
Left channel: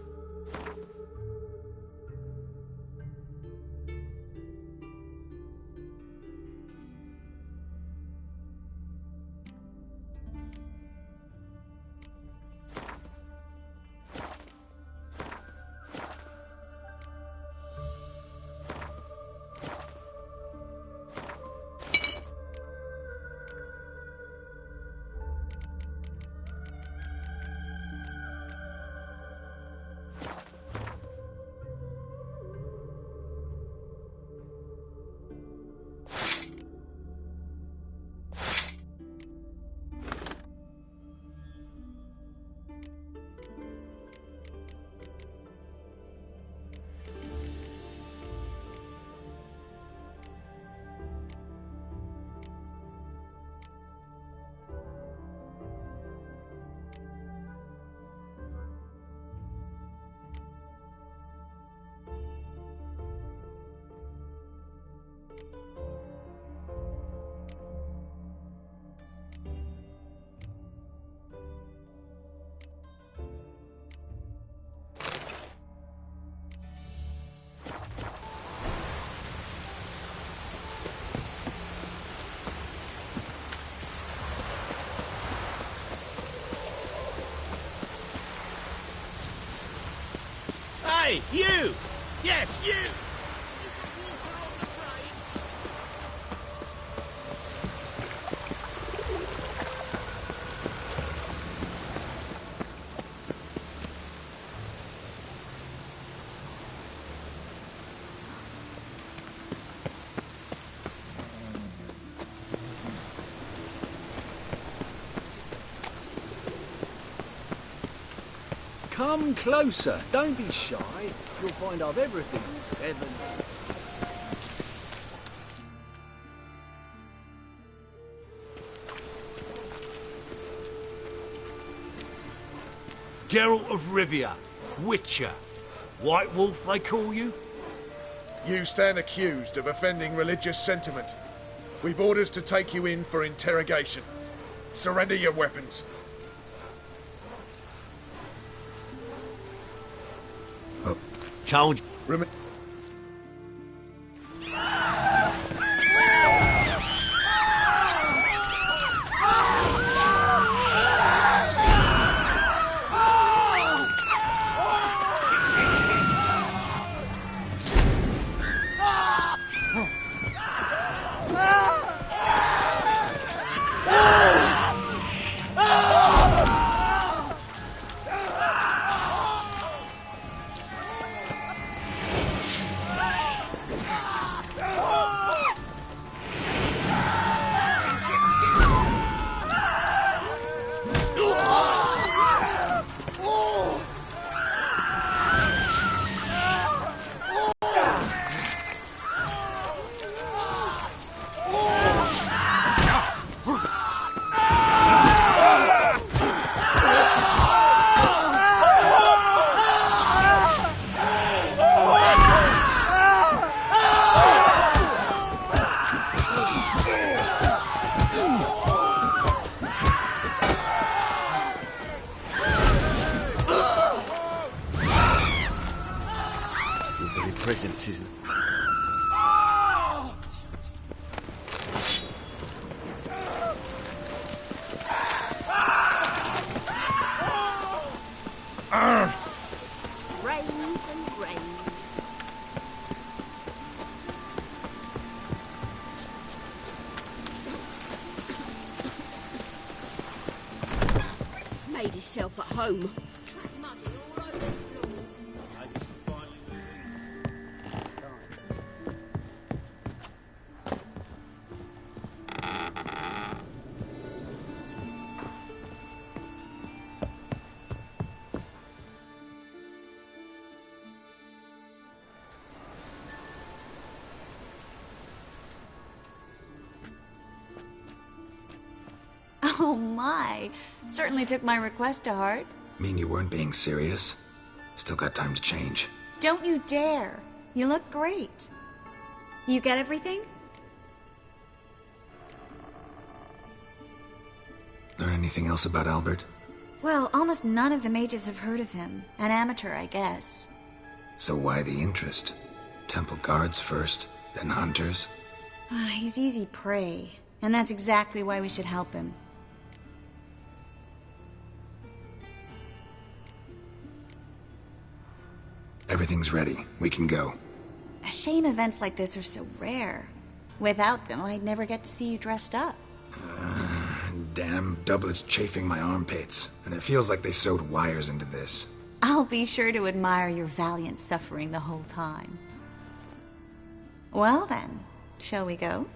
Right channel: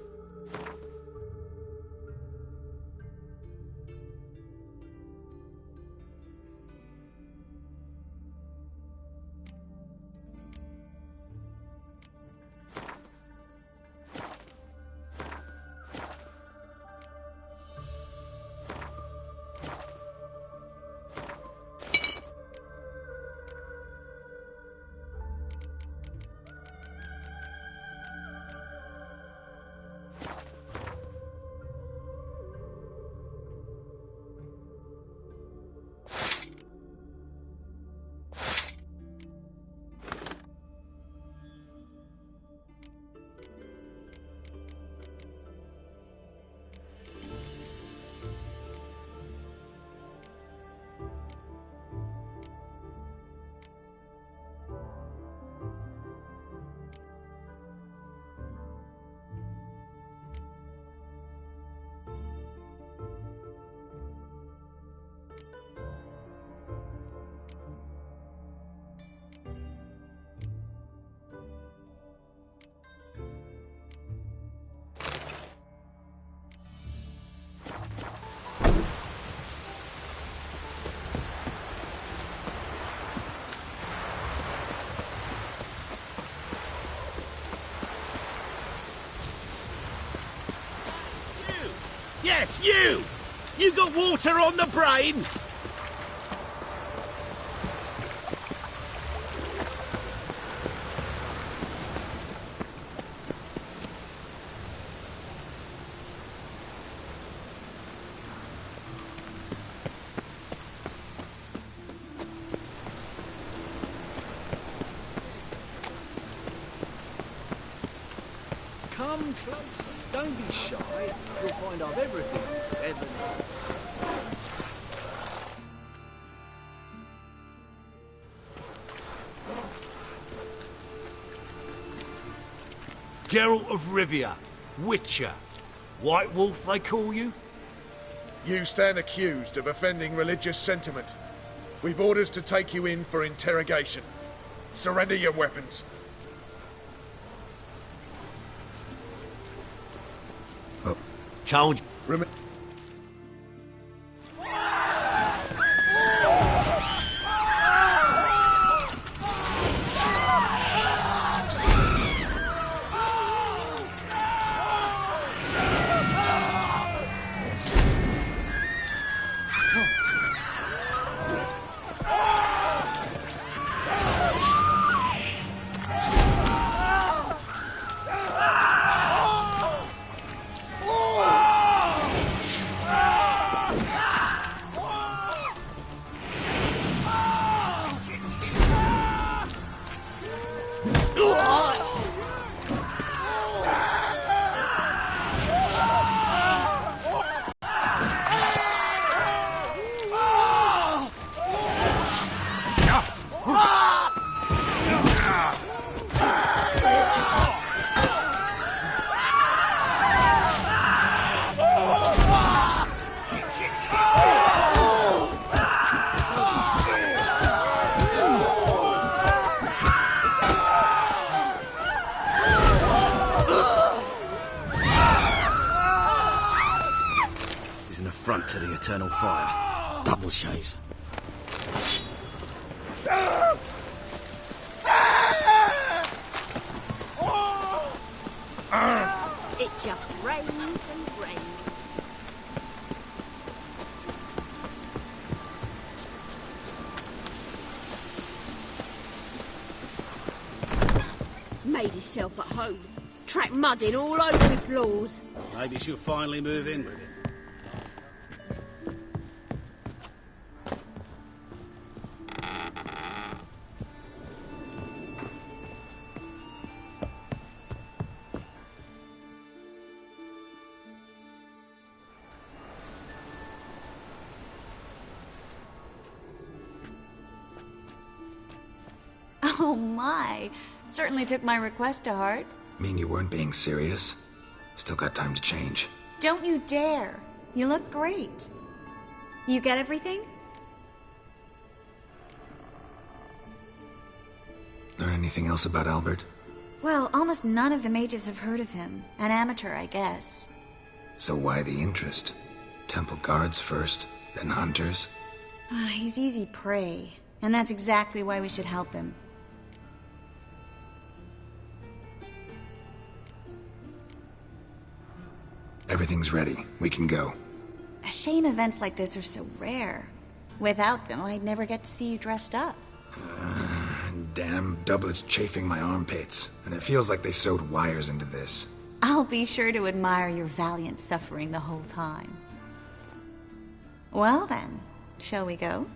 Hey, you! Yes, you! You got water on the brain? Come closer. Don't be shy. You'll find I've everything you ever need. Geralt of Rivia, Witcher. White Wolf, they call you? You stand accused of offending religious sentiment. We've orders to take you in for interrogation. Surrender your weapons. Told you. It just rains and rains. Made himself at home. Tracked mud in all over the floors. Maybe she'll finally move in. Oh my! Certainly took my request to heart. Mean you weren't being serious? Still got time to change. Don't you dare! You look great. You get everything? Learn anything else about Albert? Well, almost none of the mages have heard of him. An amateur, I guess. So why the interest? Temple guards first, then hunters? He's easy prey, and that's exactly why we should help him. Everything's ready. We can go. A shame events like this are so rare. Without them, I'd never get to see you dressed up. Damn doublets chafing my armpits, and it feels like they sewed wires into this. I'll be sure to admire your valiant suffering the whole time. Well then, shall we go?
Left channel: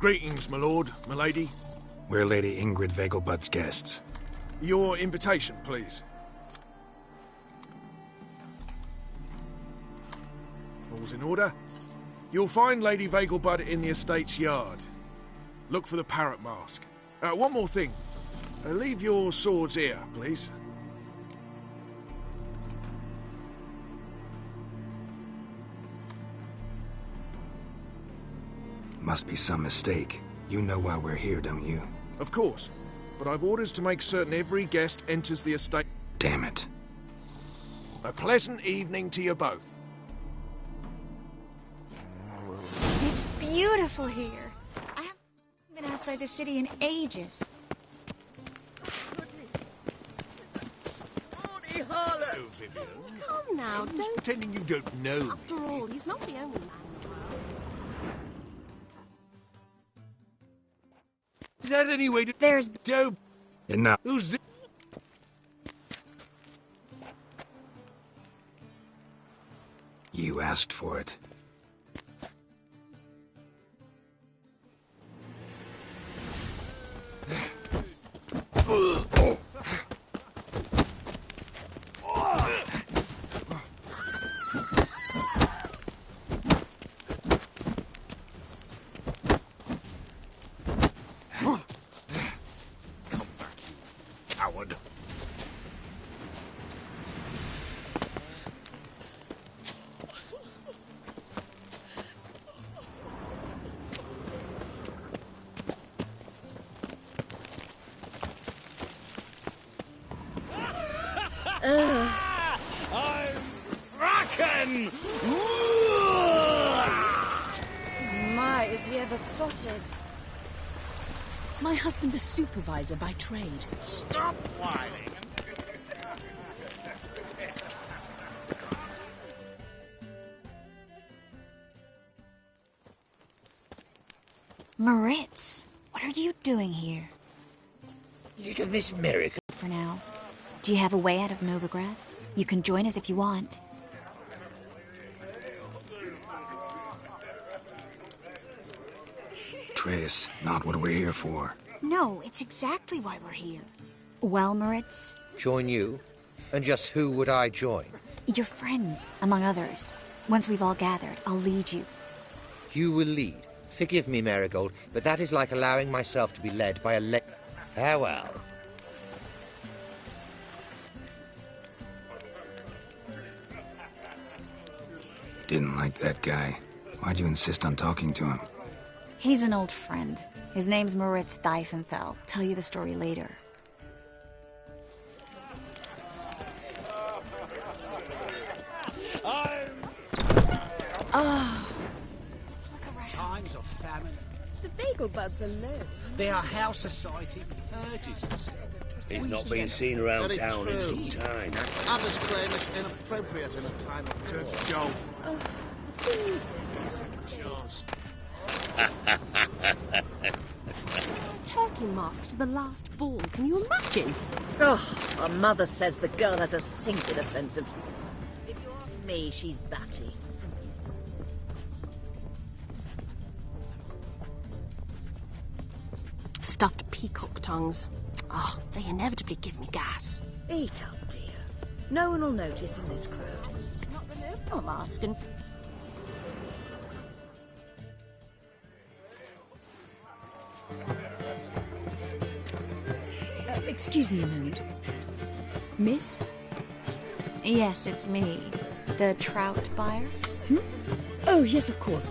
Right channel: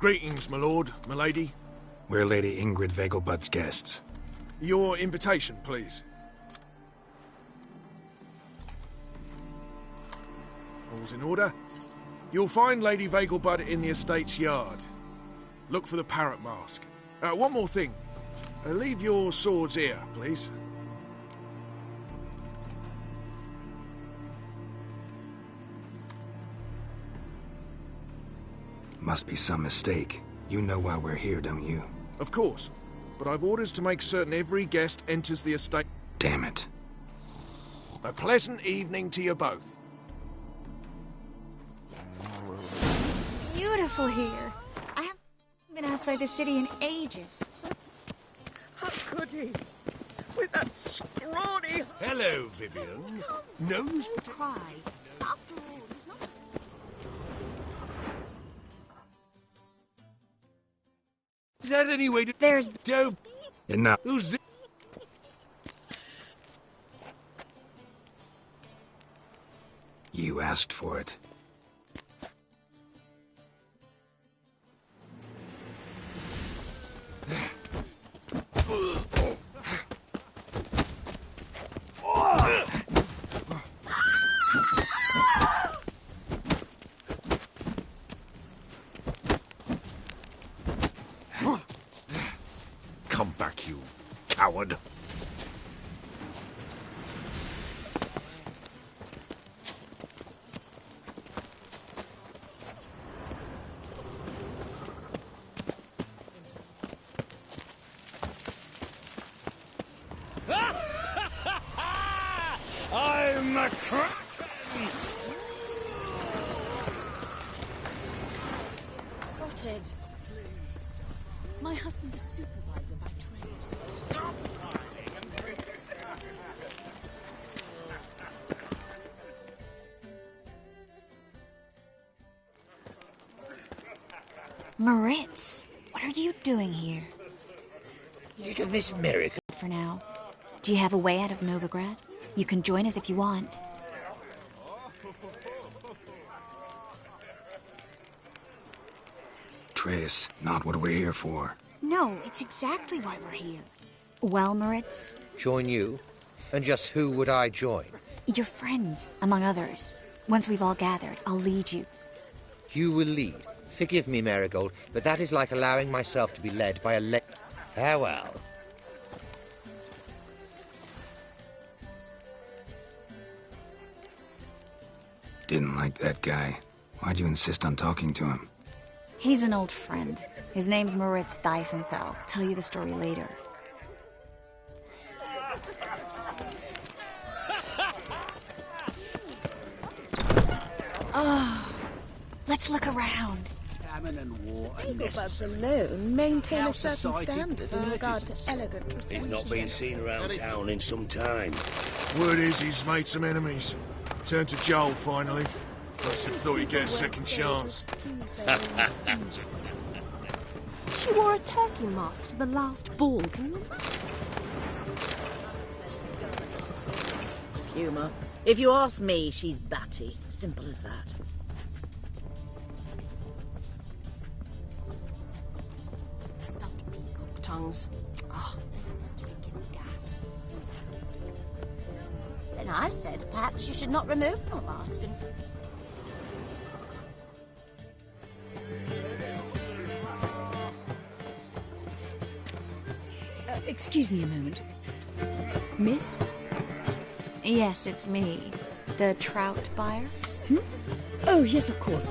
Greetings, my lord, my lady. We're Lady Ingrid Vegelbud's guests. Your invitation, please. All's in order. You'll find Lady Vegelbud in the estate's yard. Look for the parrot mask. One more thing. Leave your swords here, please. Must be some mistake. You know why we're here, don't you? Of course. But I've orders to make certain every guest enters the estate. Damn it. A pleasant evening to you both. It's beautiful here. I haven't been outside the city in ages. How could he? With that scrawny heart. Hello, Vivian. Come now, No use don't pretending you don't know. After all, he's not the only. Is that any way to... There's... Dope. Enough. Who's this? You asked for it. Come back, you coward. I'm a kraken! My, is he ever sorted? My husband's a supervisor by trade. Stop whining Moritz, what are you doing here? Little Miss Miracle. For now. Do you have a way out of Novigrad? You can join us if you want. Triss, not what we're here for. No, it's exactly why we're here. Well, Moritz? Join you? And just who would I join? Your friends, among others. Once we've all gathered, I'll lead you. You will lead. Forgive me, Marigold, but that is like allowing myself to be led by a Farewell. Didn't like that guy. Why'd you insist on talking to him? He's an old friend. His name's Moritz Diefenfeld. Tell you the story later. Oh, let's look around. The Vegelbuds alone maintain a certain standard in regard to elegant He's not been seen around town in some time. Word is he's made some enemies. Turned to Joel, finally. Thought he'd get a second chance. She wore a turkey mask to the last ball. Can you imagine? Oh, my mother says the girl has a singular sense of humour. If you ask me, she's batty. Simple as that. peacock tongues. Oh, they inevitably give me gas. Eat up, dear. No one will notice. And I said perhaps you should not remove your mask and... Excuse me a moment. Miss? Yes, it's me. The trout buyer? Oh, yes, of course.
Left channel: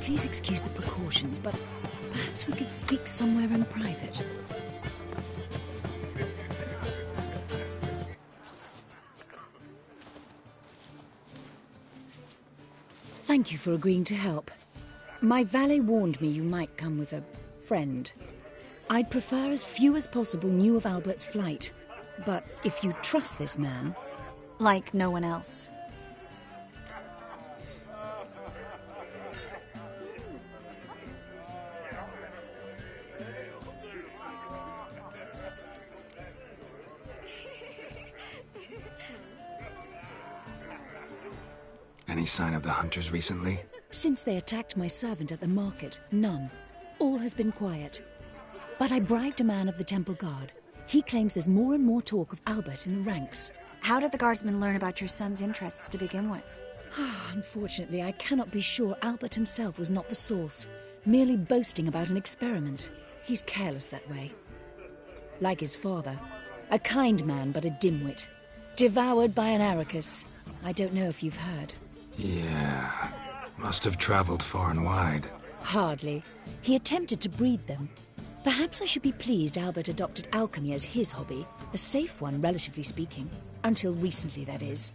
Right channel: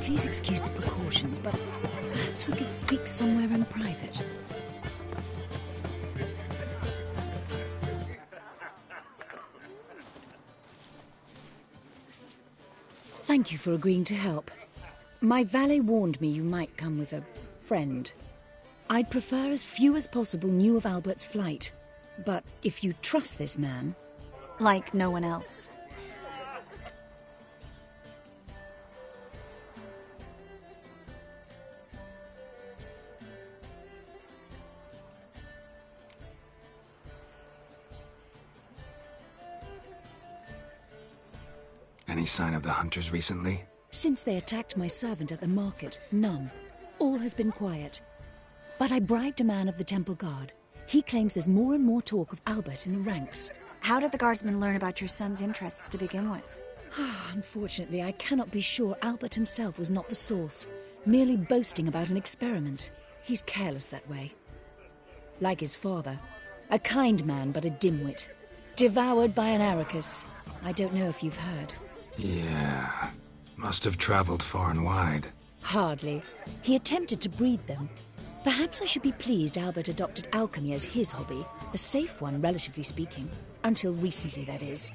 Please excuse the precautions, but perhaps we could speak somewhere in private. Thank you for agreeing to help. My valet warned me you might come with a friend. I'd prefer as few as possible knew of Albert's flight. But if you trust this man... Like no one else. Any sign of the hunters recently? Since they attacked my servant at the market, none. All has been quiet. But I bribed a man of the temple guard. He claims there's more and more talk of Albert in the ranks. How did the guardsmen learn about your son's interests to begin with? Unfortunately, I cannot be sure Albert himself was not the source, merely boasting about an experiment. He's careless that way. Like his father. A kind man, but a dimwit. Devoured by an Arrakis. I don't know if you've heard. Yeah. Must have traveled far and wide. Hardly. He attempted to breed them. Perhaps I should be pleased Albert adopted alchemy as his hobby. A safe one, relatively speaking. Until recently, that is.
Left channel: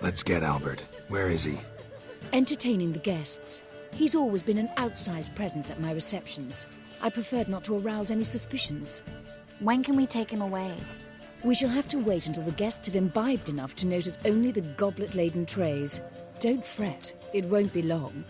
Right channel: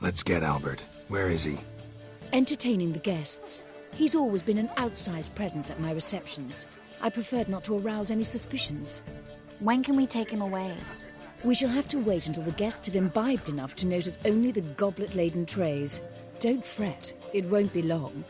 Let's get Albert. Where is he? Entertaining the guests. He's always been an outsized presence at my receptions. I preferred not to arouse any suspicions. When can we take him away? We shall have to wait until the guests have imbibed enough to notice only the goblet-laden trays. Don't fret. It won't be long.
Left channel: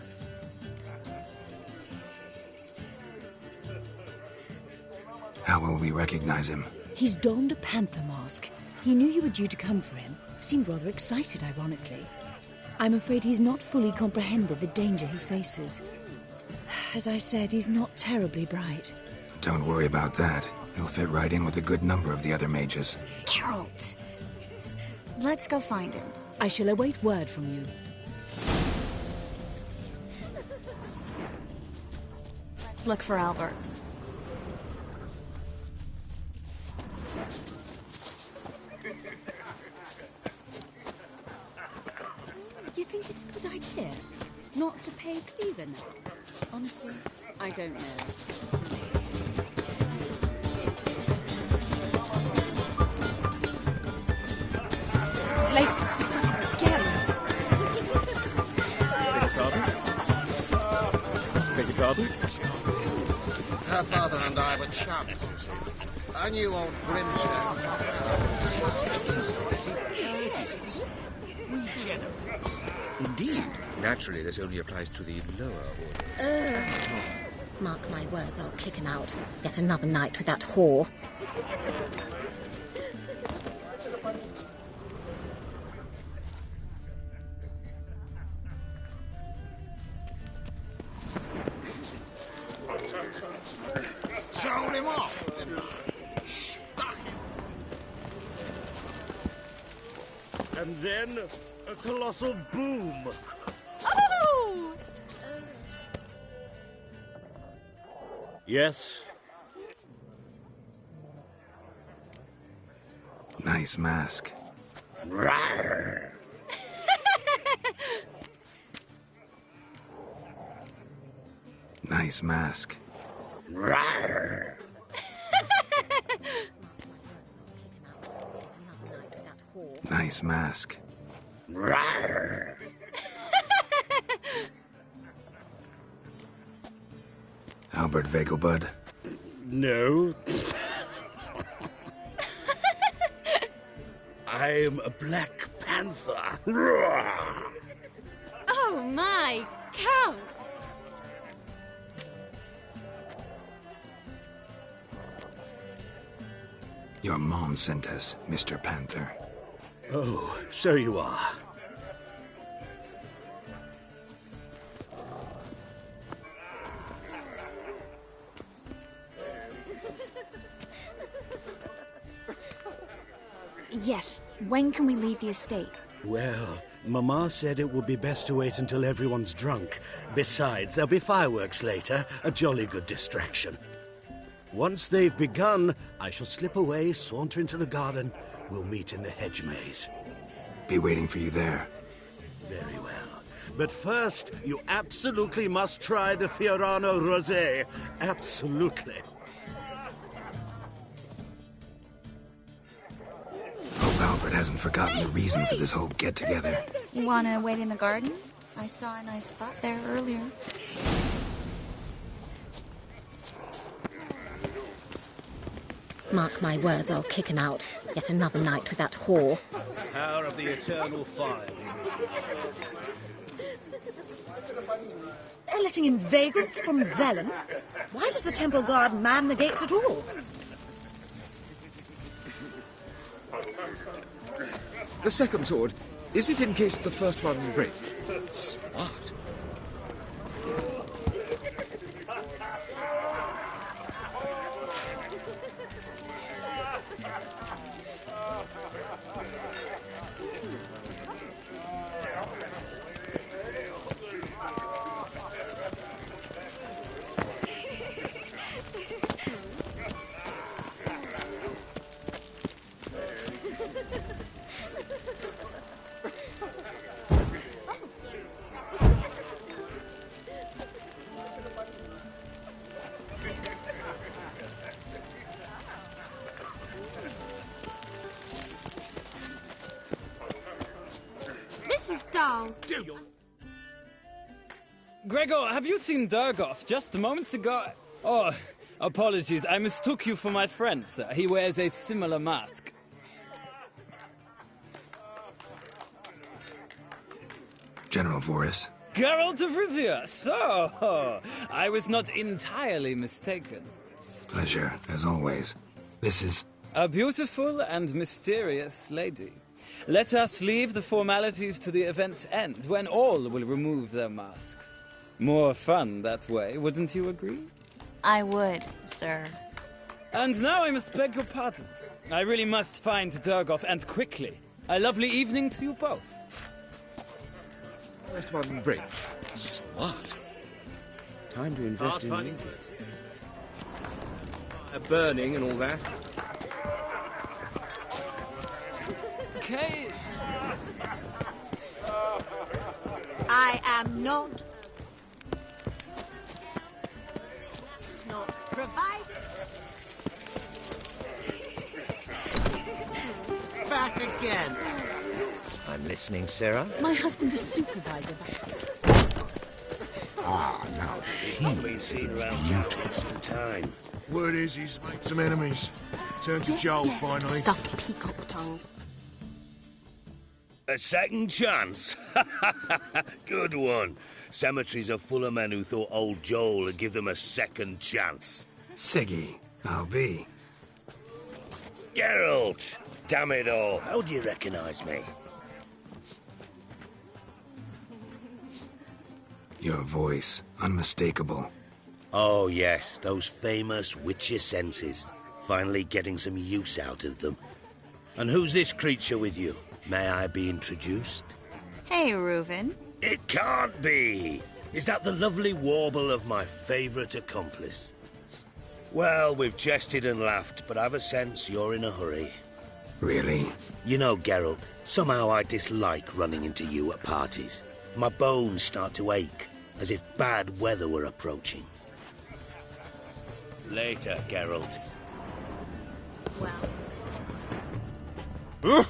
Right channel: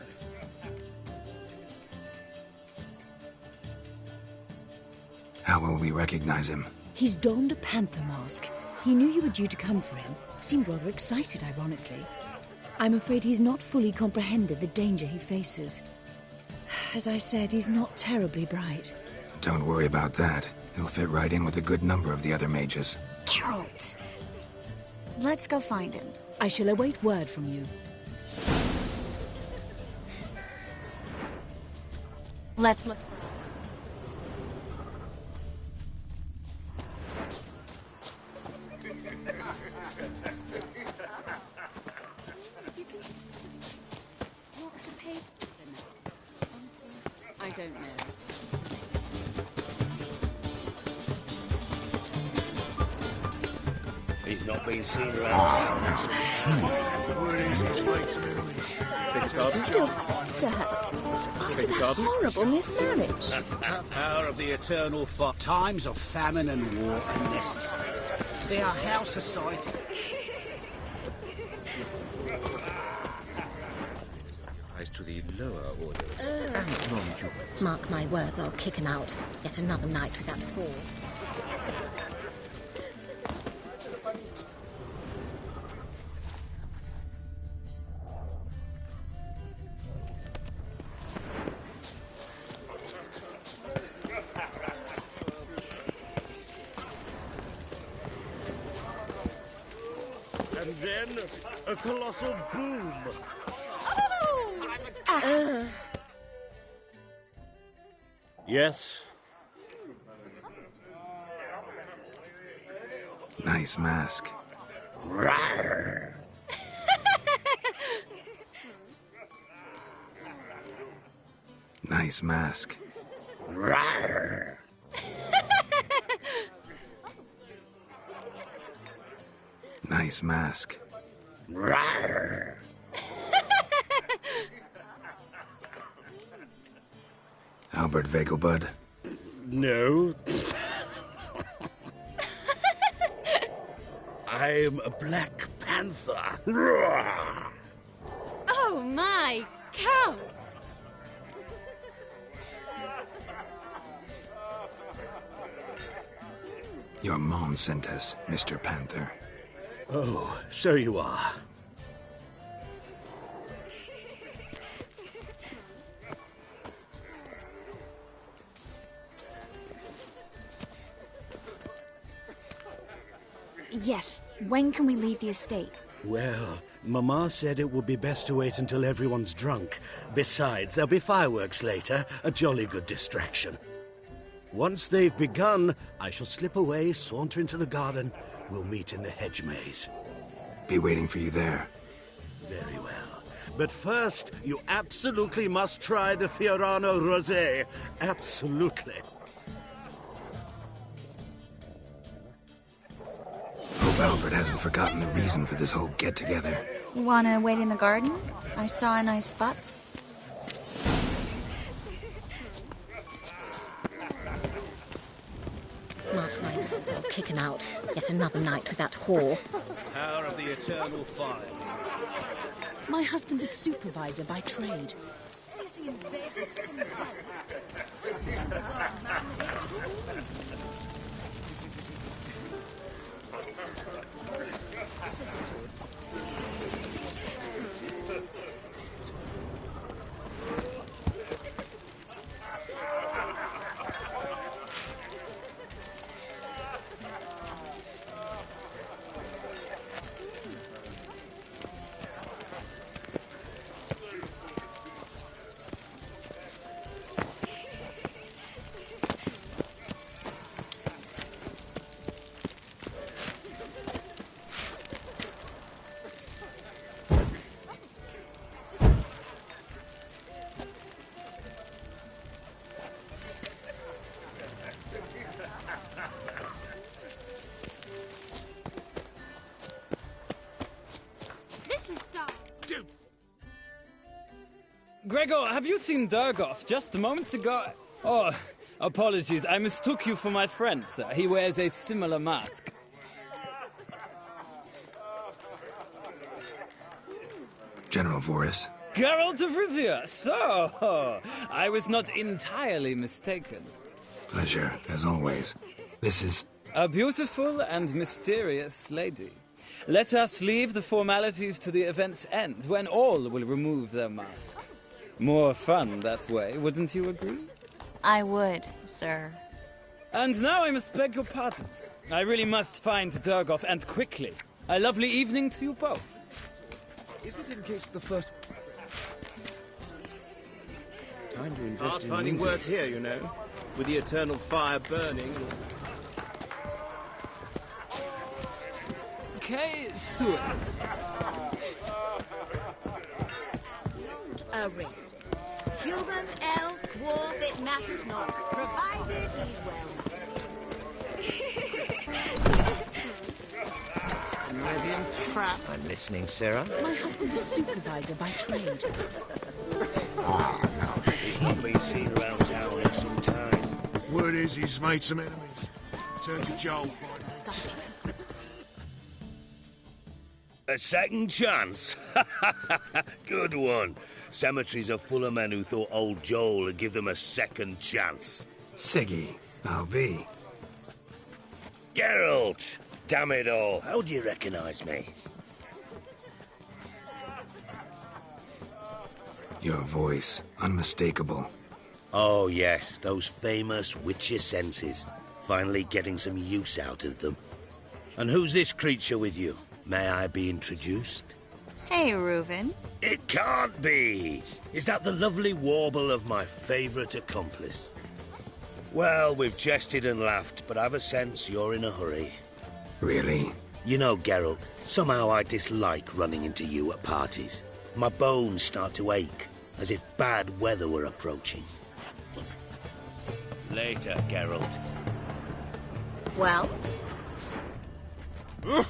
How will we recognize him? He's donned a panther mask. He knew you were due to come for him. Seemed rather excited, ironically. I'm afraid he's not fully comprehended the danger he faces. As I said, he's not terribly bright. Don't worry about that. He'll fit right in with a good number of the other mages. Geralt! Let's go find him. I shall await word from you. Let's look for Albert. Do you think it's a good idea not to pay Cleaver now? Honestly, I don't know. Horrible mismarriage. Her father and I eternal for times of famine and wretchedness. They are house society ages. Indeed. Naturally, this only applies to the lower orders. Mark my words, I'll kick him out. Yet another night with that whore. And then a colossal boom. Oh! Yes? Nice mask. Rawr. Nice mask. Rawr. Nice mask. Rawr. Albert Vegelbud? No. I'm a Black Panther. Rawr. Oh my, Count! Your mom sent us, Mr. Panther. Oh, so you are. Yes. When can we leave the estate? Well, Mama said it would be best to wait until everyone's drunk. Besides, there'll be fireworks later, a jolly good distraction. Once they've begun, I shall slip away, saunter into the garden. We'll meet in the hedge maze. Be waiting for you there. Very well. But first, you absolutely must try the Fiorano Rosé. Absolutely. Hope Albert hasn't forgotten the reason for this whole get-together. You wanna wait in the garden? I saw a nice spot there earlier. Mark my words, I'll kick him out. Yet another night with that whore. Power of the eternal fire. My husband's a supervisor by trade. They're letting in vagrants from Velen. Why does the temple guard man the gates at all? The second sword, is it in case the first one breaks? Smart. This is dull. Gregor, have you seen Durgoff just moments ago? Oh, apologies. I mistook you for my friend, sir. He wears a similar mask. General Voris. Geralt of Rivia. So, I was not entirely mistaken. Pleasure, as always. This is... A beautiful and mysterious lady. Let us leave the formalities to the event's end, when all will remove their masks. More fun that way, wouldn't you agree? I would, sir. And now I must beg your pardon. I really must find Durgoff, and quickly. A lovely evening to you both. Is it in case the first one breaks? Smart. Time to invest in Hard-finding movies. work here, you know. With the eternal fire burning and all that. K6. I am not a racist. Human, elf, dwarf, it matters not, provided he's well. Back again, you trap. I'm listening, Sarah. My husband's a supervisor by trade. Now Not been seen around town in some time. word is he's made some enemies. Turned to Joel, finally. Stuffed peacock tongues. A second chance? Good one. Cemeteries are full of men who thought old Joel would give them a second chance. Siggy, I'll be. Geralt! Damn it all, how do you recognise me? Your voice, unmistakable. Oh yes, those famous witcher senses. Finally getting some use out of them. And who's this creature with you? May I be introduced? Hey, Reuven. It can't be! Is that the lovely warble of my favourite accomplice? Well, we've jested and laughed, but I've a sense you're in a hurry. Really? You know, Geralt, somehow I dislike running into you at parties. My bones start to ache, as if bad weather were approaching. Later, Geralt. Well?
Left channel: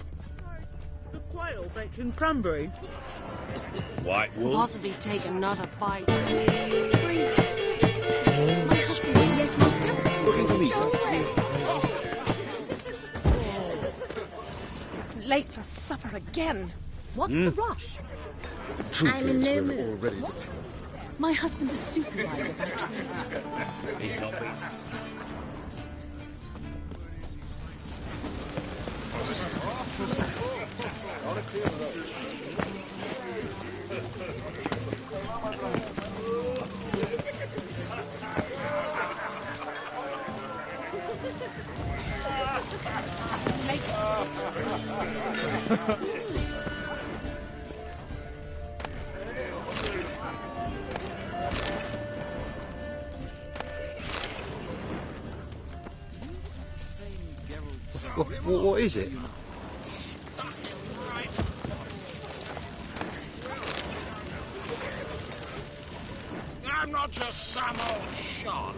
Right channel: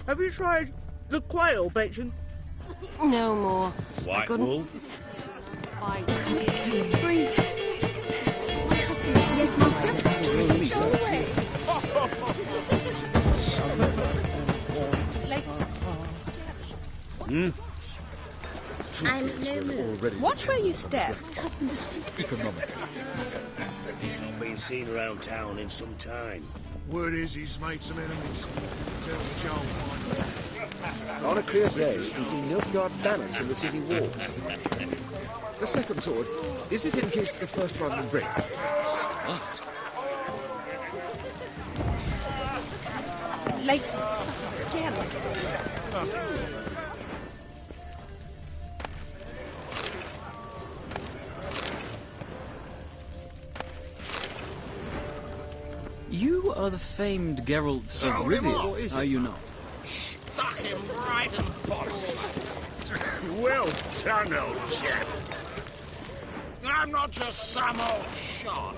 Have you tried the quail baked in cranberry? No more. White I couldn't wool? possibly take another bite. Breathe. My husband yes, master. Late for supper again. What's the rush? I'm in no mood. Watch where you step. My husband's a supervisor. He's not been seen around town in some time. Word is he's made some enemies. On a clear day, we see Nilfgaard banners from the city wall. The second sword, is it in case the first one breaks? Smart. Like, You are the famed Geralt of Oh, Rivia, what is are it? you not? Stuck him right in bottle. Well done, old chap. I'm not just some old shot.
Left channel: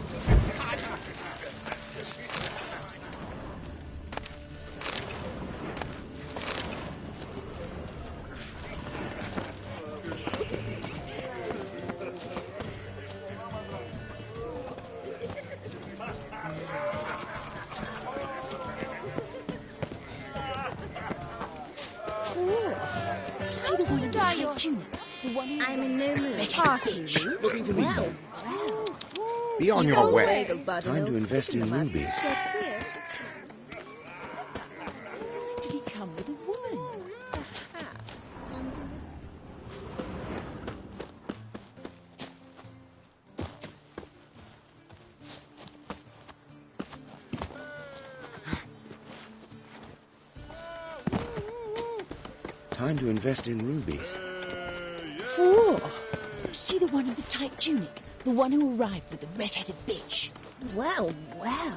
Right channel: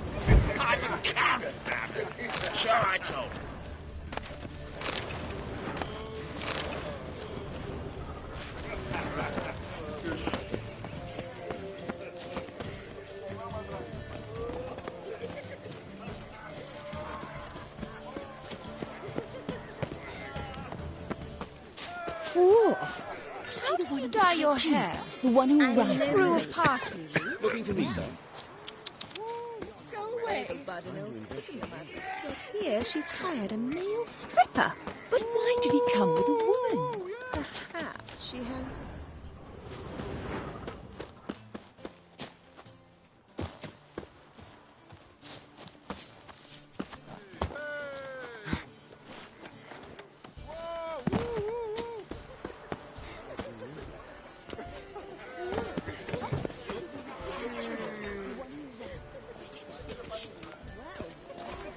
I'm a cannon man. So I told him. See the one dye your hair? The one who I'm runs no parsley. Looking for me, son? Be on your way. Time Time to invest in rubies. Yet here she's hired a male stripper. But why did he come with a woman? Perhaps she hands him his... Time to invest in rubies. 4. See the one in the tight tunic? The one who arrived with the red-headed bitch. Well, well.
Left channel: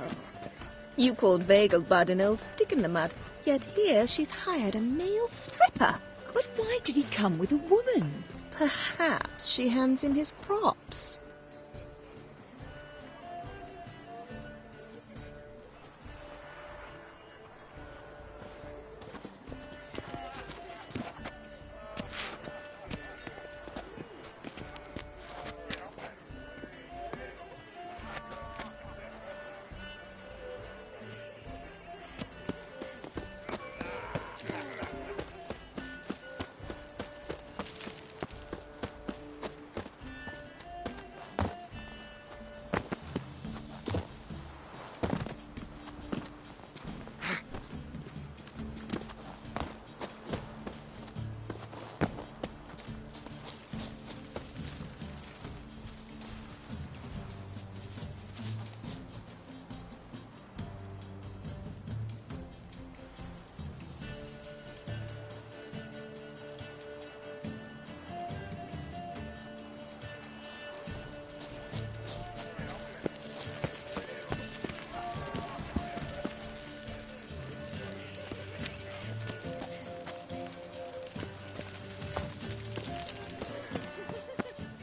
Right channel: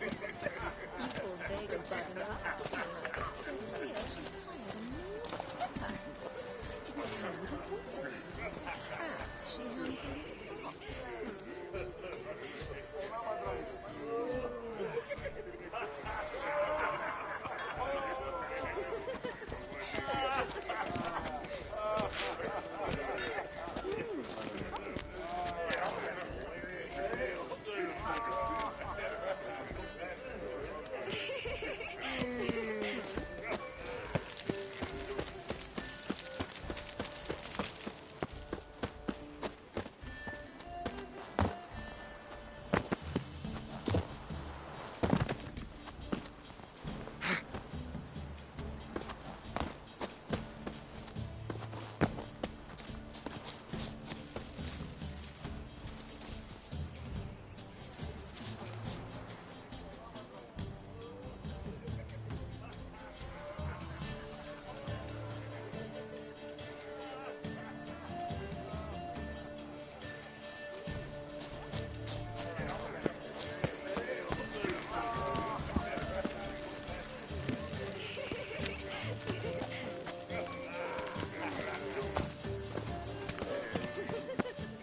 You called Vegelbud an old stick in the mud, yet here she's hired a male stripper. But why did he come with a woman? Perhaps she hands him his props.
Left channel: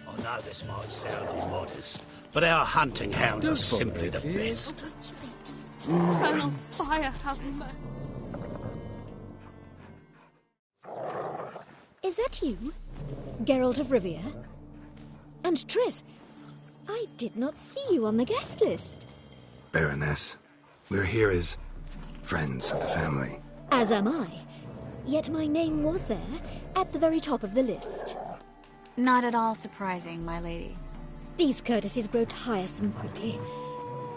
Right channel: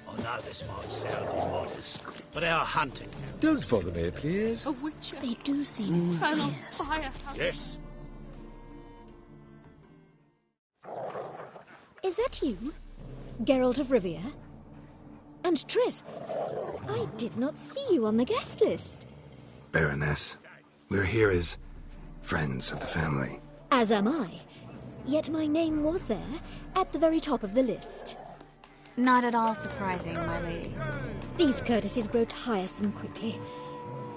I know this might sound immodest, but our hunting hounds are simply the best. A witcher. They do seem Turn on fire, Yes. Is that you? Geralt of Rivia? And Triss, I did not see you on the guest list. Baroness, we're here as friends of the family. As am I. Yet my name was there, at the very top of the list. Not at all surprising, my lady. These courtesies grow tiresome quickly.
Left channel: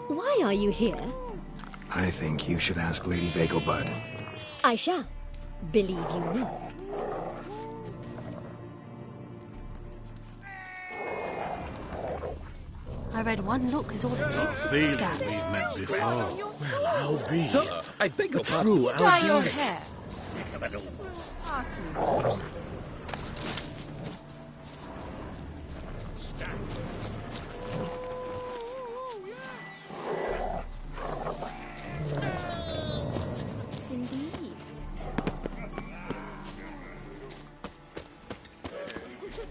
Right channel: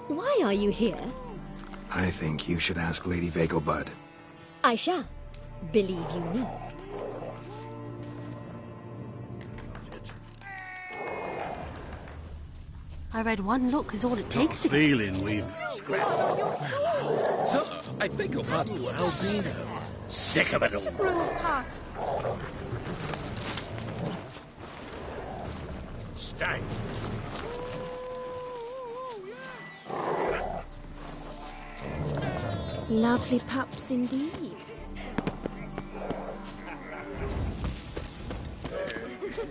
Why are you here? I think you should ask Lady Vegelbud. I shall. Believe you me. I read one look is all it takes to get Feeling stabbed. we've met before. Sir, I beg your pardon. True dye your Albina. hair. Sick of it all. Brew of parsley. Stay. Lovely pups indeed.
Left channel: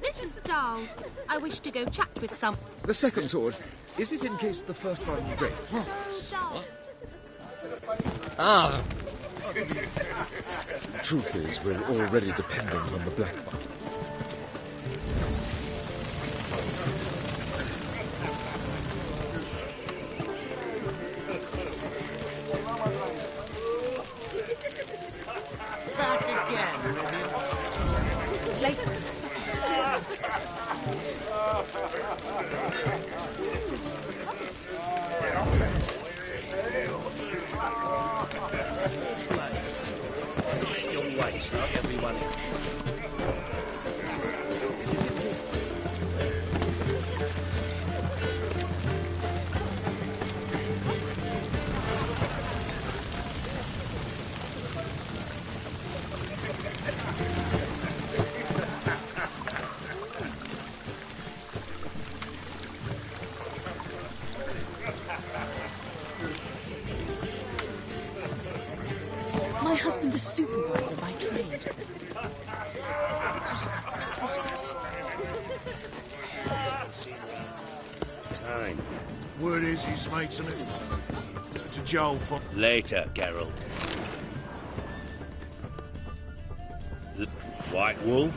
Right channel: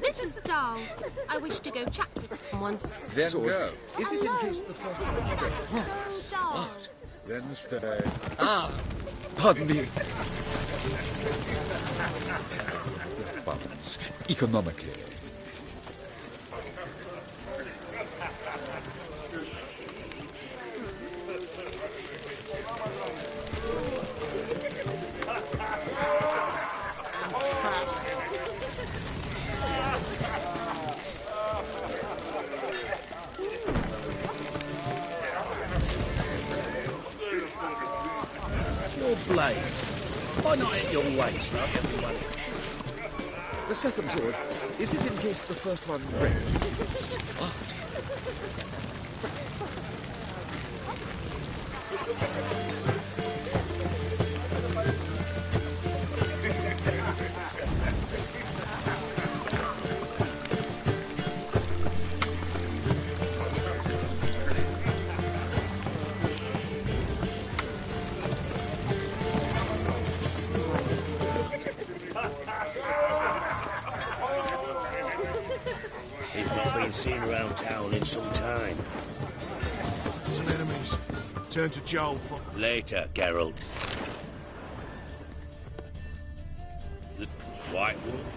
This is dull. I wish to go chat with someone. The second sword. Is it in case the first one breaks? So dull. Ah, pardon me. Troopers were already dependent on the black buttons, economically. Your blade. Why not at your waist like everyone else? The second sword. Is it in case the first one breaks? husband a supervisor by trade. He's not been seen around town in some time. Word is he's made some enemies. Turn to Joel for... Later, Geralt. The White Wolf?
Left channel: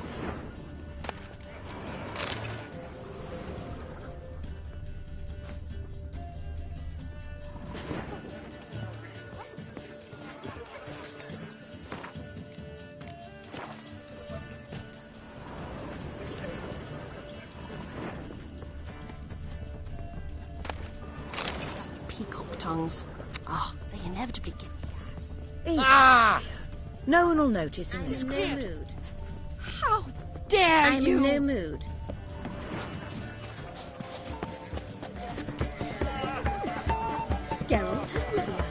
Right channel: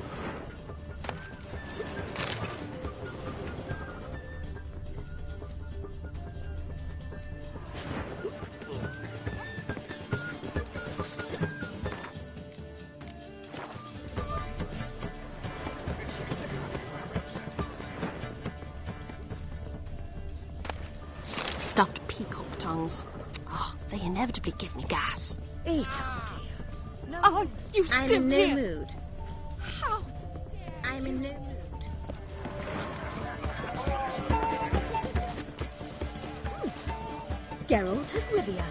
Stuffed peacock tongues. Oh, they inevitably give me gas. Eat Ah! it, dear. No one will notice. you I'm still in no here. mood. How dare I'm you! in no mood. Geralt of Rivia.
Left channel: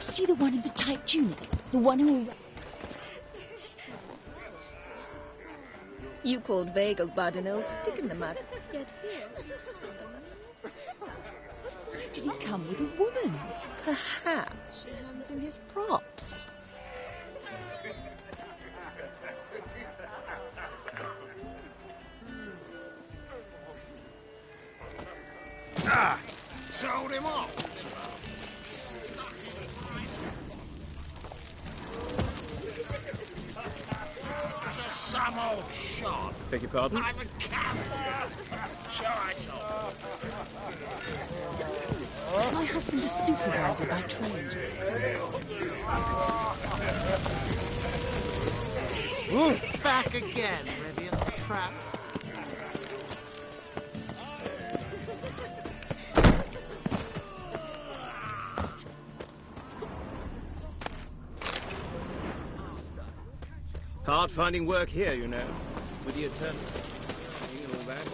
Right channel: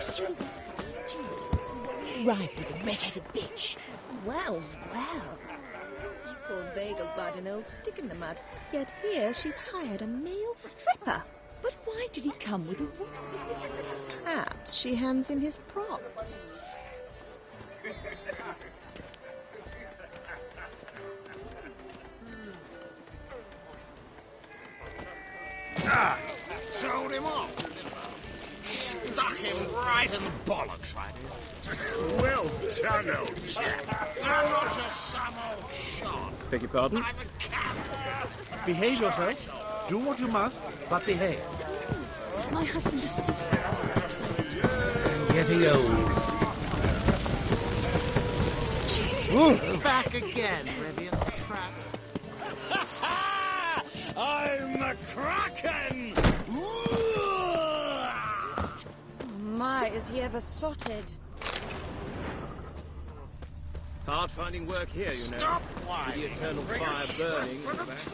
See the one in the tight tunic? The one who arrived with the red-headed bitch. Well, well. You called Vegelbud an old stick in the mud, yet here she's hired a male stripper. But why did he come with a woman? Perhaps she hands him his props. Ah! Told him off. Stuck him right in the bollocks. Well done, old chap. I'm not just some old shot. Beg your pardon? I'm a camp. Behave yourself. Do what you must, but behave. My husband is supervisor by trade. Getting old. Back again, Rivian Trap. I'm a kraken! My, is he ever sotted? Hard finding work here, you know. With the eternal fire burning and all that.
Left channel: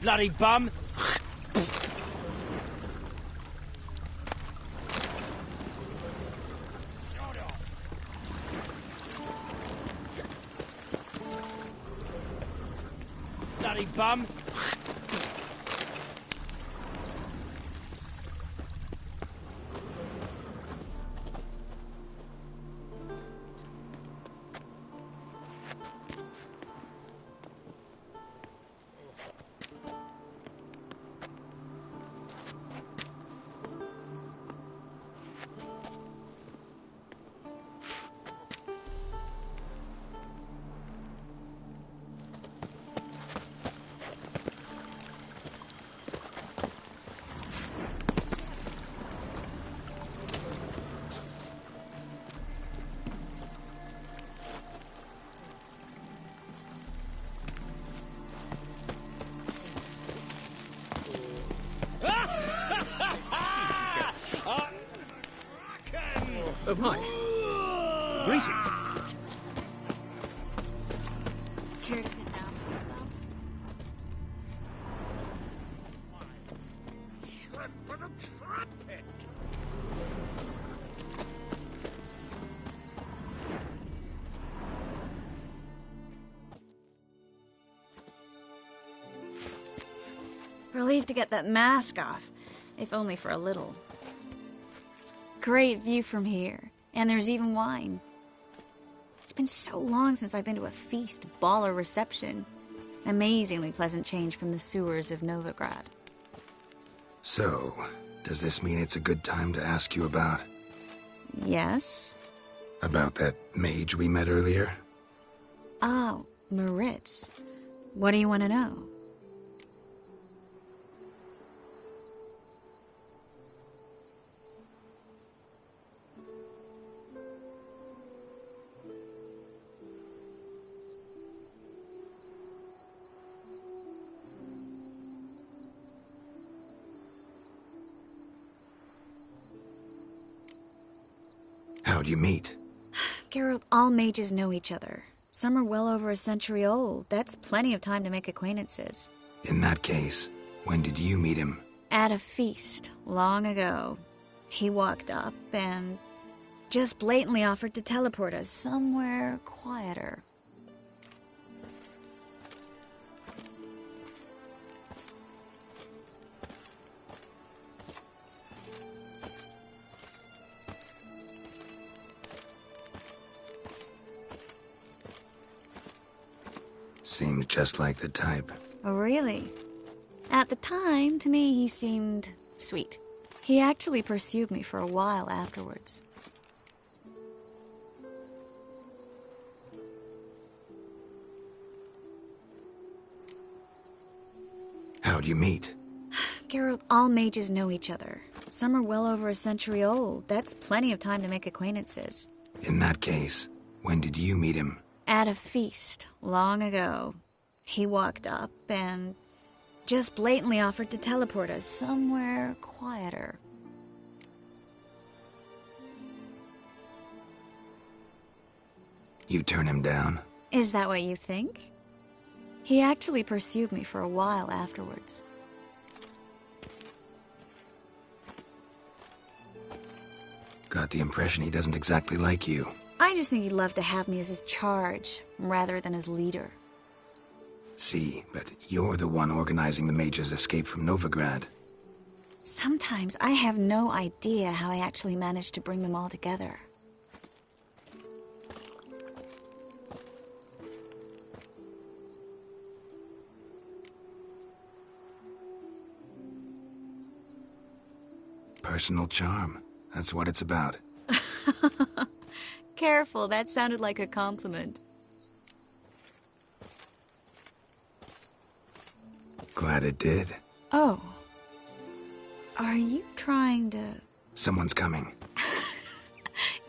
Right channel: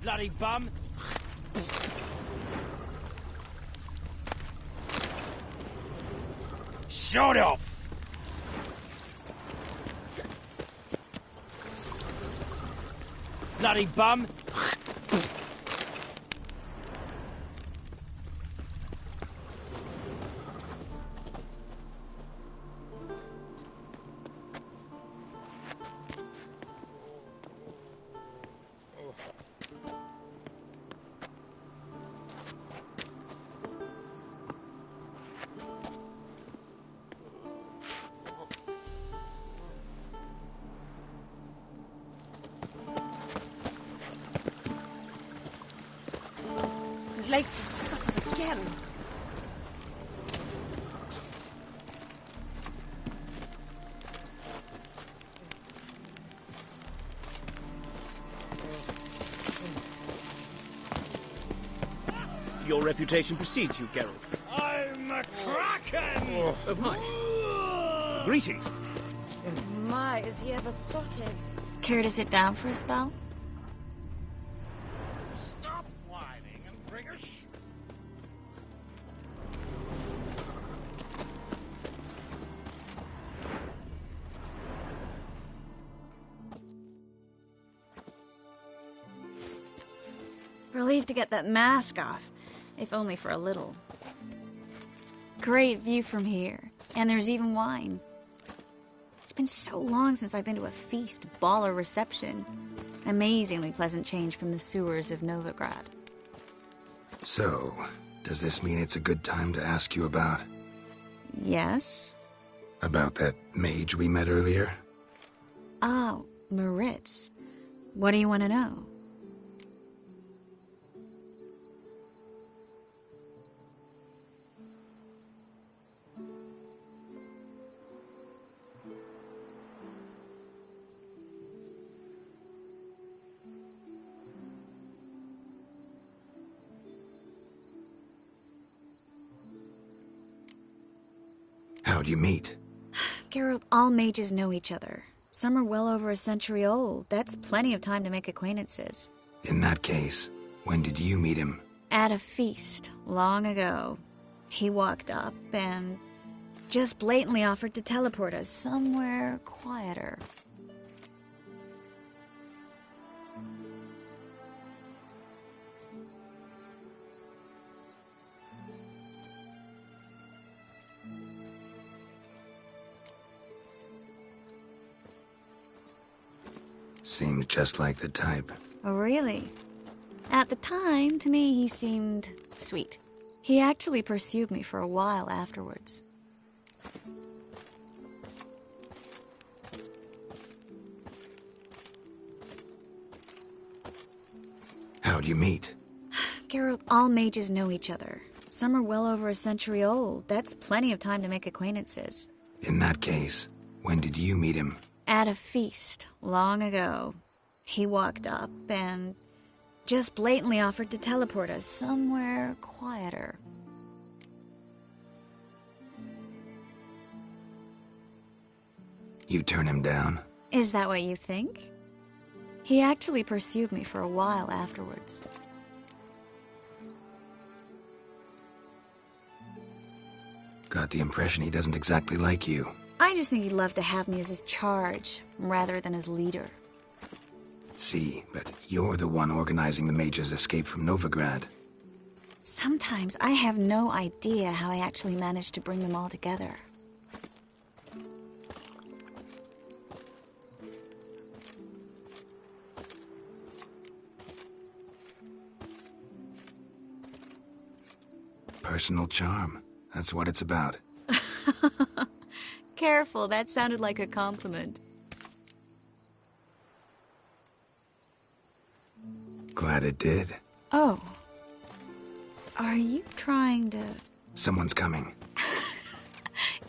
Bloody bum! Shut off! Bloody bum! Lake is again. Your reputation precedes you, Geralt. I'm a kraken! Oh, my. Greetings. My, is he ever sotted? Care to sit down for a spell? Stop whining and bring a shrimp and a trumpet! Relieved to get that mask off, if only for a little. Great view from here, and there's even wine. been so long since I've been to a feast, ball, or reception. Amazingly pleasant change from the sewers of Novigrad. So, does this mean it's a good time to ask you about... Yes? About that mage we met earlier? Oh, Maritz. What do you want to know? How'd you meet? Geralt, all mages know each other. Some are well over a century old. That's plenty of time to make acquaintances. In that case, when did you meet him? At a feast, long ago. He walked up and just blatantly offered to teleport us somewhere quieter. Seemed just like the type. Oh, really? At the time, to me, he seemed sweet. He actually pursued me for a while afterwards. How'd you meet? Geralt, all mages know each other. Some are well over a century old. That's plenty of time to make acquaintances. In that case, when did you meet him? At a feast, long ago. He walked up and just blatantly offered to teleport us somewhere quieter. You turn him down? Is that what you think? He actually pursued me for a while afterwards. Got the impression he doesn't exactly like you. I just think he'd love to have me as his charge, rather than his leader. See, but you're the one organizing the mage's escape from Novigrad. Sometimes I have no idea how I actually managed to bring them all together. Personal charm. That's what it's about. Careful, that sounded like a compliment. Glad it did. Oh. Are you trying to... Someone's coming.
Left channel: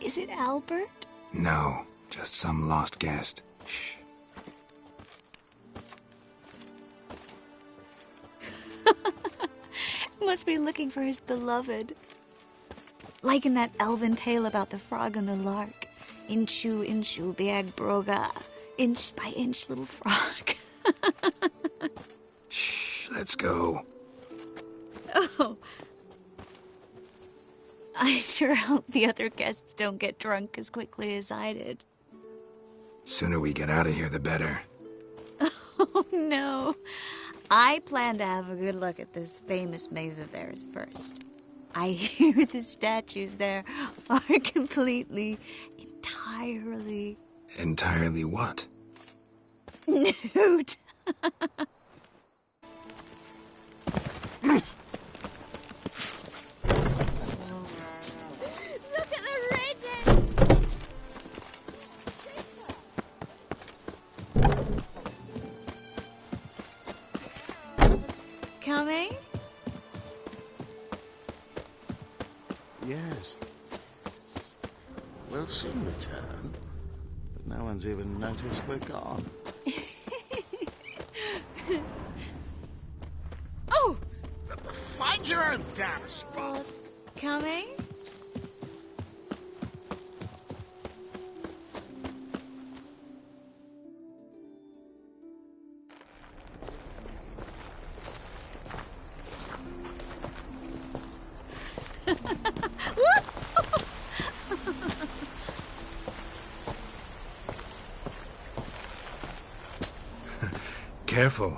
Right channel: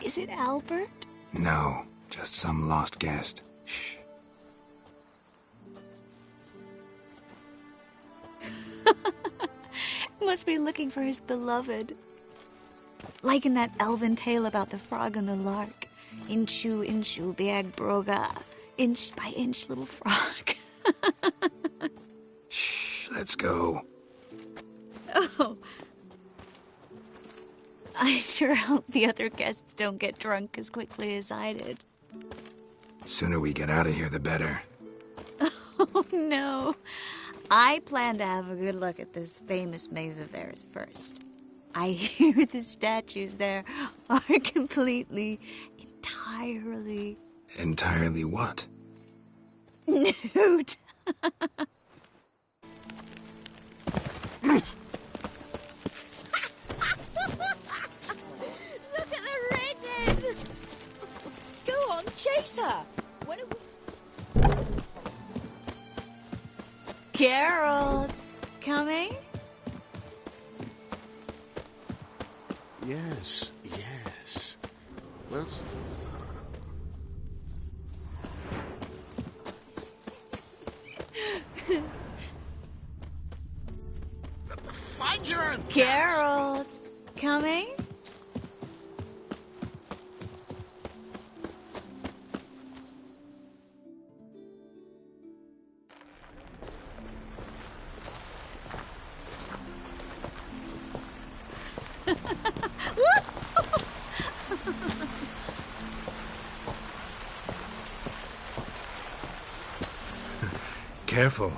Is it Albert? No, just some lost guest. Shh. Must be looking for his beloved. Like in that elven tale about the frog and the lark. Inchu, inchu, biag broga. Inch by inch, little frog. Shh, let's go. Oh. I sure hope the other guests don't get drunk as quickly as I did. Sooner we get out of here, the better. Oh, no. I plan to have a good look at this famous maze of theirs first. I hear the statues there are completely, entirely... Entirely what? Nude. Look at the redhead! Go on, chase her! Geralt, coming? Yes, yes. We'll soon return. No one's even noticed we're gone. Oh! Find your own Geralt, coming? Careful.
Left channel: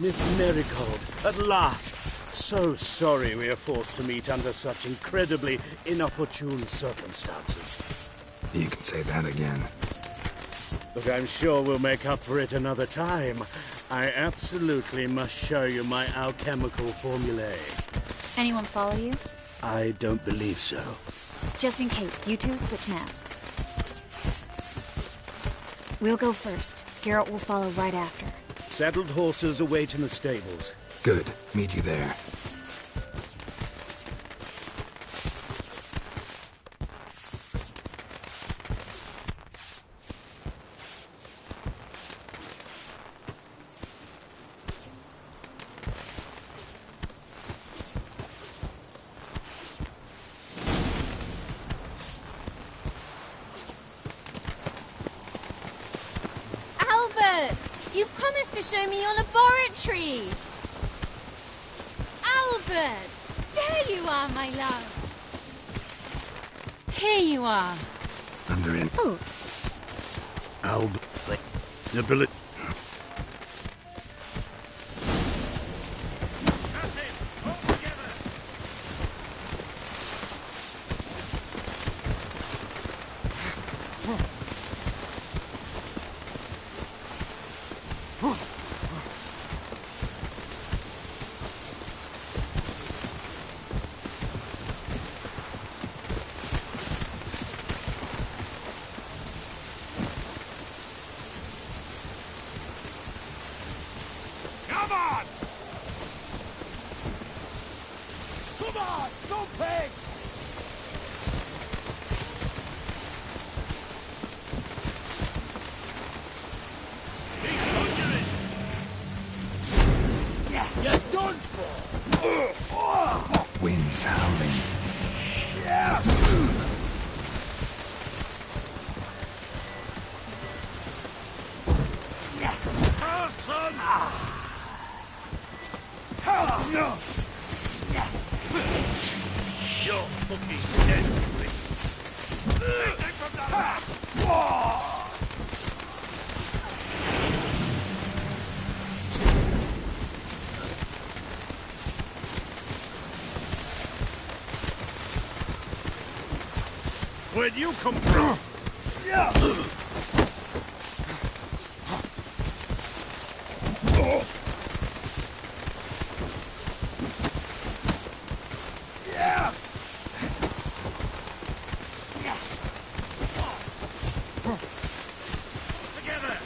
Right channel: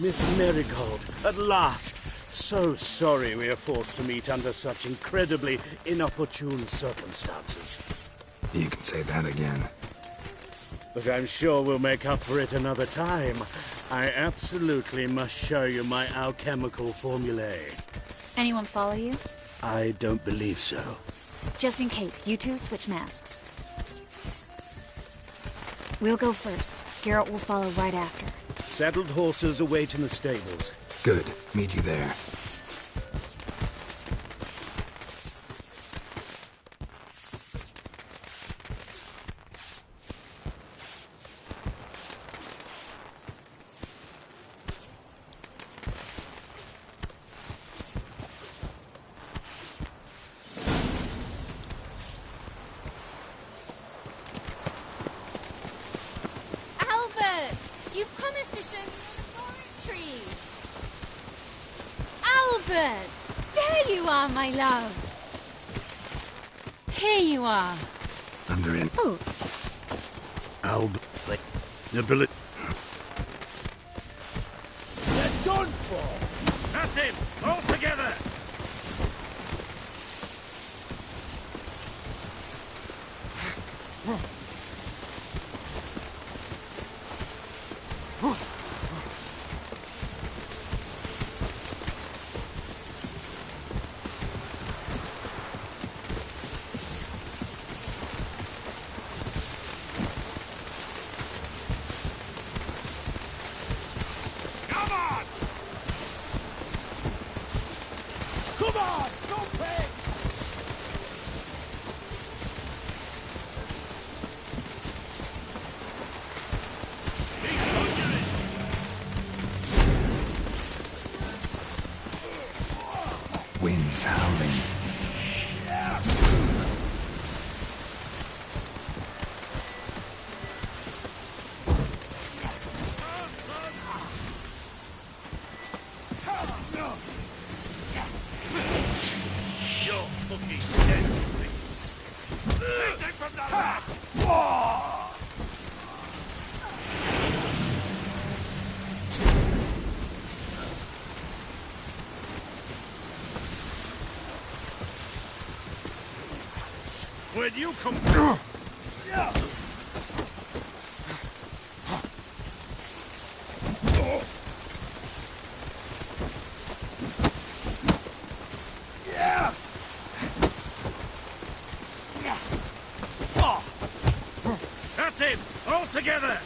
Miss Marigold, at last! So sorry we are forced to meet under such incredibly inopportune circumstances. You can say that again. But I'm sure we'll make up for it another time. I absolutely must show you my alchemical formulae. Anyone follow you? I don't believe so. Just in case, you two switch masks. We'll go first. Garrett will follow right after. Saddled horses await in the stables. Good. Meet you there. You promised to show me your laboratory! Albert! There you are, my love! Here you are. Under in. Oh. Albert. The bullet. They're done for! That's him! All together! Wind's howling. You're fucking dead, take from the back! Where'd you come from? That's it! All together!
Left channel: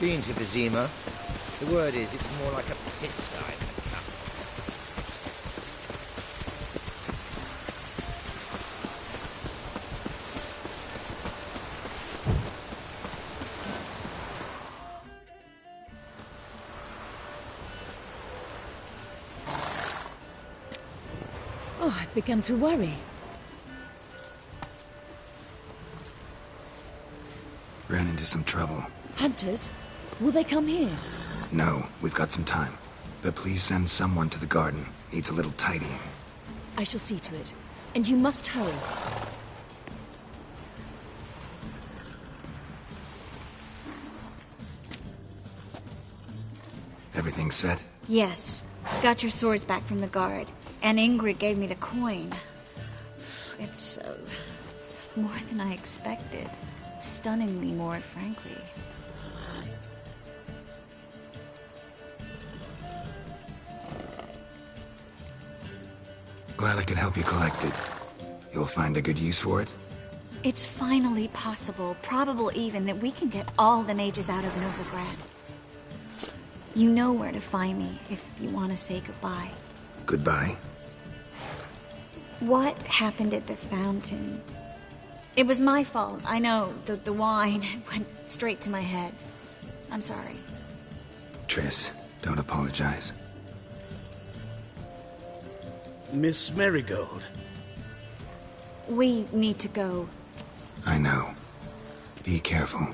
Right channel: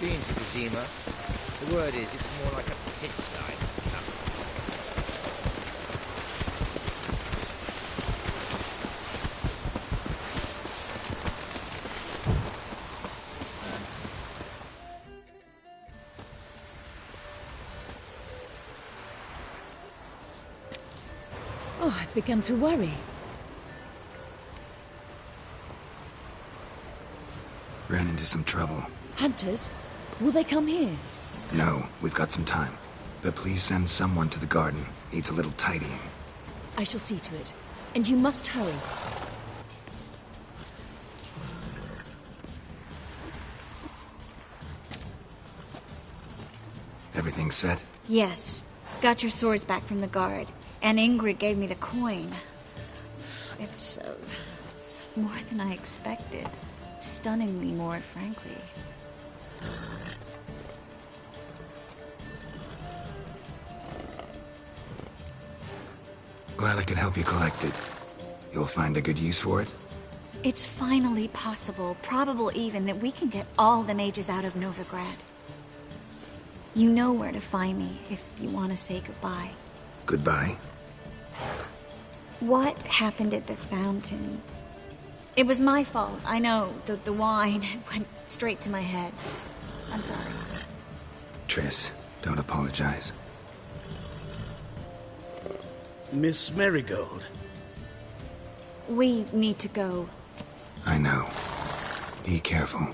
Been to Kazima. The word is it's more like a pigsty than a camp. Oh, I'd begun to worry. Ran into some trouble. Hunters? Will they come here? No, we've got some time. But please send someone to the garden. Needs a little tidying. I shall see to it. And you must hurry. Everything set? Yes. Got your swords back from the guard. And Ingrid gave me the coin. It's more than I expected. Stunningly more, frankly. Glad I could help you collect it. You'll find a good use for it? It's finally possible, probable even, that we can get all the mages out of Novigrad. You know where to find me if you want to say goodbye. Goodbye? What happened at the fountain? It was my fault, I know. The wine went straight to my head. I'm sorry. Triss, don't apologize. Miss Marigold. We need to go. I know. Be careful.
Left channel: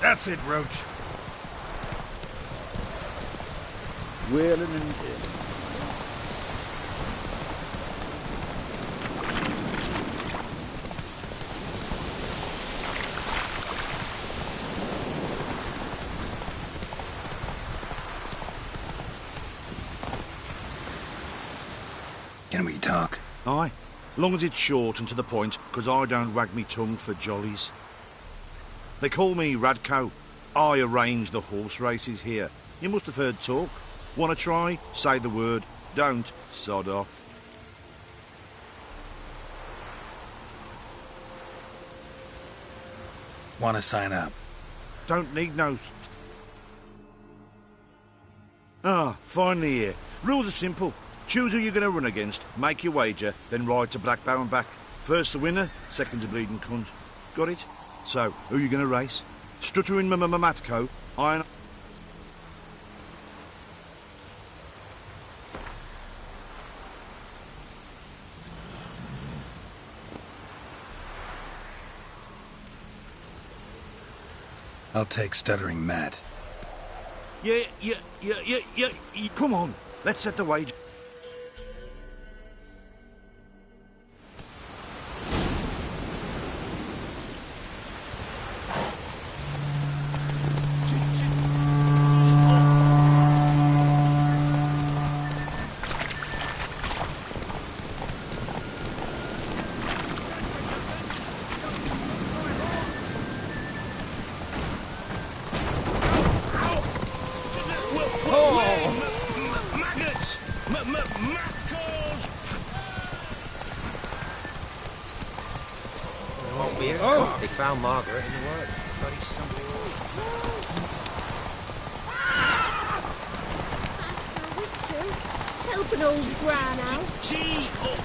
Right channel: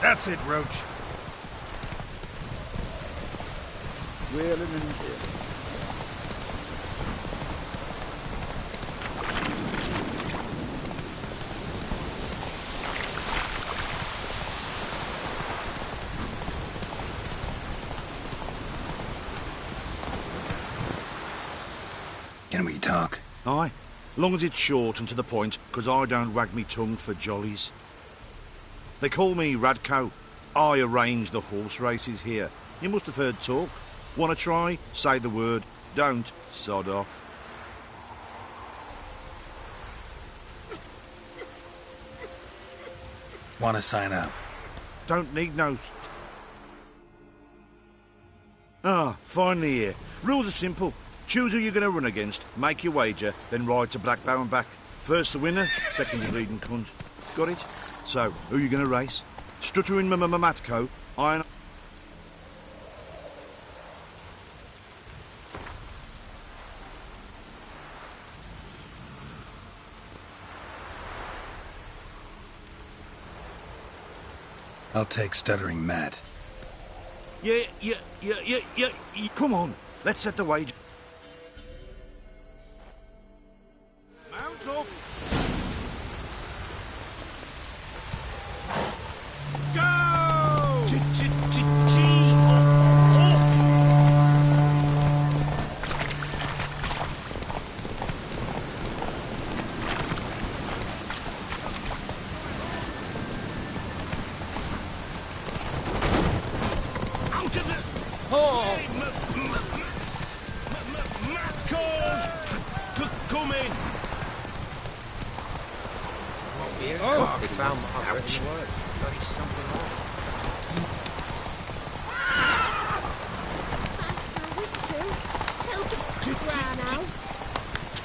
That's it, Roach. Wheeling and dealing. Can we talk? Aye. Long as it's short and to the point, 'cause I don't wag me tongue for jollies. They call me Radko. I arrange the horse races here. You must have heard talk. Want to try? Say the word. Don't, sod off. Want to sign up? Don't need no... finally here. Rules are simple. Choose who you're going to run against, make your wager, then ride to Blackbow and back. First the winner, second the bleeding cunt. Got it? So, who you going to race? Strutter in Matko, Iron... I'll take Stuttering Matt. Yeah. Come on, let's set the wager. They found Margaret. Bloody something wrong. Master Witcher, help an old gran out.